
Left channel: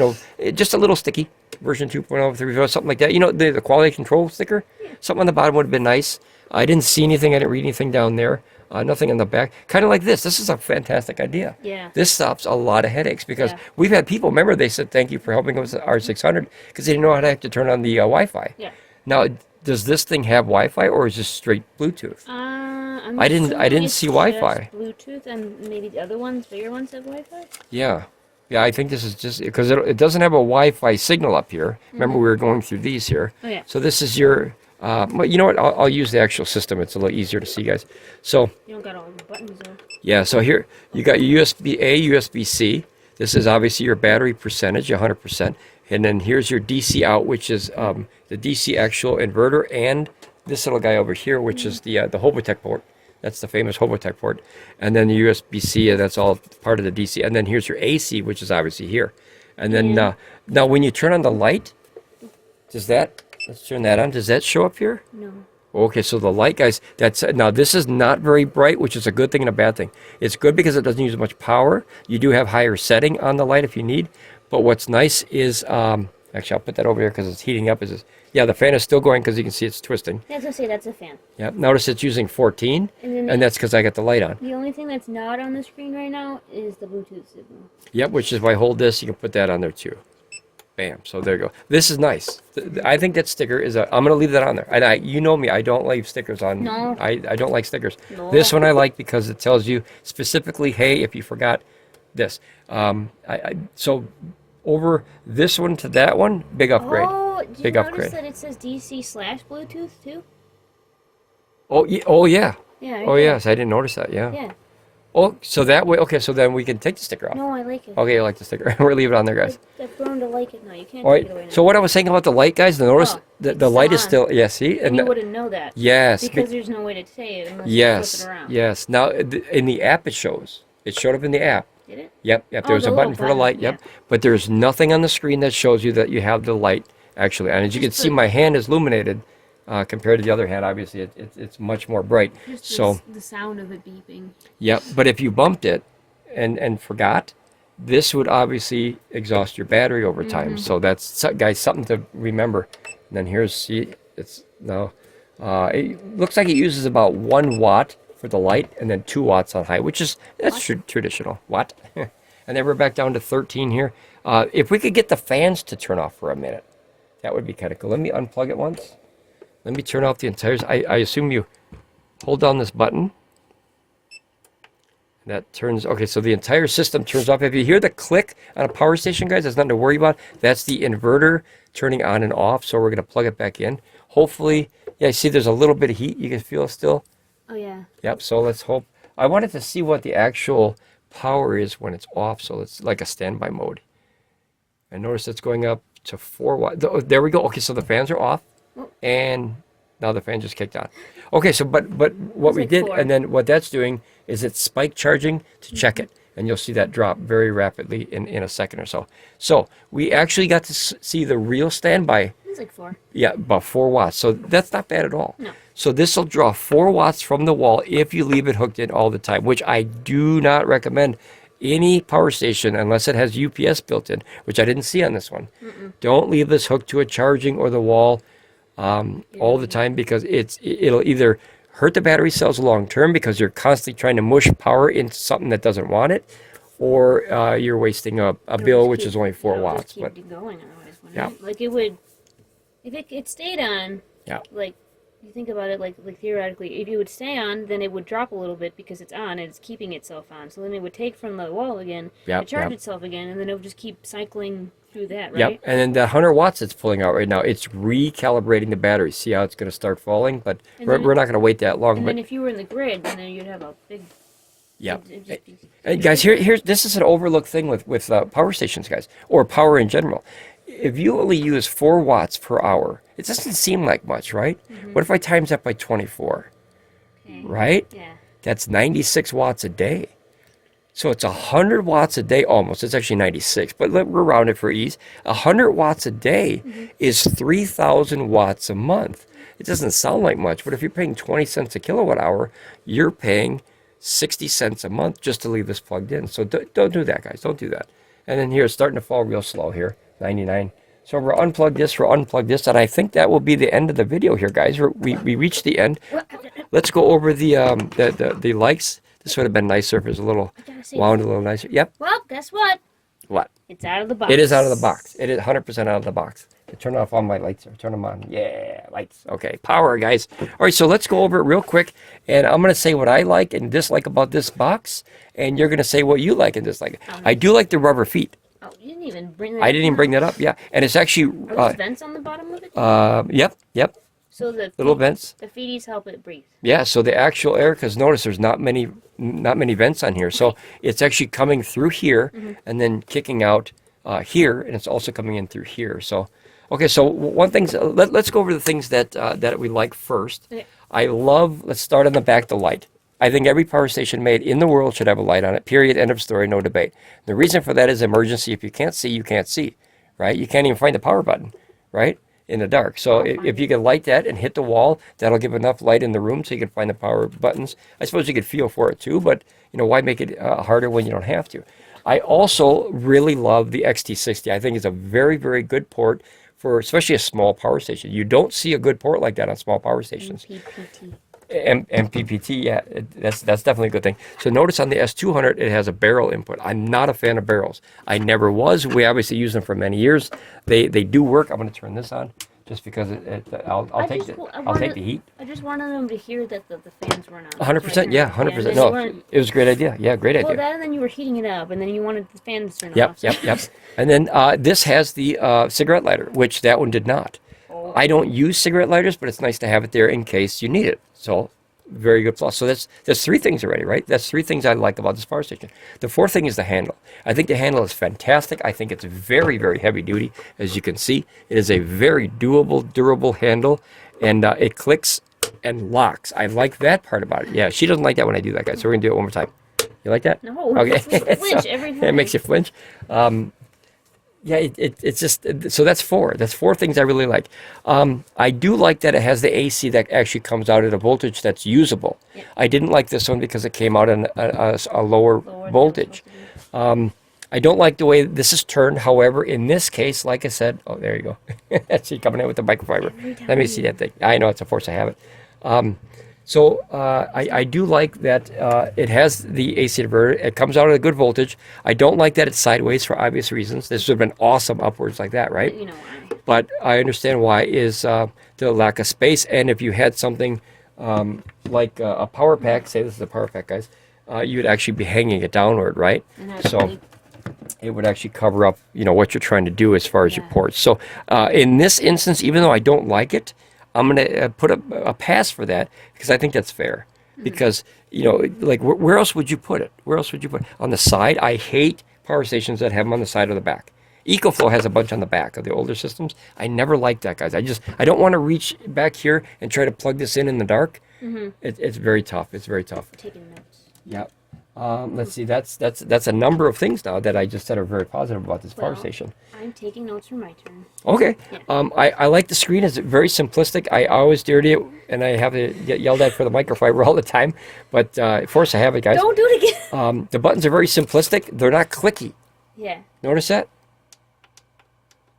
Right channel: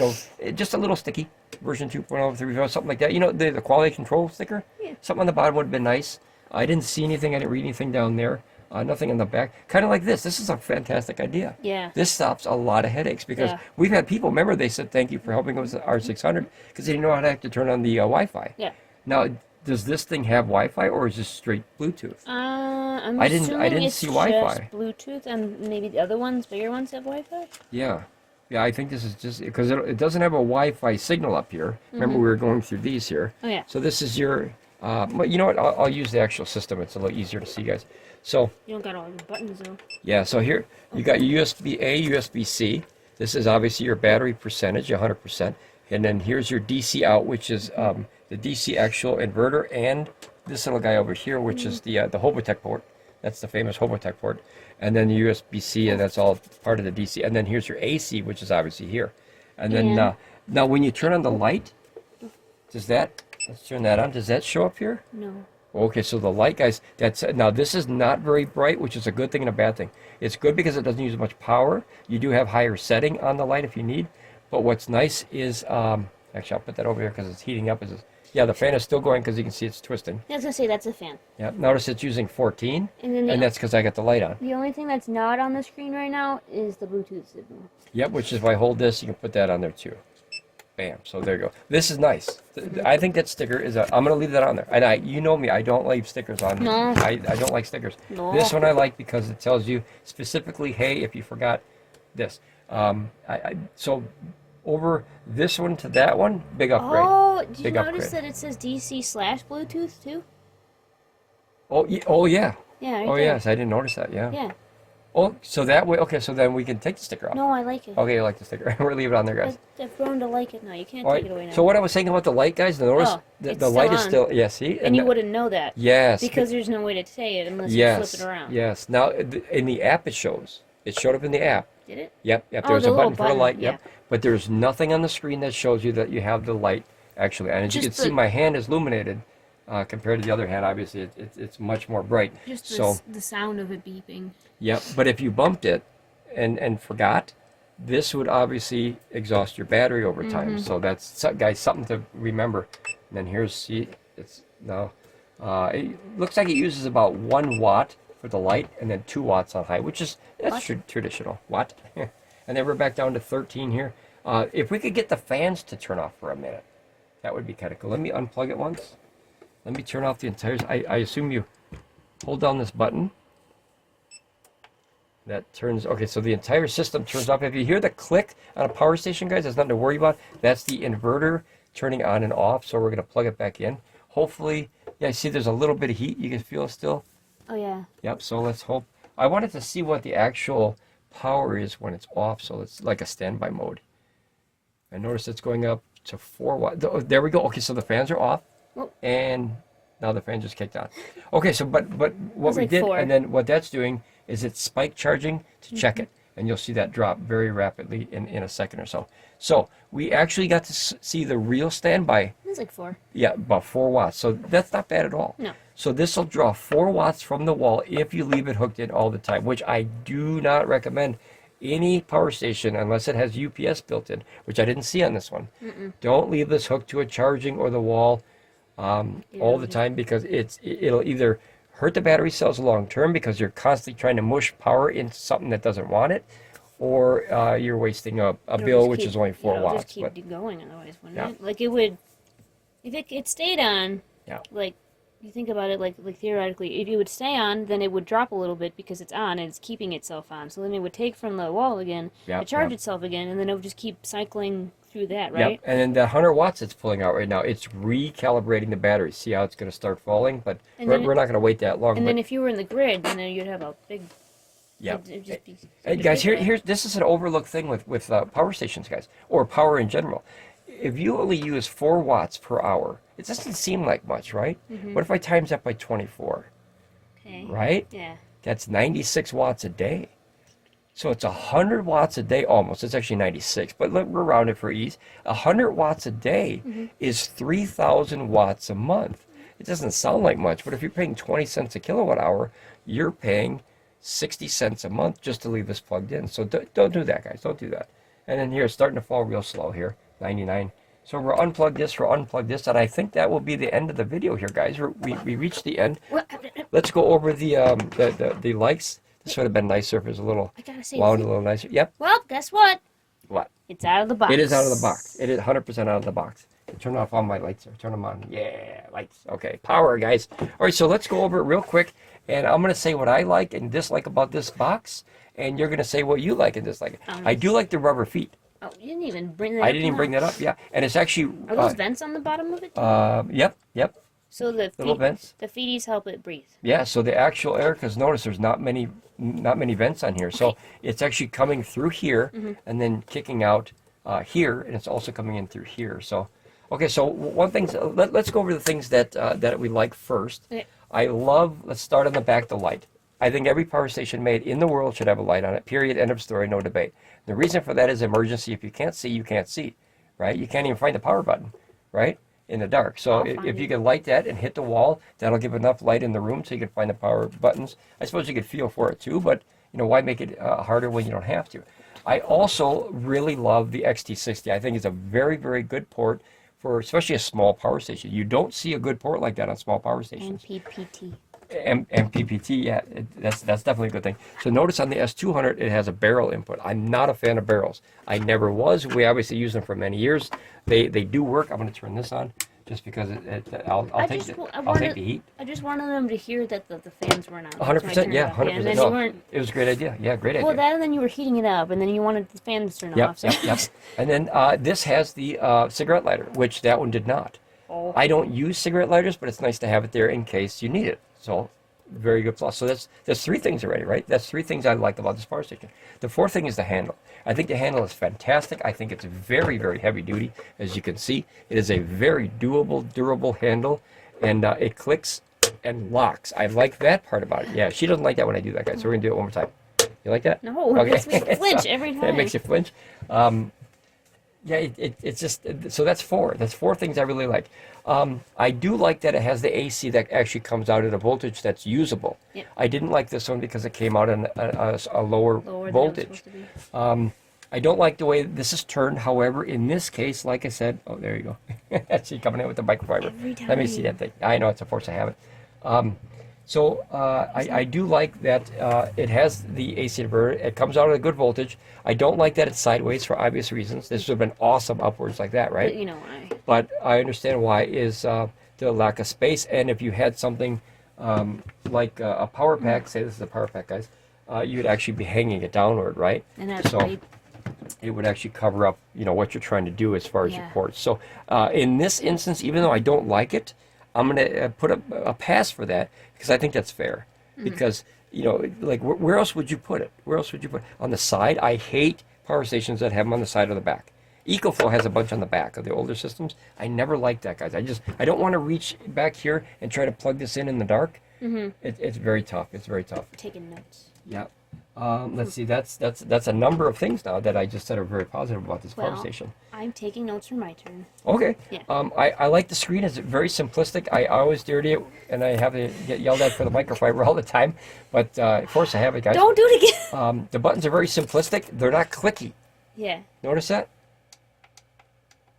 just a little sticky version 2.0, 3.0, something like that. The quality control sticker. Yeah. Something on the bottom would have been nice. I didn't see anything. I didn't read anything down there. Nothing in the back. Kind of like this. This is a fantastic idea. Yeah. This stops a lot of headaches because Yeah. we've had people. Remember, they said thank you for helping us with R600 because they didn't know how to have to turn on the Wi-Fi. Yeah. Now, does this thing have Wi-Fi or is this straight Bluetooth? I'm I didn't assuming it's see just Wi-Fi. Bluetooth, and maybe the other ones, bigger ones, have Wi-Fi. Yeah. Yeah, I think this is just because it doesn't have a Wi-Fi signal up here. Remember, we were going through these here. Oh yeah. So this is your. But you know what? I'll use the actual system. It's a little easier to see, guys. So You don't got all the buttons though. yeah. So here you got your USB A, USB C. This is obviously your battery percentage, 100%. And then here's your DC out, which is the DC actual inverter, and this little guy over here, which is the Hobotech port. That's the famous Hobotech port. And then the USB-C, and that's all part of the DC. And then here's your AC, which is obviously here. And then Yeah. now when you turn on the light, let's turn that on. Does that show up here? No. Okay, so the light, guys, now this is not very bright, which is a good thing and a bad thing. It's good because it doesn't use much power. You do have higher setting on the light if you need. But what's nice is, actually, I'll put that over here because it's heating up. Yeah, the fan is still going because you can see it's twisting. Yeah, I was gonna say that's a fan. Yeah, notice it's using 14, And then and that's because I got the light on. the only thing that's not on the screen right now is the Bluetooth signal. Yep, which is if I hold this, you can put that on there too. Bam, so there you go. This is nice. I think that sticker is I'm going to leave that on there. And you know me, I don't leave stickers on. No. I don't like stickers. No. This one I like because it tells you specifically, hey, if you forgot this. So over this one to that one, big upgrade. Oh, did you Big notice upgrade. that it says DC/Bluetooth too? Oh, oh yeah. Yeah. Right Oh there. yes, I didn't notice that. Yeah. Yeah. Oh, so that way. Okay, so then we can take the sticker off. No, I like it. Okay, I like the sticker. We're leaving it on there, guys. I've grown to like it now. You can't All take it away right. now. So what I was saying about the light, guys, notice Oh, the it's light is still on. still. Yeah. See. And you wouldn't know that. Yes. Because there's no way to say it unless you Yes. flip it around. Yes. Now in the app it shows. It showed up in the app. Did it? Yep. Yep. Oh, There's the a little button for the button, light. Yep. yeah. But there's nothing on the screen that shows you that you have the light actually on. As you can Just see, the- my hand is illuminated compared to the other hand. Obviously, it's much more bright. Just So. the sound of it beeping. Yep, but if you bumped it and forgot, this would obviously exhaust your battery over time. So that's, guys, something to remember. And then here's, see, it's now, it looks like it uses about 1 watt for the light and then 2 watts on high, which is, that's traditional. Watt. And then we're back down to 13 here. If we could get the fans to turn off for a minute, that would be kind of cool. Let me unplug it once. Let me turn off the entire, I assume you hold down this button. That turns, okay, so the entire system turns off. If you hear the click on a power station, guys, there's nothing to worry about. That's the inverter turning on and off, so we're going to plug it back in. Hopefully, yeah, see there's a little bit of heat you can feel still. Oh, yeah. Yep, so let's hope. I wanted to see what the actual power is when it's off, so it's like a standby mode. I notice it's going up to 4 watts. There we go. Okay, so the fans are off, and now the fan just kicked on. Okay, so but what we like did, 4. and then what that's doing is it's spike charging to check it, and you'll see that drop very rapidly in a second or so. So we actually got to see the real standby. It's like 4. Yeah, about 4 watts. So that's not bad at all. No. So this will draw 4 watts from the wall if you leave it hooked in all the time, which I do not recommend any power station unless it has UPS built in, which I didn't see on this one. Don't leave this hooked to a charging or the wall all the time, because it'll either hurt the battery cells long term because you're constantly trying to mush power into something that doesn't want it, or you're wasting a bill which is only 4 watts. Just keep going otherwise, wouldn't Yeah. it? Like it would, if it stayed on. Yeah. Like you think about it, like theoretically, if it would stay on, then it would drop a little bit because it's on and it's keeping itself on. So then it would take from the wall again, Yep, charge yep. itself again, and then it would just keep cycling through that, right? Yep, and then the 100 watts it's pulling out right now, it's recalibrating the battery. See how it's going to start falling? But we're not going to wait that long. And but then if you were in the grid, then you'd have a big. yeah. It'd just be, And guys, here's this is an overlooked thing with power stations, guys, or power in general. If you only use 4 watts per hour, it doesn't seem like much, right? What if I times that by 24? Okay. Right? Yeah. That's 96 watts a day. So it's 100 watts a day almost. It's actually 96, but we're rounded for ease. 100 watts a day is 3,000 watts a month. It doesn't sound like much, but if you're paying 20 cents a kilowatt hour, you're paying 60 cents a month just to leave this plugged in. So don't do that, guys. Don't do that. And then here, it's starting to fall real slow here, 99. So we'll unplug this, and I think that will be the end of the video here, guys. We reached the end. Let's go over the lights. This would have been nicer if it was a little wound, a little nicer. Yep. Well, guess what? What? It's out of the box. It is out of the box. It is 100% out of the box. Turn off all my lights. Turn them on. Yeah, lights. Okay, power, guys. All right, so let's go over it real quick, and I'm going to say what I like and dislike about this box, and you're going to say what you like and dislike. I do like the rubber feet. Oh, you didn't even bring that up. I didn't even bring that up. Yeah, and it's actually. Are those vents on the bottom of it? Yep. So the Little vents. The feeties help it breathe. Yeah, so the actual air, because notice there's not many vents on here, so it's actually coming through here and then kicking out here, and it's also coming in through here. So, okay, so one thing, let's go over the things that we like first. Okay. Let's start on the back, the light. I think every power station made in the world should have a light on it, period, end of story, no debate. The reason for that is emergency. If you can't see, you can't see, right? You can't even find the power button, right? In the dark. So if you can light that and hit the wall, that'll give enough light in the room so you can find the power buttons. I suppose you could feel for it too, but why make it harder when you don't have to? I also really love the XT60. I think it's a very, very good port for especially a small power station. You don't see a good port like that on small power stations. MPPT. MPPT, yeah, that's definitely a good thing. So notice on the S200, it has a barrel input. I'm not a fan of barrels. I never was. We obviously use them for many years. They do work. I'm going to turn this on just because I'll take the heat. I just wanted them to hear that the fans weren't on. 100%, yeah, 100%. No, it was a great idea. Yeah, great idea. Well, that and then you were heating it up, and then you wanted the fans turned off. Yep. And then this has the cigarette lighter, which that one did not. Oh. I don't use cigarette lighters, but it's nice to have it there in case you need it. So, very good plus. So that's 3 things already, right? That's 3 things I like about this power station. The 4th thing is the handle. I think the handle is fantastic. I think it's very, very heavy duty, as you can see. It is a very doable, durable handle, and it clicks and locks. I like that part about it. Yeah, she doesn't like that when I do that, guys. So we're gonna do it one more time. You like that? No, okay. It makes me flinch every time. It makes you flinch. Yeah, it's just, so that's 4. That's 4 things I really like. I do like that it has the AC that actually comes out at a voltage that's usable. Yep. I didn't like this one because it came out at a lower voltage. I don't like the way this is turned. However, in this case, like I said, oh, there you go. That's she coming in with the microfiber. Let me see that thing. I know it's a force I have it. So I do like that it has the AC diverter. It comes out at a good voltage. I don't like that it's sideways for obvious reasons. This would have been awesome upwards like that, right? You know why. But I understand why is the lack of space. And if you had something like a power pack, say this is a power pack, guys, you would actually be hanging it downward, right? And so it would actually cover up, what you're trying to do as far as your ports. So in this instance, even though I don't like it, I'm going to put a pass for that because I think that's fair. Because, like, where else would you put it? Where else would you put it? On the side? I hate power stations that have them on the side or the back. EcoFlow has a bunch on the back of the older systems. I never liked that, guys. I don't want to reach back here and try to plug this in the dark. It's very tough. It's very tough. Taking notes. Yeah. Let's see. That's a number of things now that I just said are very positive about this power station. I'm taking notes for my turn. Okay. Yeah. I like the screen. It's very simplistic. I always dirty it, and I have to get yelled at for the microfiber all the time. But force I have it, guys. Don't do it again. The buttons are very simplistic. They're not clicky. Yeah. Notice that?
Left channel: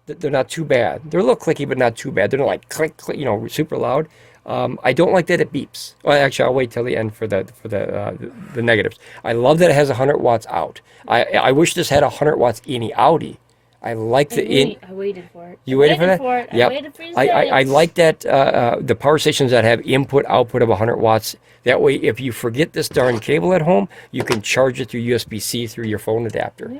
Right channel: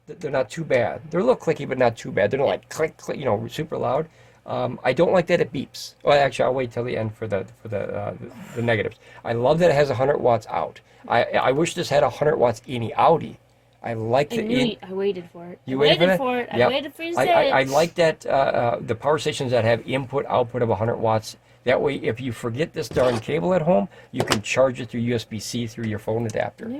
They're not too bad. They're a little clicky, but not too bad. They're not like click, click, super loud. I don't like that it beeps. Well, actually, I'll wait till the end for the negatives. I love that it has 100 watts out. I wish this had 100 watts in Audi. I like the in. I waited for it. You waited for it. Yep. I waited for you to say I like that the power stations that have input output of 100 watts. That way, if you forget this darn cable at home, you can charge it through USB-C through your phone adapter.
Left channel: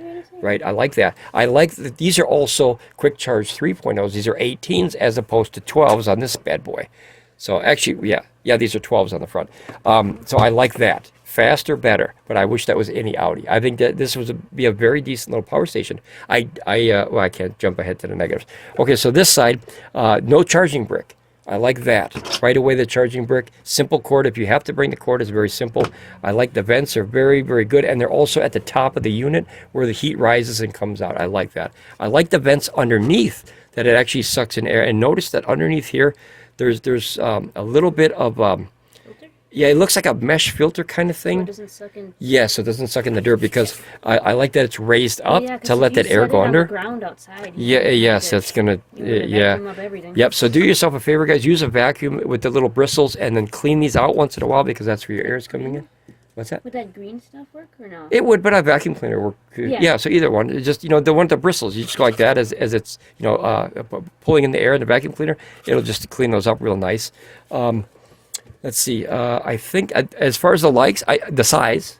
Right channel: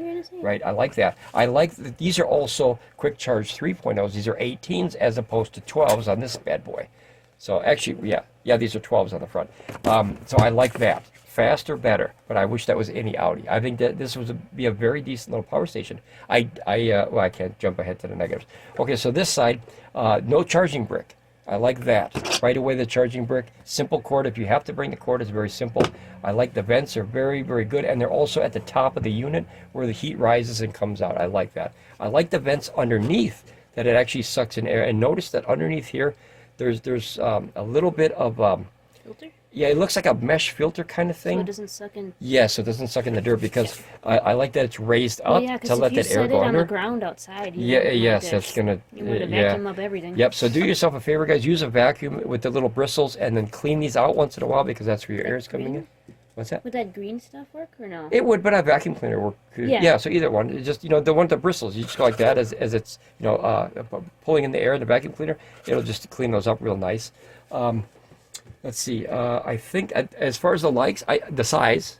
Right? I like that. I like that these are also quick charge 3.0s. These are 18s as opposed to 12s on this bad boy. So actually, yeah, these are 12s on the front. So I like that. Faster, better. But I wish that was any Audi. I think that this would be a very decent little power station. Well, I can't jump ahead to the negatives. Okay, so this side, no charging brick. I like that. Right away, the charging brick. Simple cord. If you have to bring the cord, it's very simple. I like the vents. They're very, very good. And they're also at the top of the unit where the heat rises and comes out. I like that. I like the vents underneath that it actually sucks in air. And notice that underneath here, there's a little bit of filter? Yeah, it looks like a mesh filter kind of thing. So it doesn't suck in. Yeah, so it doesn't suck in the dirt because I like that it's raised up to let that air go under. On the ground outside. Yes, that's gonna vacuum up everything. Yep. So do yourself a favor, guys. Use a vacuum with the little bristles and then clean these out once in a while because that's where your air is coming in. What's that? Would that green stuff work or no? It would, but a vacuum cleaner work. Yeah. So either one. It's just the one with the bristles. You just go like that as it's pulling in the air in the vacuum cleaner. It'll just clean those up real nice. Let's see. I think as far as the size,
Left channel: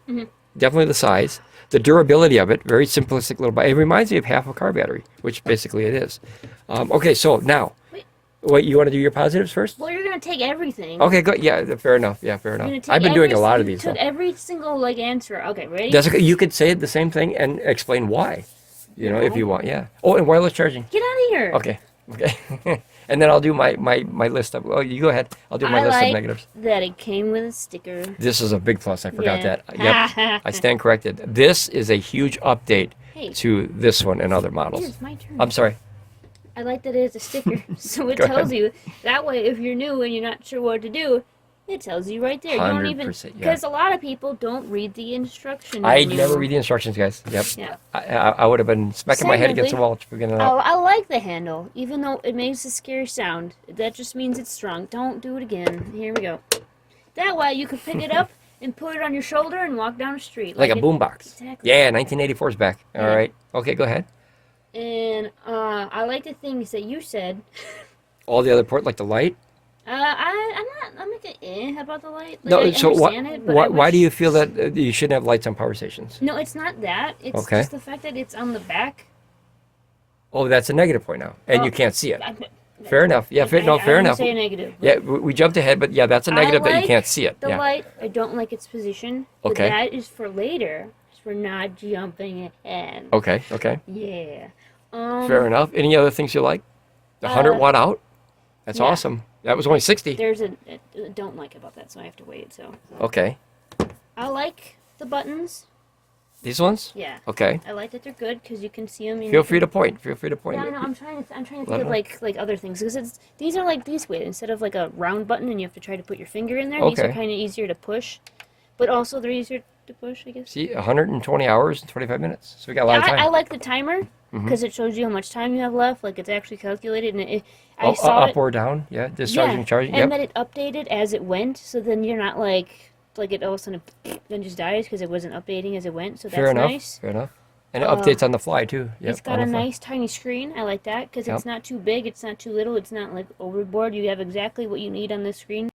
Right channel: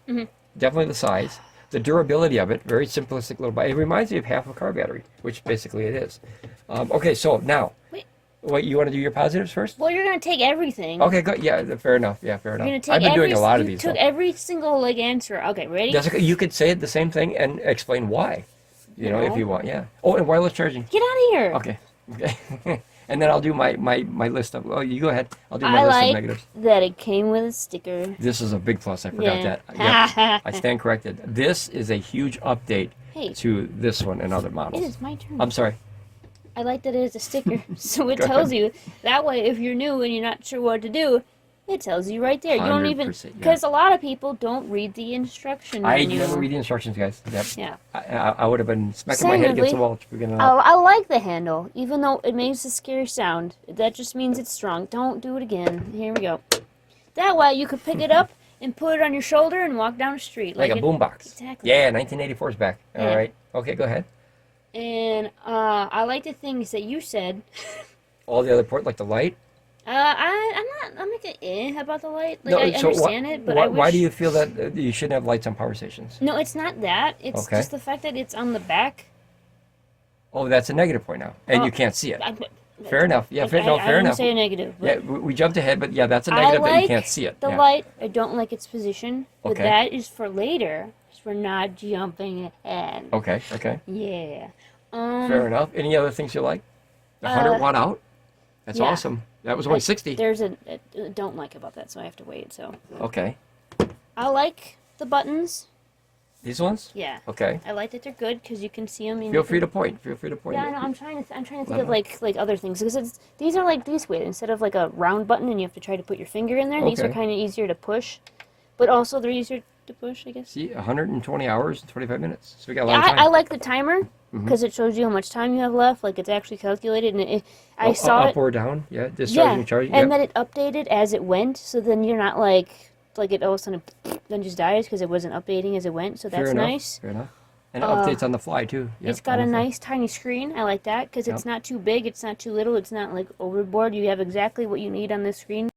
definitely the size, the durability of it. Very simplistic little. It reminds me of half a car battery, which basically it is. Okay, so now. Wait, you want to do your positives first? Well, you're going to take everything. Okay, good. Yeah, fair enough. Yeah, fair enough. I've been doing a lot of these. You took every single answer. Okay, ready? That's okay. You could say the same thing and explain why. If you want. Yeah. Oh, and wireless charging. Get out of here. Okay. And then I'll do my list of. Oh, you go ahead. I'll do my list of negatives. That it came with a sticker. This is a big plus. I forgot that. Yep. I stand corrected. This is a huge update to this one and other models. It is my turn. I'm sorry. I like that it's a sticker, so it tells you. That way, if you're new and you're not sure what to do, it tells you right there. You don't even, because a lot of people don't read the instruction manual. I never read the instructions, guys. Yep. Yeah. I would have been smacking my head against the wall. I like the handle, even though it makes a scary sound. That just means it's strong. Don't do it again. Here we go. That way, you could pick it up and put it on your shoulder and walk down the street. Like a boombox. Exactly. Yeah, 1984 is back. All right. Okay, go ahead. And I like the things that you said. All the other ports, like the light? I'm about the light. Like, No, I so understand it, but I why wish... do you feel that you shouldn't have lights on power stations? No, it's not that. It's Okay. just the fact that it's on the back. Oh, that's a negative point now, and Oh, you can't see it. I, Fair enough. Yeah, I fair didn't enough. say a negative. Yeah, we jumped ahead, but yeah, that's a negative that you can't see it. The Yeah. light, I don't like its position, but Okay. that is for later. It's for not jumping ahead. Okay. Yeah. Fair enough. Any other things you like? The 100 watt out. That's yeah. awesome. That was only 60. There's a don't like about that, so I have to wait. So Okay. I like the buttons. These ones? Yeah. Okay. I like that they're good because you can see them. Feel free to point. Feel free to point. Yeah, no, I'm trying to think of like other things because these are like these way instead of like a round button and you have to try to put your finger in there. These are Okay. kind of easier to push, but also they're easier to push, I guess. See, 120 hours and 25 minutes. So we got a lot of time. I like the timer because it shows you how much time you have left. Like it's actually calculated, and I saw up it. or down. Yeah, discharging, charging. and Yep. then it updated as it went, so then you're not like it all of a sudden then just dies because it wasn't updating as it went. So Fair that's enough. nice. Fair enough. And it updates on the fly too. Yep, It's got on a the fly. nice tiny screen. I like that because it's not too big, it's not too little, it's not like overboard. You have exactly what you need on this screen.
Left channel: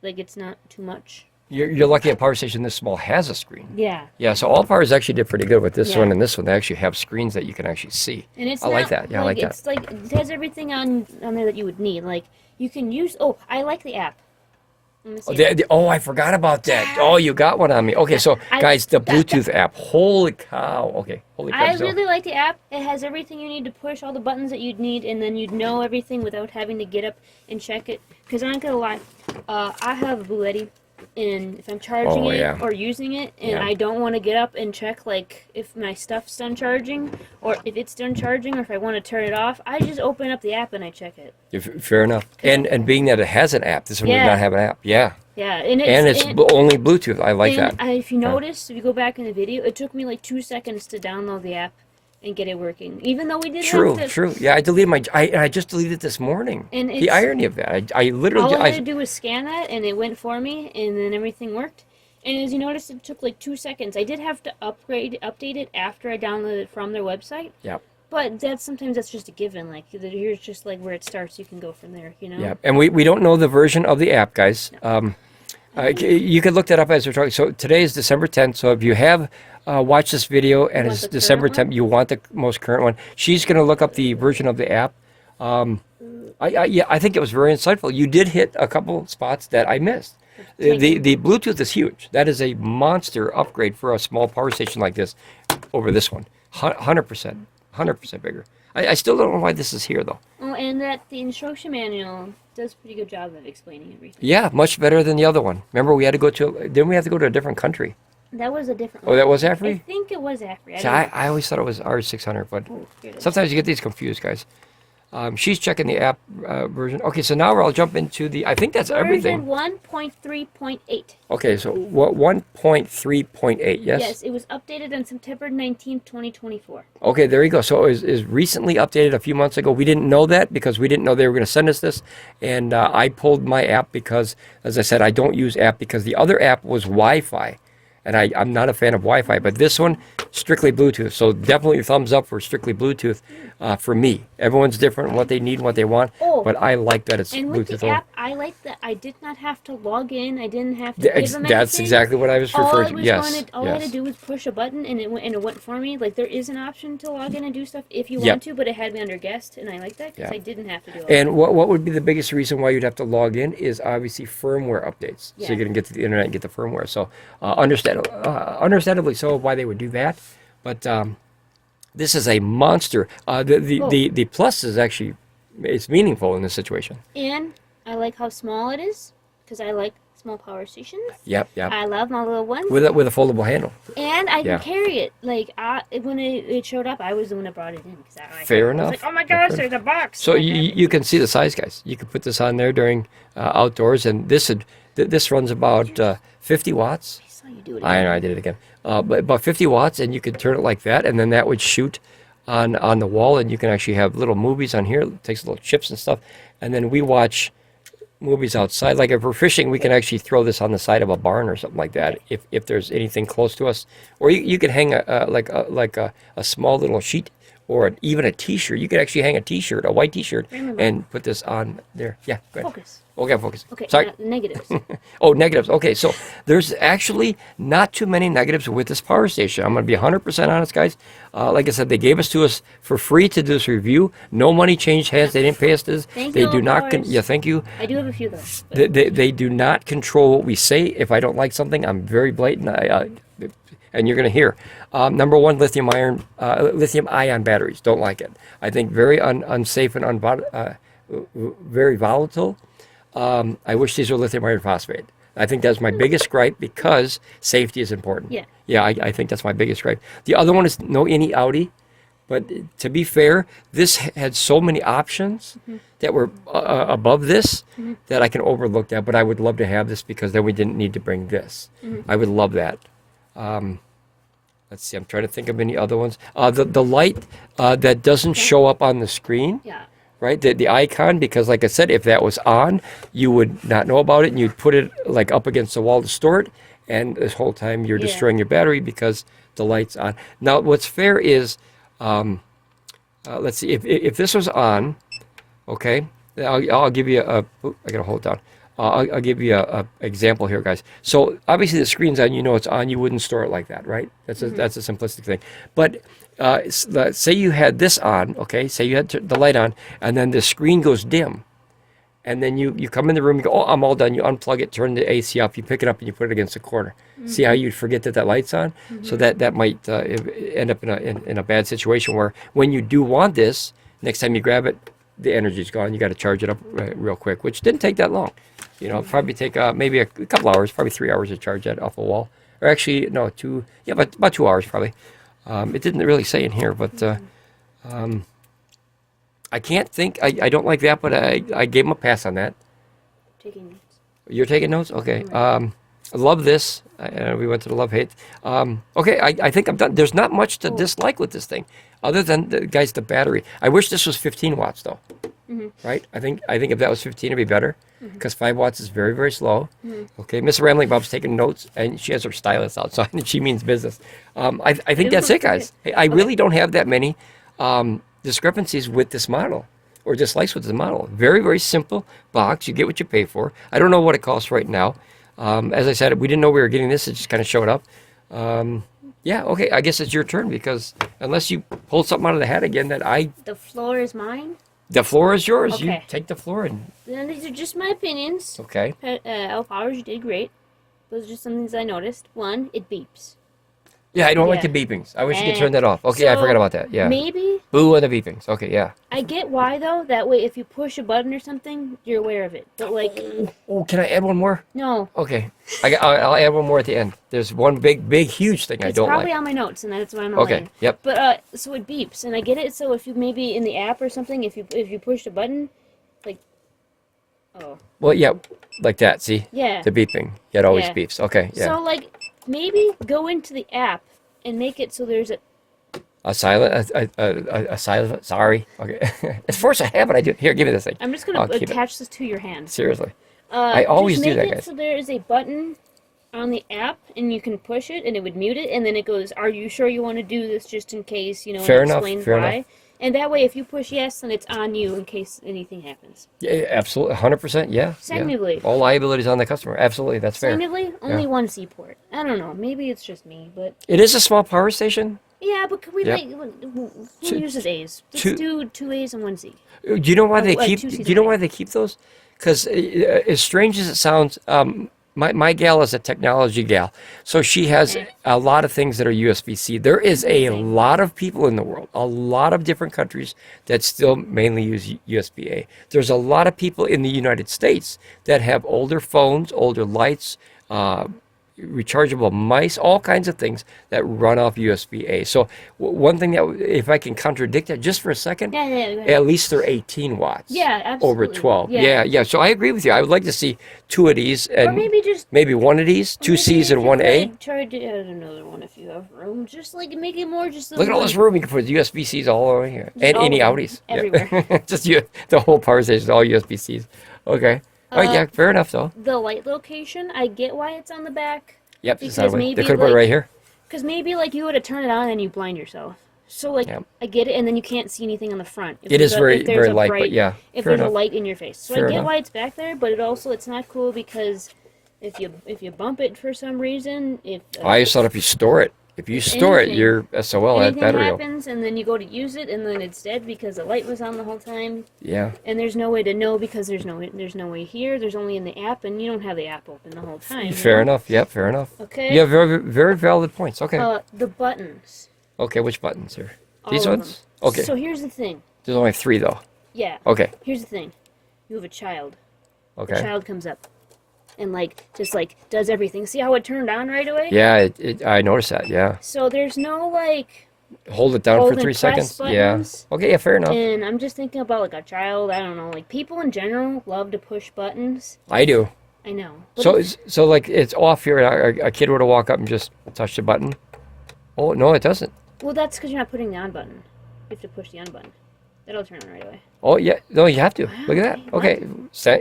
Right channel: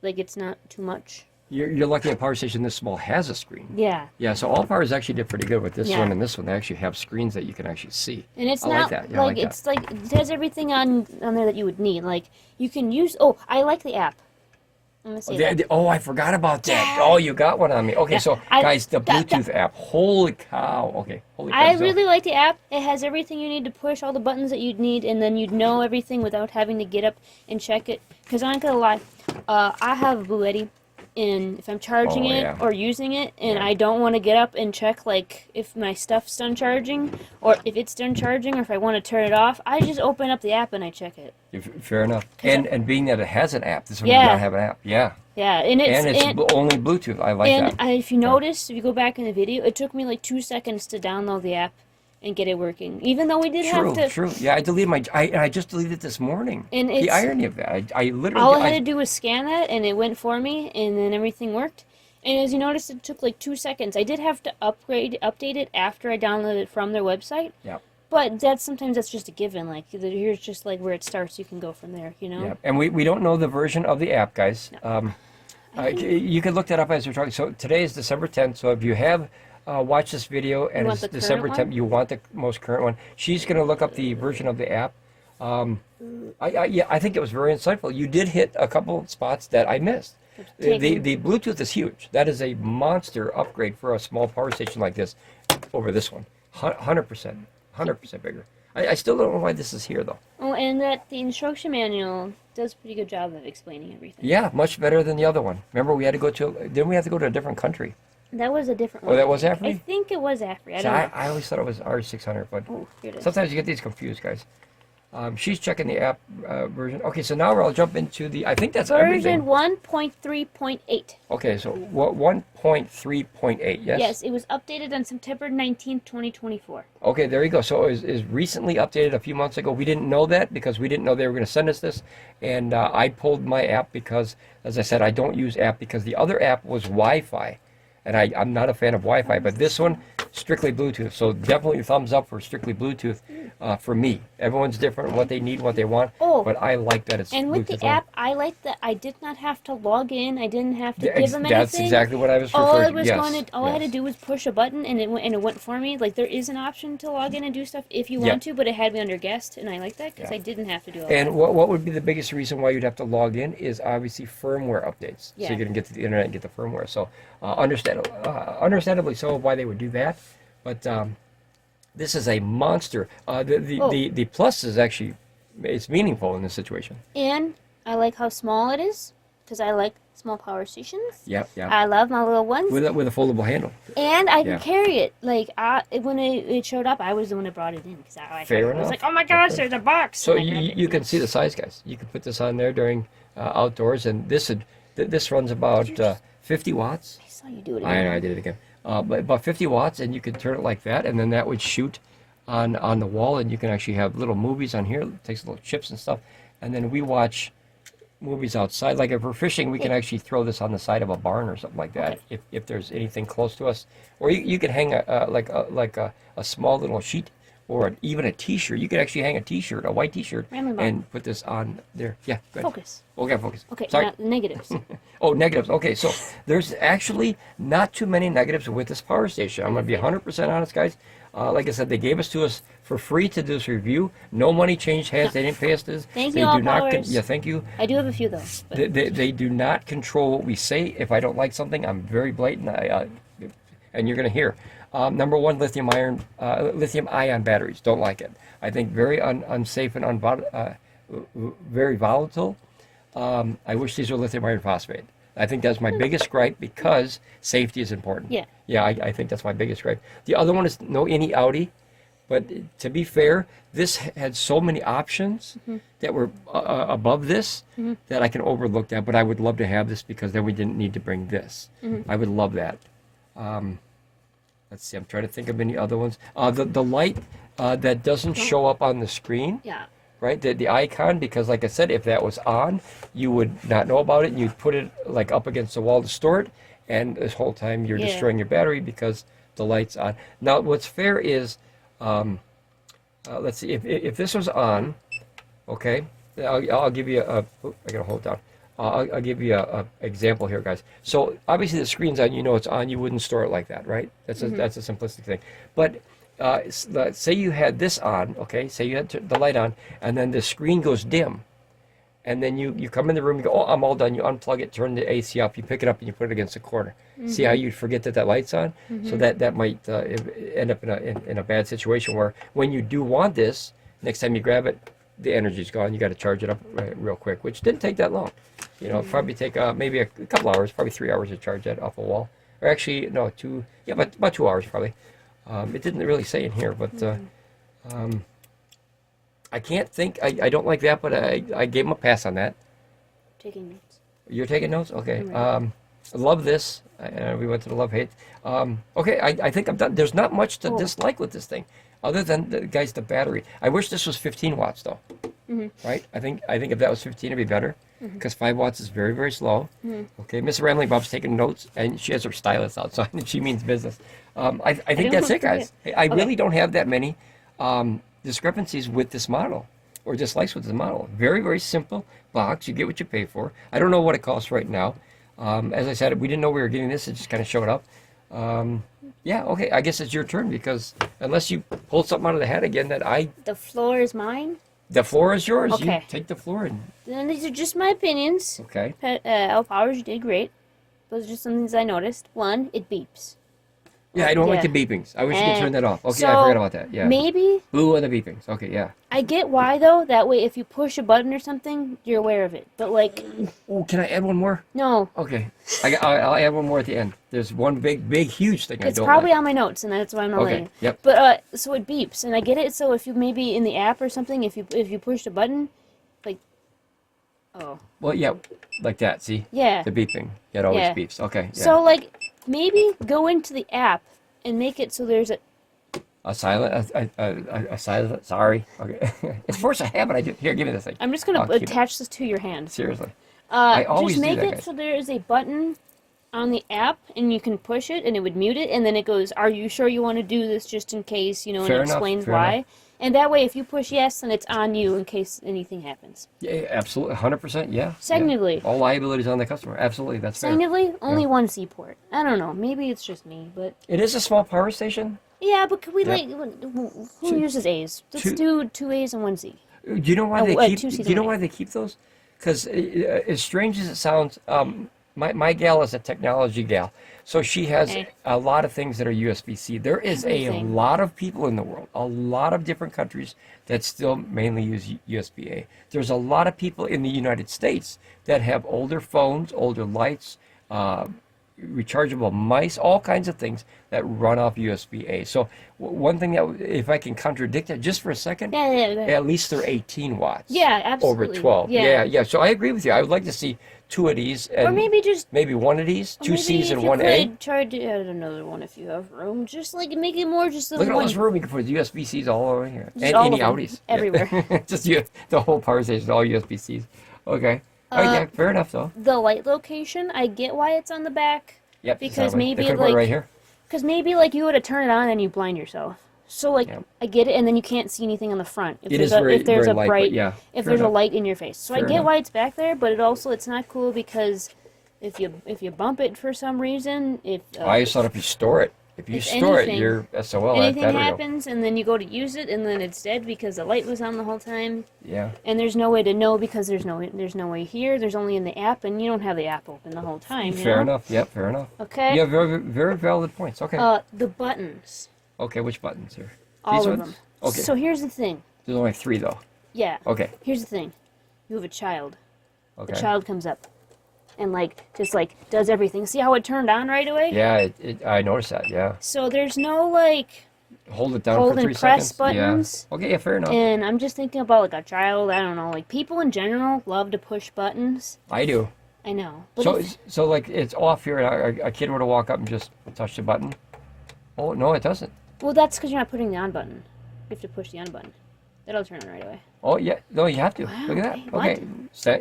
Like it's not too much. You're lucky a power station this small has a screen. Yeah. Yeah, so Allpowers actually did pretty good with this Yeah. one and this one. They actually have screens that you can actually see. And it's I not like that. Yeah, I like that. it's like it has everything on there that you would need. Like you can use. Oh, I like the app. I'm gonna say that. Oh, I forgot about that. Oh, you got one on me. Okay, so guys, the Bluetooth app. Holy cow. Okay, holy cow. I So- really like the app. It has everything you need to push, all the buttons that you'd need, and then you'd know everything without having to get up and check it. Because I'm not gonna lie, I have a Blue Yeti, and if I'm charging Oh, it yeah. or using it, and Yeah. I don't want to get up and check like if my stuff's done charging, or if it's done charging, or if I want to turn it off, I just open up the app and I check it. Fair enough. And being that it has an app, this one Yeah. does not have an app. Yeah. Yeah, and It's only Bluetooth. I like and that. if you notice, if you go back in the video, it took me like 2 seconds to download the app and get it working. Even though we did have to... True. Yeah, I deleted I just deleted it this morning. And the it's- irony of that. I literally... All I had to do was scan that, and it went for me, and then everything worked. And as you noticed, it took like 2 seconds. I did have to update it after I downloaded it from their website. Yeah. But sometimes that's just a given. Like, here's just like where it starts. You can go from there, you know? Yeah, and we don't know the version of the app, guys. No. You can look that up as we're talking. So today is December 10th. So if you have watched this video and want it's the current December 10th, one? you want the most current one. She's going to look up the version of the app. I think it was very insightful. You did hit a couple spots that I missed. The Bluetooth is huge. That is a monster upgrade for a small power station like this over this one. 100%. 100% bigger. I still don't know why this is here, though. Oh, and that the instruction manual does a pretty good job of explaining everything. Yeah, much better than the other one. Remember, we had to go to... Didn't we have to go to a different country? That was a different Oh, one. that was I AFERY? think it was AFERY. See, I always thought it was R600, but Oh, here it is. sometimes you get these confused, guys. She's checking the app version. Okay, so now I'll jump into the... I think that's Version everything. 1.3.8. Okay, so what 1.3.8, yes? Yes, it was updated on September 19th, 2024. Okay, there you go. So it is recently updated a few months ago. We didn't know that because we didn't know they were going to send us this. And I pulled my app because, as I said, I don't use app because the other app was Wi-Fi. And I'm not a fan of Wi-Fi, but this one, strictly Bluetooth. So definitely thumbs up for strictly Bluetooth for me. Everyone's different, what they need, and what they want. Oh, but I like that it's and with Bluetooth. the app, I like that I did not have to log in. I didn't have to give them anything. That's exactly what I was referring to. Yes. All I had to do was push a button, and it went for me. Like there is an option to log in and do stuff if you want to, but it had me under guest, and I like that because I didn't have to do it. And what would be the biggest reason why you'd have to log in is obviously firmware updates. Yeah. So you're going to get to the internet and get the firmware. So understandably so why they would do that. But this is a monster. The plus is actually, it's meaningful in this situation. And I like how small it is because I like small power stations. Yep. I love my little ones. With a foldable handle. And I can carry it. Like when it showed up, I was the one that brought it in. Fair I enough. was like, oh my gosh, there's a box. So you can see the size, guys. You can put this on there during outdoors, and this runs about 50 watts. I saw you do it I again. know, I did it again. But about 50 watts, and you could turn it like that, and then that would shoot on the wall, and you can actually have little movies on here. It takes little chips and stuff, and then we watch movies outside. Like if we're fishing, we can actually throw this on the side of a barn or something like that. If there's anything close to us, or you could hang a small little sheet, or even a T-shirt. You could actually hang a T-shirt, a white T-shirt, Ramblin' Bob. and put this on there. Yeah. Go ahead. Focus. Okay, focus. Okay, Sorry. not negatives. Oh, negatives. Okay, so there's actually not too many negatives with this power station. I'm going to be 100% honest, guys. Like I said, they gave us to us for free to do this review. No money changed hands. They didn't pay us this. Thank They you, do not. Allpowers. Yeah, thank you. I do have a few though. They do not control what we say. If I don't like something, I'm very blatant. And you're going to hear. Number one, lithium ion batteries. Don't like it. I think very unsafe and very volatile. I wish these were lithium iron phosphate. I think that's my biggest gripe because safety is important. Yeah. Yeah, I think that's my biggest gripe. The other one is no any Audi. But to be fair, this had so many options that were above this that I can overlook that. But I would love to have this because then we didn't need to bring this. I would love that. Let's see. I'm trying to think of any other ones. The light that doesn't show up on the screen. Yeah. Right, the icon, because like I said, if that was on, you would not know about it, and you'd put it like up against the wall to store it, and this whole time you're destroying your battery because the light's on. Now, what's fair is, let's see, if this was on, okay, I'll give you I gotta hold it down. I'll give you a example here, guys. So obviously the screen's on, you know it's on, you wouldn't store it like that, right? That's a simplistic thing. But say you had this on, okay? Say you had the light on, and then the screen goes dim. And then you come in the room, you go, oh, I'm all done. You unplug it, turn the AC off, you pick it up, and you put it against the corner. See how you'd forget that light's on? So that might end up in a bad situation where when you do want this, next time you grab it, the energy's gone. You got to charge it up real quick, which didn't take that long. You know, probably take maybe a couple hours, probably 3 hours to charge that off a wall. Or actually, no, about 2 hours probably. It didn't really say in here, but I can't think. I don't like that, but I gave him a pass on that. Taking notes. You're taking notes? Okay. I love this. We went to the love-hate. Okay, I think I'm done. There's not much to dislike with this thing, other than, the battery. I wish this was 15 watts, though. Right? I think if that was 15, it'd be better, because 5 watts is very, very slow. Okay, Miss Ramblin Bob's taking notes, and she has her stylus outside, and she means business. I think that's it, guys. I really don't have that many discrepancies with this model, or dislikes with the model. Very, very simple box. You get what you pay for. I don't know what it costs right now. As I said, we didn't know we were getting this. It just kind of showed up. Yeah, okay, I guess it's your turn, because unless you pull something out of the hat again The floor is mine? The floor is yours. Okay. You take the floor and... Then these are just my opinions. Okay. Allpowers, you did great. Those are just some things I noticed. One, it beeps. Yeah, I don't like the beepings. I wish you could turn that off. Okay, I forgot about that. Yeah. Maybe. Boo on the beepings. Okay, yeah. I get why, though. That way, if you push a button or something, you're aware of it. But, like... Oh, can I add one more? No. Okay. I'll add one more at the end. There's one big, huge thing I don't like. It's probably on my notes, and that's why I'm not Okay, letting. yep. But, so it beeps, and I get it. So if you maybe in the app or something, if you push a button, like... Oh. Well, yeah, like that, see? Yeah. The beeping. It always Yeah. beeps. Okay, yeah. So, like, maybe go into the app and make it so there's A silent, sorry. Okay. It's force of habit. I do. Here, give me this thing. I'm just going I'll to keep it. attach this to your hand. Seriously. I always just do make that, it guys. so there is a button on the app, and you can push it, and it would mute it, and then it goes, are you sure you want to do this just in case, you know, Fair and enough, explains fair why. enough. And that way, if you push yes, then it's on you in case anything happens. Yeah, absolutely. 100%. Yeah. Secondly. Yeah. All liabilities on the customer. Absolutely. That's fair. Secondly, only one seaport. I don't know. Maybe it's just me, but... It is a small power station. Yeah, but could we, Yep. who uses A's? Let's do 2 A's and 1 Z. Do you know why they keep? 2 C's Do you know and why they keep those? Because as strange as it sounds, my gal is a technology gal, so she has a lot of things that are USB-C. There is a lot of people in the world, a lot of different countries that still mainly use USB-A. There's a lot of people in the United States that have older phones, older lights, rechargeable mice, all kinds of things that run off USB-A. So one thing that, if I can contradict that just for a second, at least they're 18 watts. Yeah, absolutely. Over 12. Yeah. So I agree with you. I would like to see 2 of these, and or maybe 1 of these, 2 C's and 1 A. Try to add another one if you have room. Just like make it more just. Look at all this room you can put USB-Cs all over here, Just and all any of them, Audis. everywhere. Yeah. Just the whole power station is all USB-Cs. Okay. All right. Yeah. Fair enough, though. The light location, I get why it's on the back. Yep. Because they maybe could have put it right here. Because maybe like you would have turned it on and you blind yourself. So like Yeah. I get it, and then you can't see anything on the front. If It there's is very, if there's very a light, bright, but yeah. if fair there's enough. a light in your face. So Fair I get enough. why it's back there, but it's not cool because if you bump it for some reason, if I just thought if you store it, if you if store it, anything- you're SOL at anything battery. happens and then you go to use it and then it's dead because the light was on the whole time, Yeah. and there's no way to know because there's no way here. There's only in the app, and you don't have the app open the whole time. you Fair know? enough. Yep. Fair enough. Okay. Yeah. Very, very valid points. Okay. The buttons. Okay. Which buttons are All these of ones? them. Okay. So here's the thing. There's only 3 though. Yeah. Okay. Here's the thing. You have a child. Okay. The child comes up and just does everything. See how it turned on right away? Yeah. I noticed that. Yeah. So there's no Hold it down hold for and 3 press seconds. buttons. Yeah. Okay. Yeah. Fair enough. And I'm just thinking about a child. I don't know. People in general love to push buttons. I do. I know. But So if- it's off here. A kid were to walk up and just touch the button. Oh no, it doesn't. well, that's because you're not putting the on button. You have to push the on button. That'll turn on right away. Oh yeah. No, you have to. Wow, Look at that. what? Okay.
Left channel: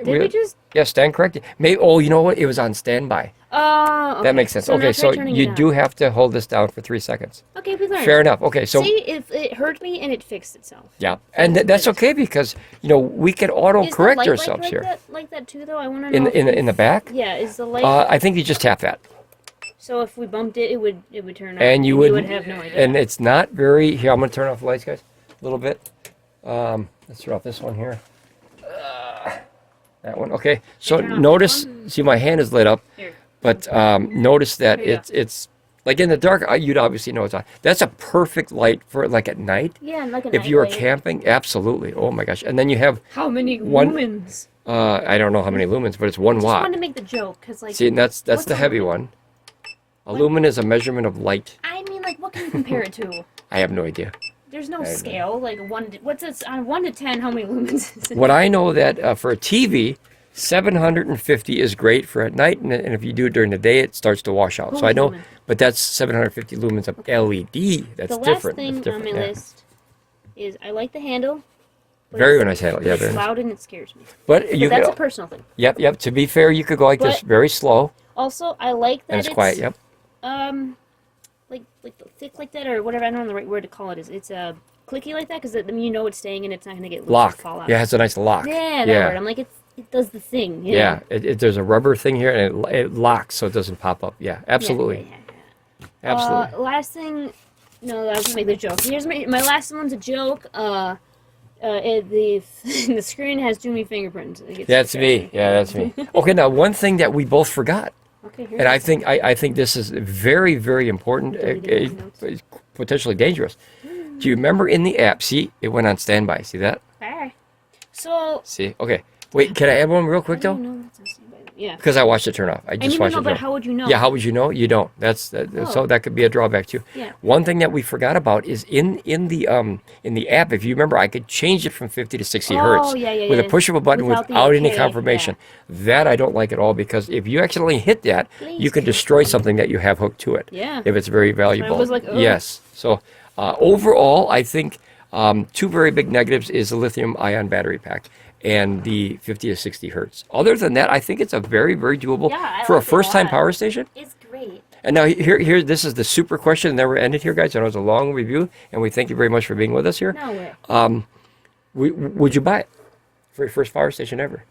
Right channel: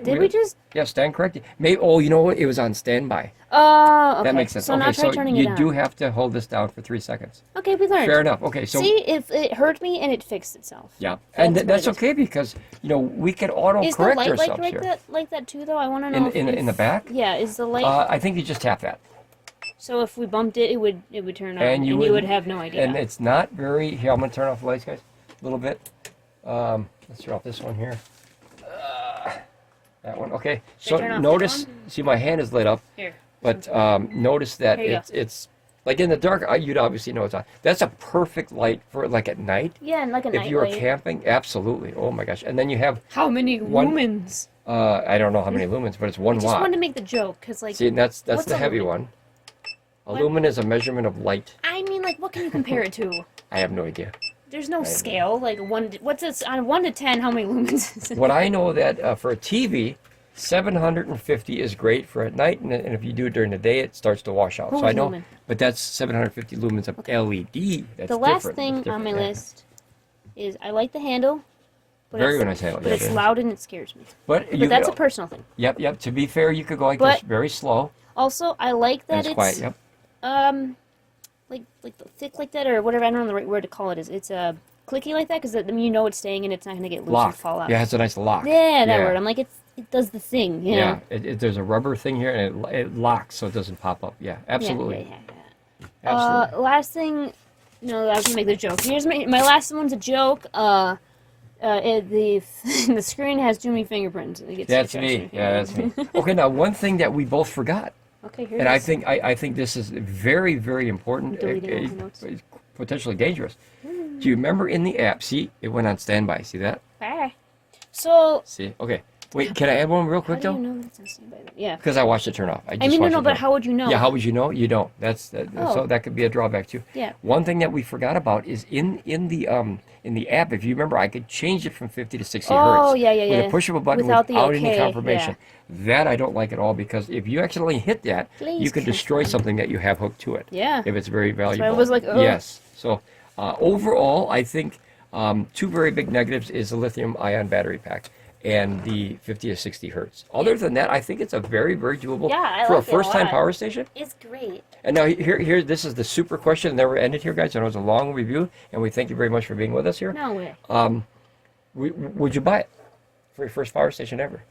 Did we just? Yeah. Stand corrected. Maybe. Oh, you know what? It was on standby. Oh, okay. That makes sense. So Okay. now So try turning it you on. do have to hold this down for 3 seconds. Okay, we learned. Fair enough. Okay. So. See, if it hurt me and it fixed itself. Yeah, and That's that's what it okay because we can auto Is the correct light ourselves here. like that too, though? I want to In know. in the back, Yeah, is the light? I think you just tap that, So if we bumped it, it would turn on, and you would have no idea. And it's not very. Here, I'm gonna turn off the lights, guys, a little bit. Let's turn off this one here. That one, okay. So turn off that notice, see, my hand is lit up, Here. but notice that Here you go. it's like in the dark. You'd obviously know it's on. That's a perfect light for at night. Yeah, and like a If you were night light. camping, absolutely. Oh my gosh! And then you have How many one- lumens? I don't know how many lumens, but it's 1 I just watt. wanted to make the joke because See, and that's what's the a heavy lumen? one. A lumen is a measurement of light. I mean, what can you compare it to? I have no idea. There's no I know. scale. What's this on 1 to 10? How many lumens is it? What I know that for a TV, 750 is great for at night, and if you do it during the day, it starts to wash out. So Holy I know, lumen. but that's 750 lumens of LED. That's The last different. thing That's on my different, yeah. list is I like the handle. But Very it's- nice handle, but yeah, it's very nice. loud and it scares me. But you But that's a could, personal thing. yep. To be fair, you could go like this, But- very slow, Also, I like that and it's quiet. Yep. like thick like that or whatever. I don't know the right word to call it. It's clicky like that because you know it's staying and it's not gonna get loose Lock. and fall out. Yeah, it has a nice lock. Yeah, that word. I'm like it does the thing. You Yeah. know? There's a rubber thing here, and it locks so it doesn't pop up. Yeah, absolutely. Yeah. Absolutely. Last thing. No, I was gonna make the joke. Here's my last one's a joke. The screen has too many fingerprints. It gets That's me. depressing. Yeah, that's me. Okay, now one thing that we both forgot, Okay, here and it I is. think I think this is very, very important, Deleting my notes. potentially dangerous. Do you remember in the app? See, it went on standby. See that? Alright. So. See? Okay. Wait, can I add one real quick How do though? you know that's on standby? Yeah. Because I watched it turn off. I just I mean, watched no, it but turn how would you know? Yeah, how would you know? You don't. So Oh. that could be a drawback too. Yeah. One thing that we forgot about is in the app. If you remember, I could change it from 50 to 60 hertz Oh, yeah, with yeah. a push of a button Without without, the any okay, confirmation. That I don't like at all because if you accidentally hit that, Please you can destroy something that you have hooked to it. Yeah. If it's very valuable. was like, oh. Yes. So overall, I think 2 very big negatives is the lithium-ion battery pack and the 50 to 60 hertz. Other than that, I think it's a very, very doable Yeah, I for a like it a first-time lot. power station. It's great. And now here, this is the super question. Never ended here, guys. I know it's a long review, and we thank you very much for being with us here. No, we're Would you buy it for your first power station ever?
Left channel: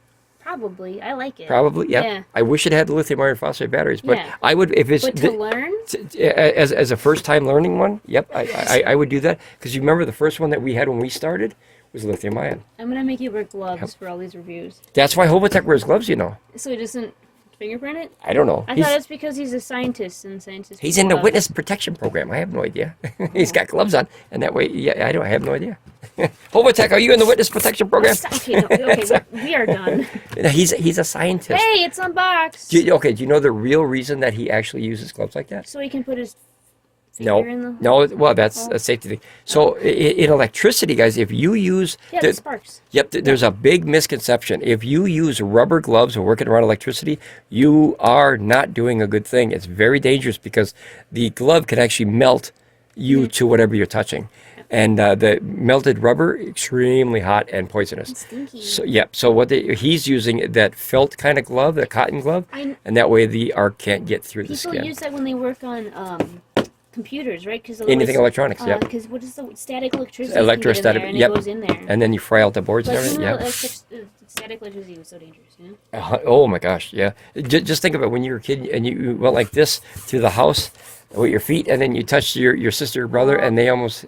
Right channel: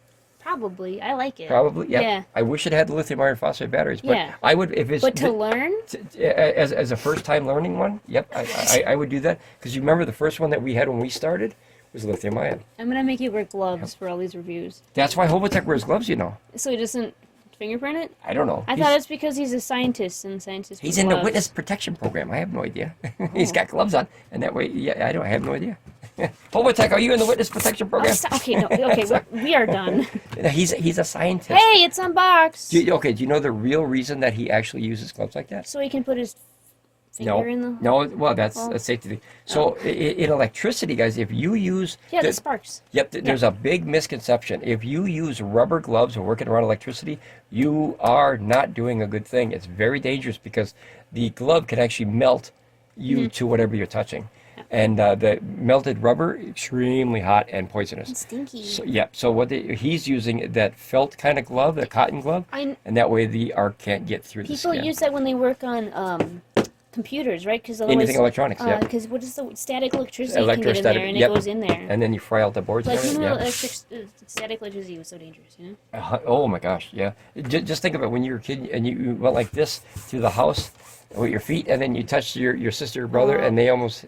probably. I like it. Probably, yeah. Yeah. I wish it had the lithium iron phosphate batteries, but Yeah. I would if it's But to learn, as a first time learning one. Yep, I would do that because you remember the first one that we had when we started was lithium ion. I'm gonna make you wear gloves for all these reviews, That's why Hobotech wears gloves, you know. so he doesn't fingerprint it. I don't know. I thought it's because he's a scientist and scientists. He's wear in the gloves. witness protection program. I have no idea. He's got gloves on, and that way, yeah, I have no idea. Hobotech, are you in the witness protection program? Okay, no, okay, we are done. He's a scientist. Hey, it's unboxed. Do you know the real reason that he actually uses gloves like that? So he can put his No, finger in the. no. Well, that's a safety thing. So in electricity, guys, if you use Yeah, the sparks. Yep, there's a big misconception. If you use rubber gloves and working around electricity, you are not doing a good thing. It's very dangerous because the glove can actually melt you to whatever you're touching. And the melted rubber, extremely hot and poisonous. It's stinky. So, yep. So he's using that felt kind of glove, the cotton glove, I- and that way the arc can't get through the People skin. use that when they work on computers, right? Because anything electronics. Yeah. Because what is the static electricity? Electrostatic. And Yep. it goes in there. And then you fry out the boards and Like, everything. Yeah. Static electricity was so dangerous, you know? Oh my gosh, yeah. Just think of it when you were a kid and you went like this through the house with your feet, and then you touched your sister or brother, and they almost,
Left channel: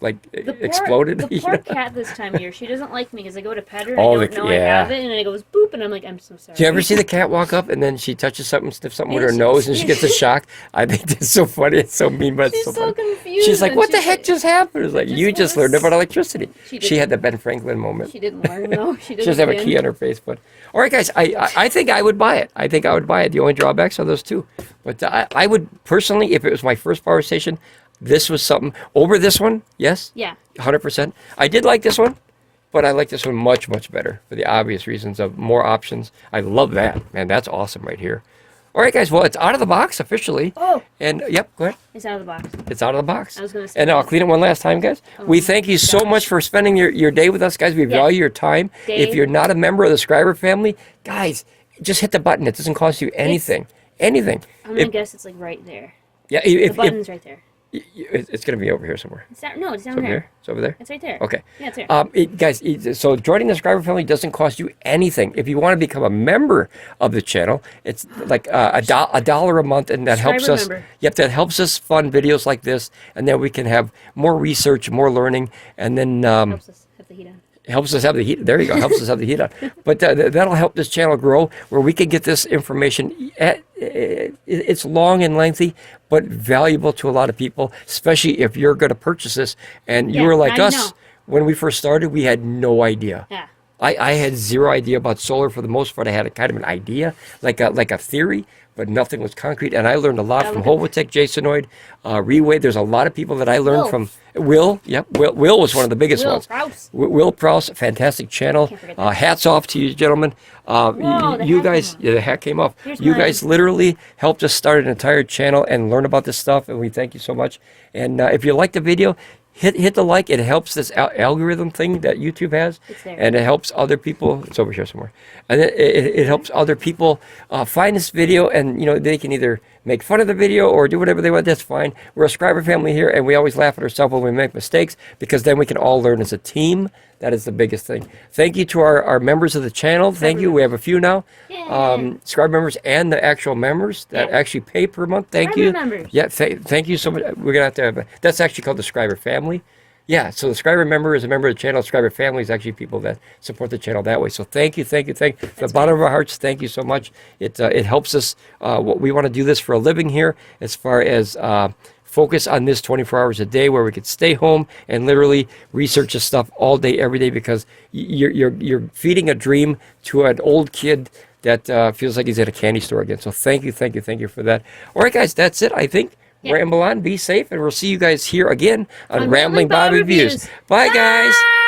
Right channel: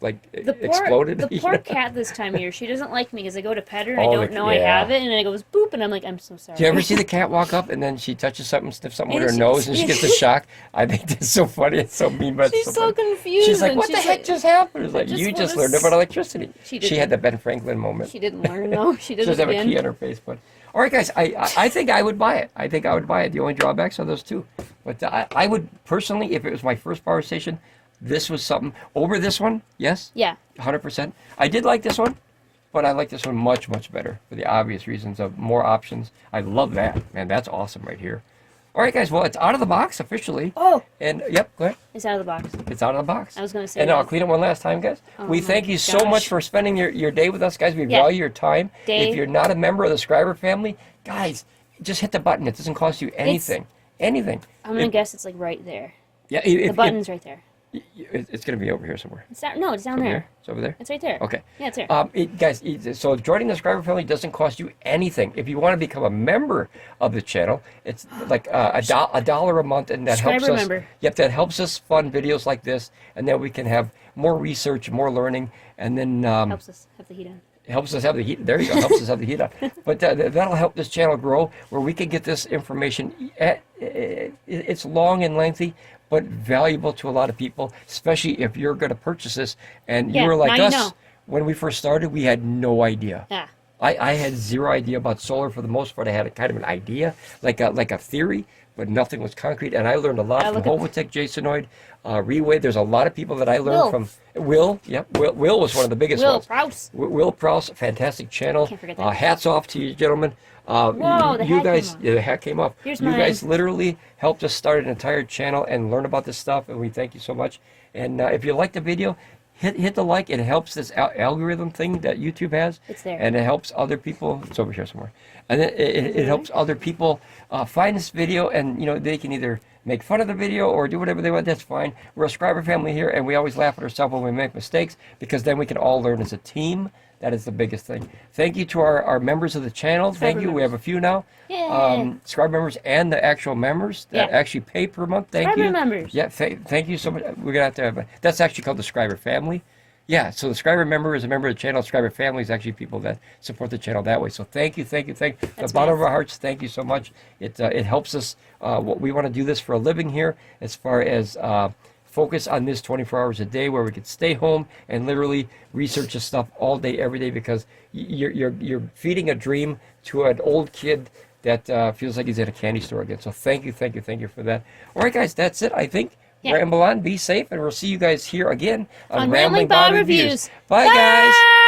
like exploded. The poor cat this time of year, she doesn't like me because I go to pet her, and I don't know I have it, and then it goes boop, and I'm like, I'm so sorry. Do you ever see the cat walk up and then she touches something, sniffs something with And her nose, and she gets a shock? I think that's so funny. It's so mean, but it's She's so so funny. confused. She's like, and what the she's heck like, just happened? It's like, just you wanna just learned about electricity. She She had the Ben Franklin moment. She didn't learn, though. She She doesn't have a key on her face, but all right, guys. I think I would buy it. I think I would buy it. The only drawbacks are those two, but I would personally, if it was my first power station, this was something over this one. Yes. Yeah. 100%. I did like this one, but I like this one much better for the obvious reasons of more options. I love that, man. That's awesome right here. All right, guys. Well, it's out of the box officially. Oh. And yep, go ahead. It's out of the box. It's out of the box. I was going to say And I'll that. clean it one last time, guys. Oh We my thank you so gosh. much for spending your day with us, guys. We Yeah. value your time. Day. If you're not a member of the Scriber family, guys, just hit the button. It doesn't cost you anything. Anything. I'm going to guess it's like right there. Yeah, The button's right there. it's going to be over here somewhere. It's down, no, it's down Over there. here? It's over there? It's right there. Okay. Yeah, it's there. Guys, so joining the Scriber family doesn't cost you anything. If you want to become a member of the channel, it's like $1 a month, and that helps Scriber us. member. Yep, that helps us fund videos like this, and then we can have more research, more learning, and then Helps us have the heat on. helps us have the heat. There you go. Helps us have the heat on. But that'll help this channel grow, where we can get this information. It's long and lengthy, but valuable to a lot of people, especially if you're going to purchase this. And you Yeah, were like now you us know. when we first started. We had no idea. Yeah. I had zero idea about solar for the most part. I had a kind of an idea, like a theory, but nothing was concrete. And I learned a lot from Hovotech, Jasonoid, Reway. There's a lot of people that I learned Will. from. Will, yep. Will was one of the biggest Will ones. Prowse. Will Prowse, fantastic channel. Can't forget that. Hats off to you, gentlemen. Whoa, the you hat guys, came off. yeah, the hat came off. Here's You mine. guys literally helped us start an entire channel and learn about this stuff, and we thank you so much. And if you like the video, hit the like. It helps this algorithm thing that YouTube has. It's there. And it helps other people. It's over here somewhere. And it helps other people find this video, and they can either make fun of the video or do whatever they want. That's fine. We're a Scriber family here, and we always laugh at ourselves when we make mistakes, because then we can all learn as a team. That is the biggest thing. Thank you to our members of the channel. Thank you. We have a few now. Yeah. Scriber members and the actual members that Yeah. actually pay per month. Thank Scriber you. members. Yeah, thank you so much. We're going to have that's actually called the Scriber family. Yeah, so the Scriber member is a member of the channel. Scriber family is actually people that support the channel that way. So thank you. From the bottom of our hearts, thank you so much. It helps us. What we want to do this for a living here, as far as focus on this 24 hours a day, where we could stay home and literally research this stuff all day, every day, because you're feeding a dream to an old kid that feels like he's at a candy store again. So thank you for that. All right, guys, that's it, I think. Yeah. Ramble on, be safe, and we'll see you guys here again on Ramblin Ramblin Bob Bob Reviews. Reviews. Bye, guys. Bye.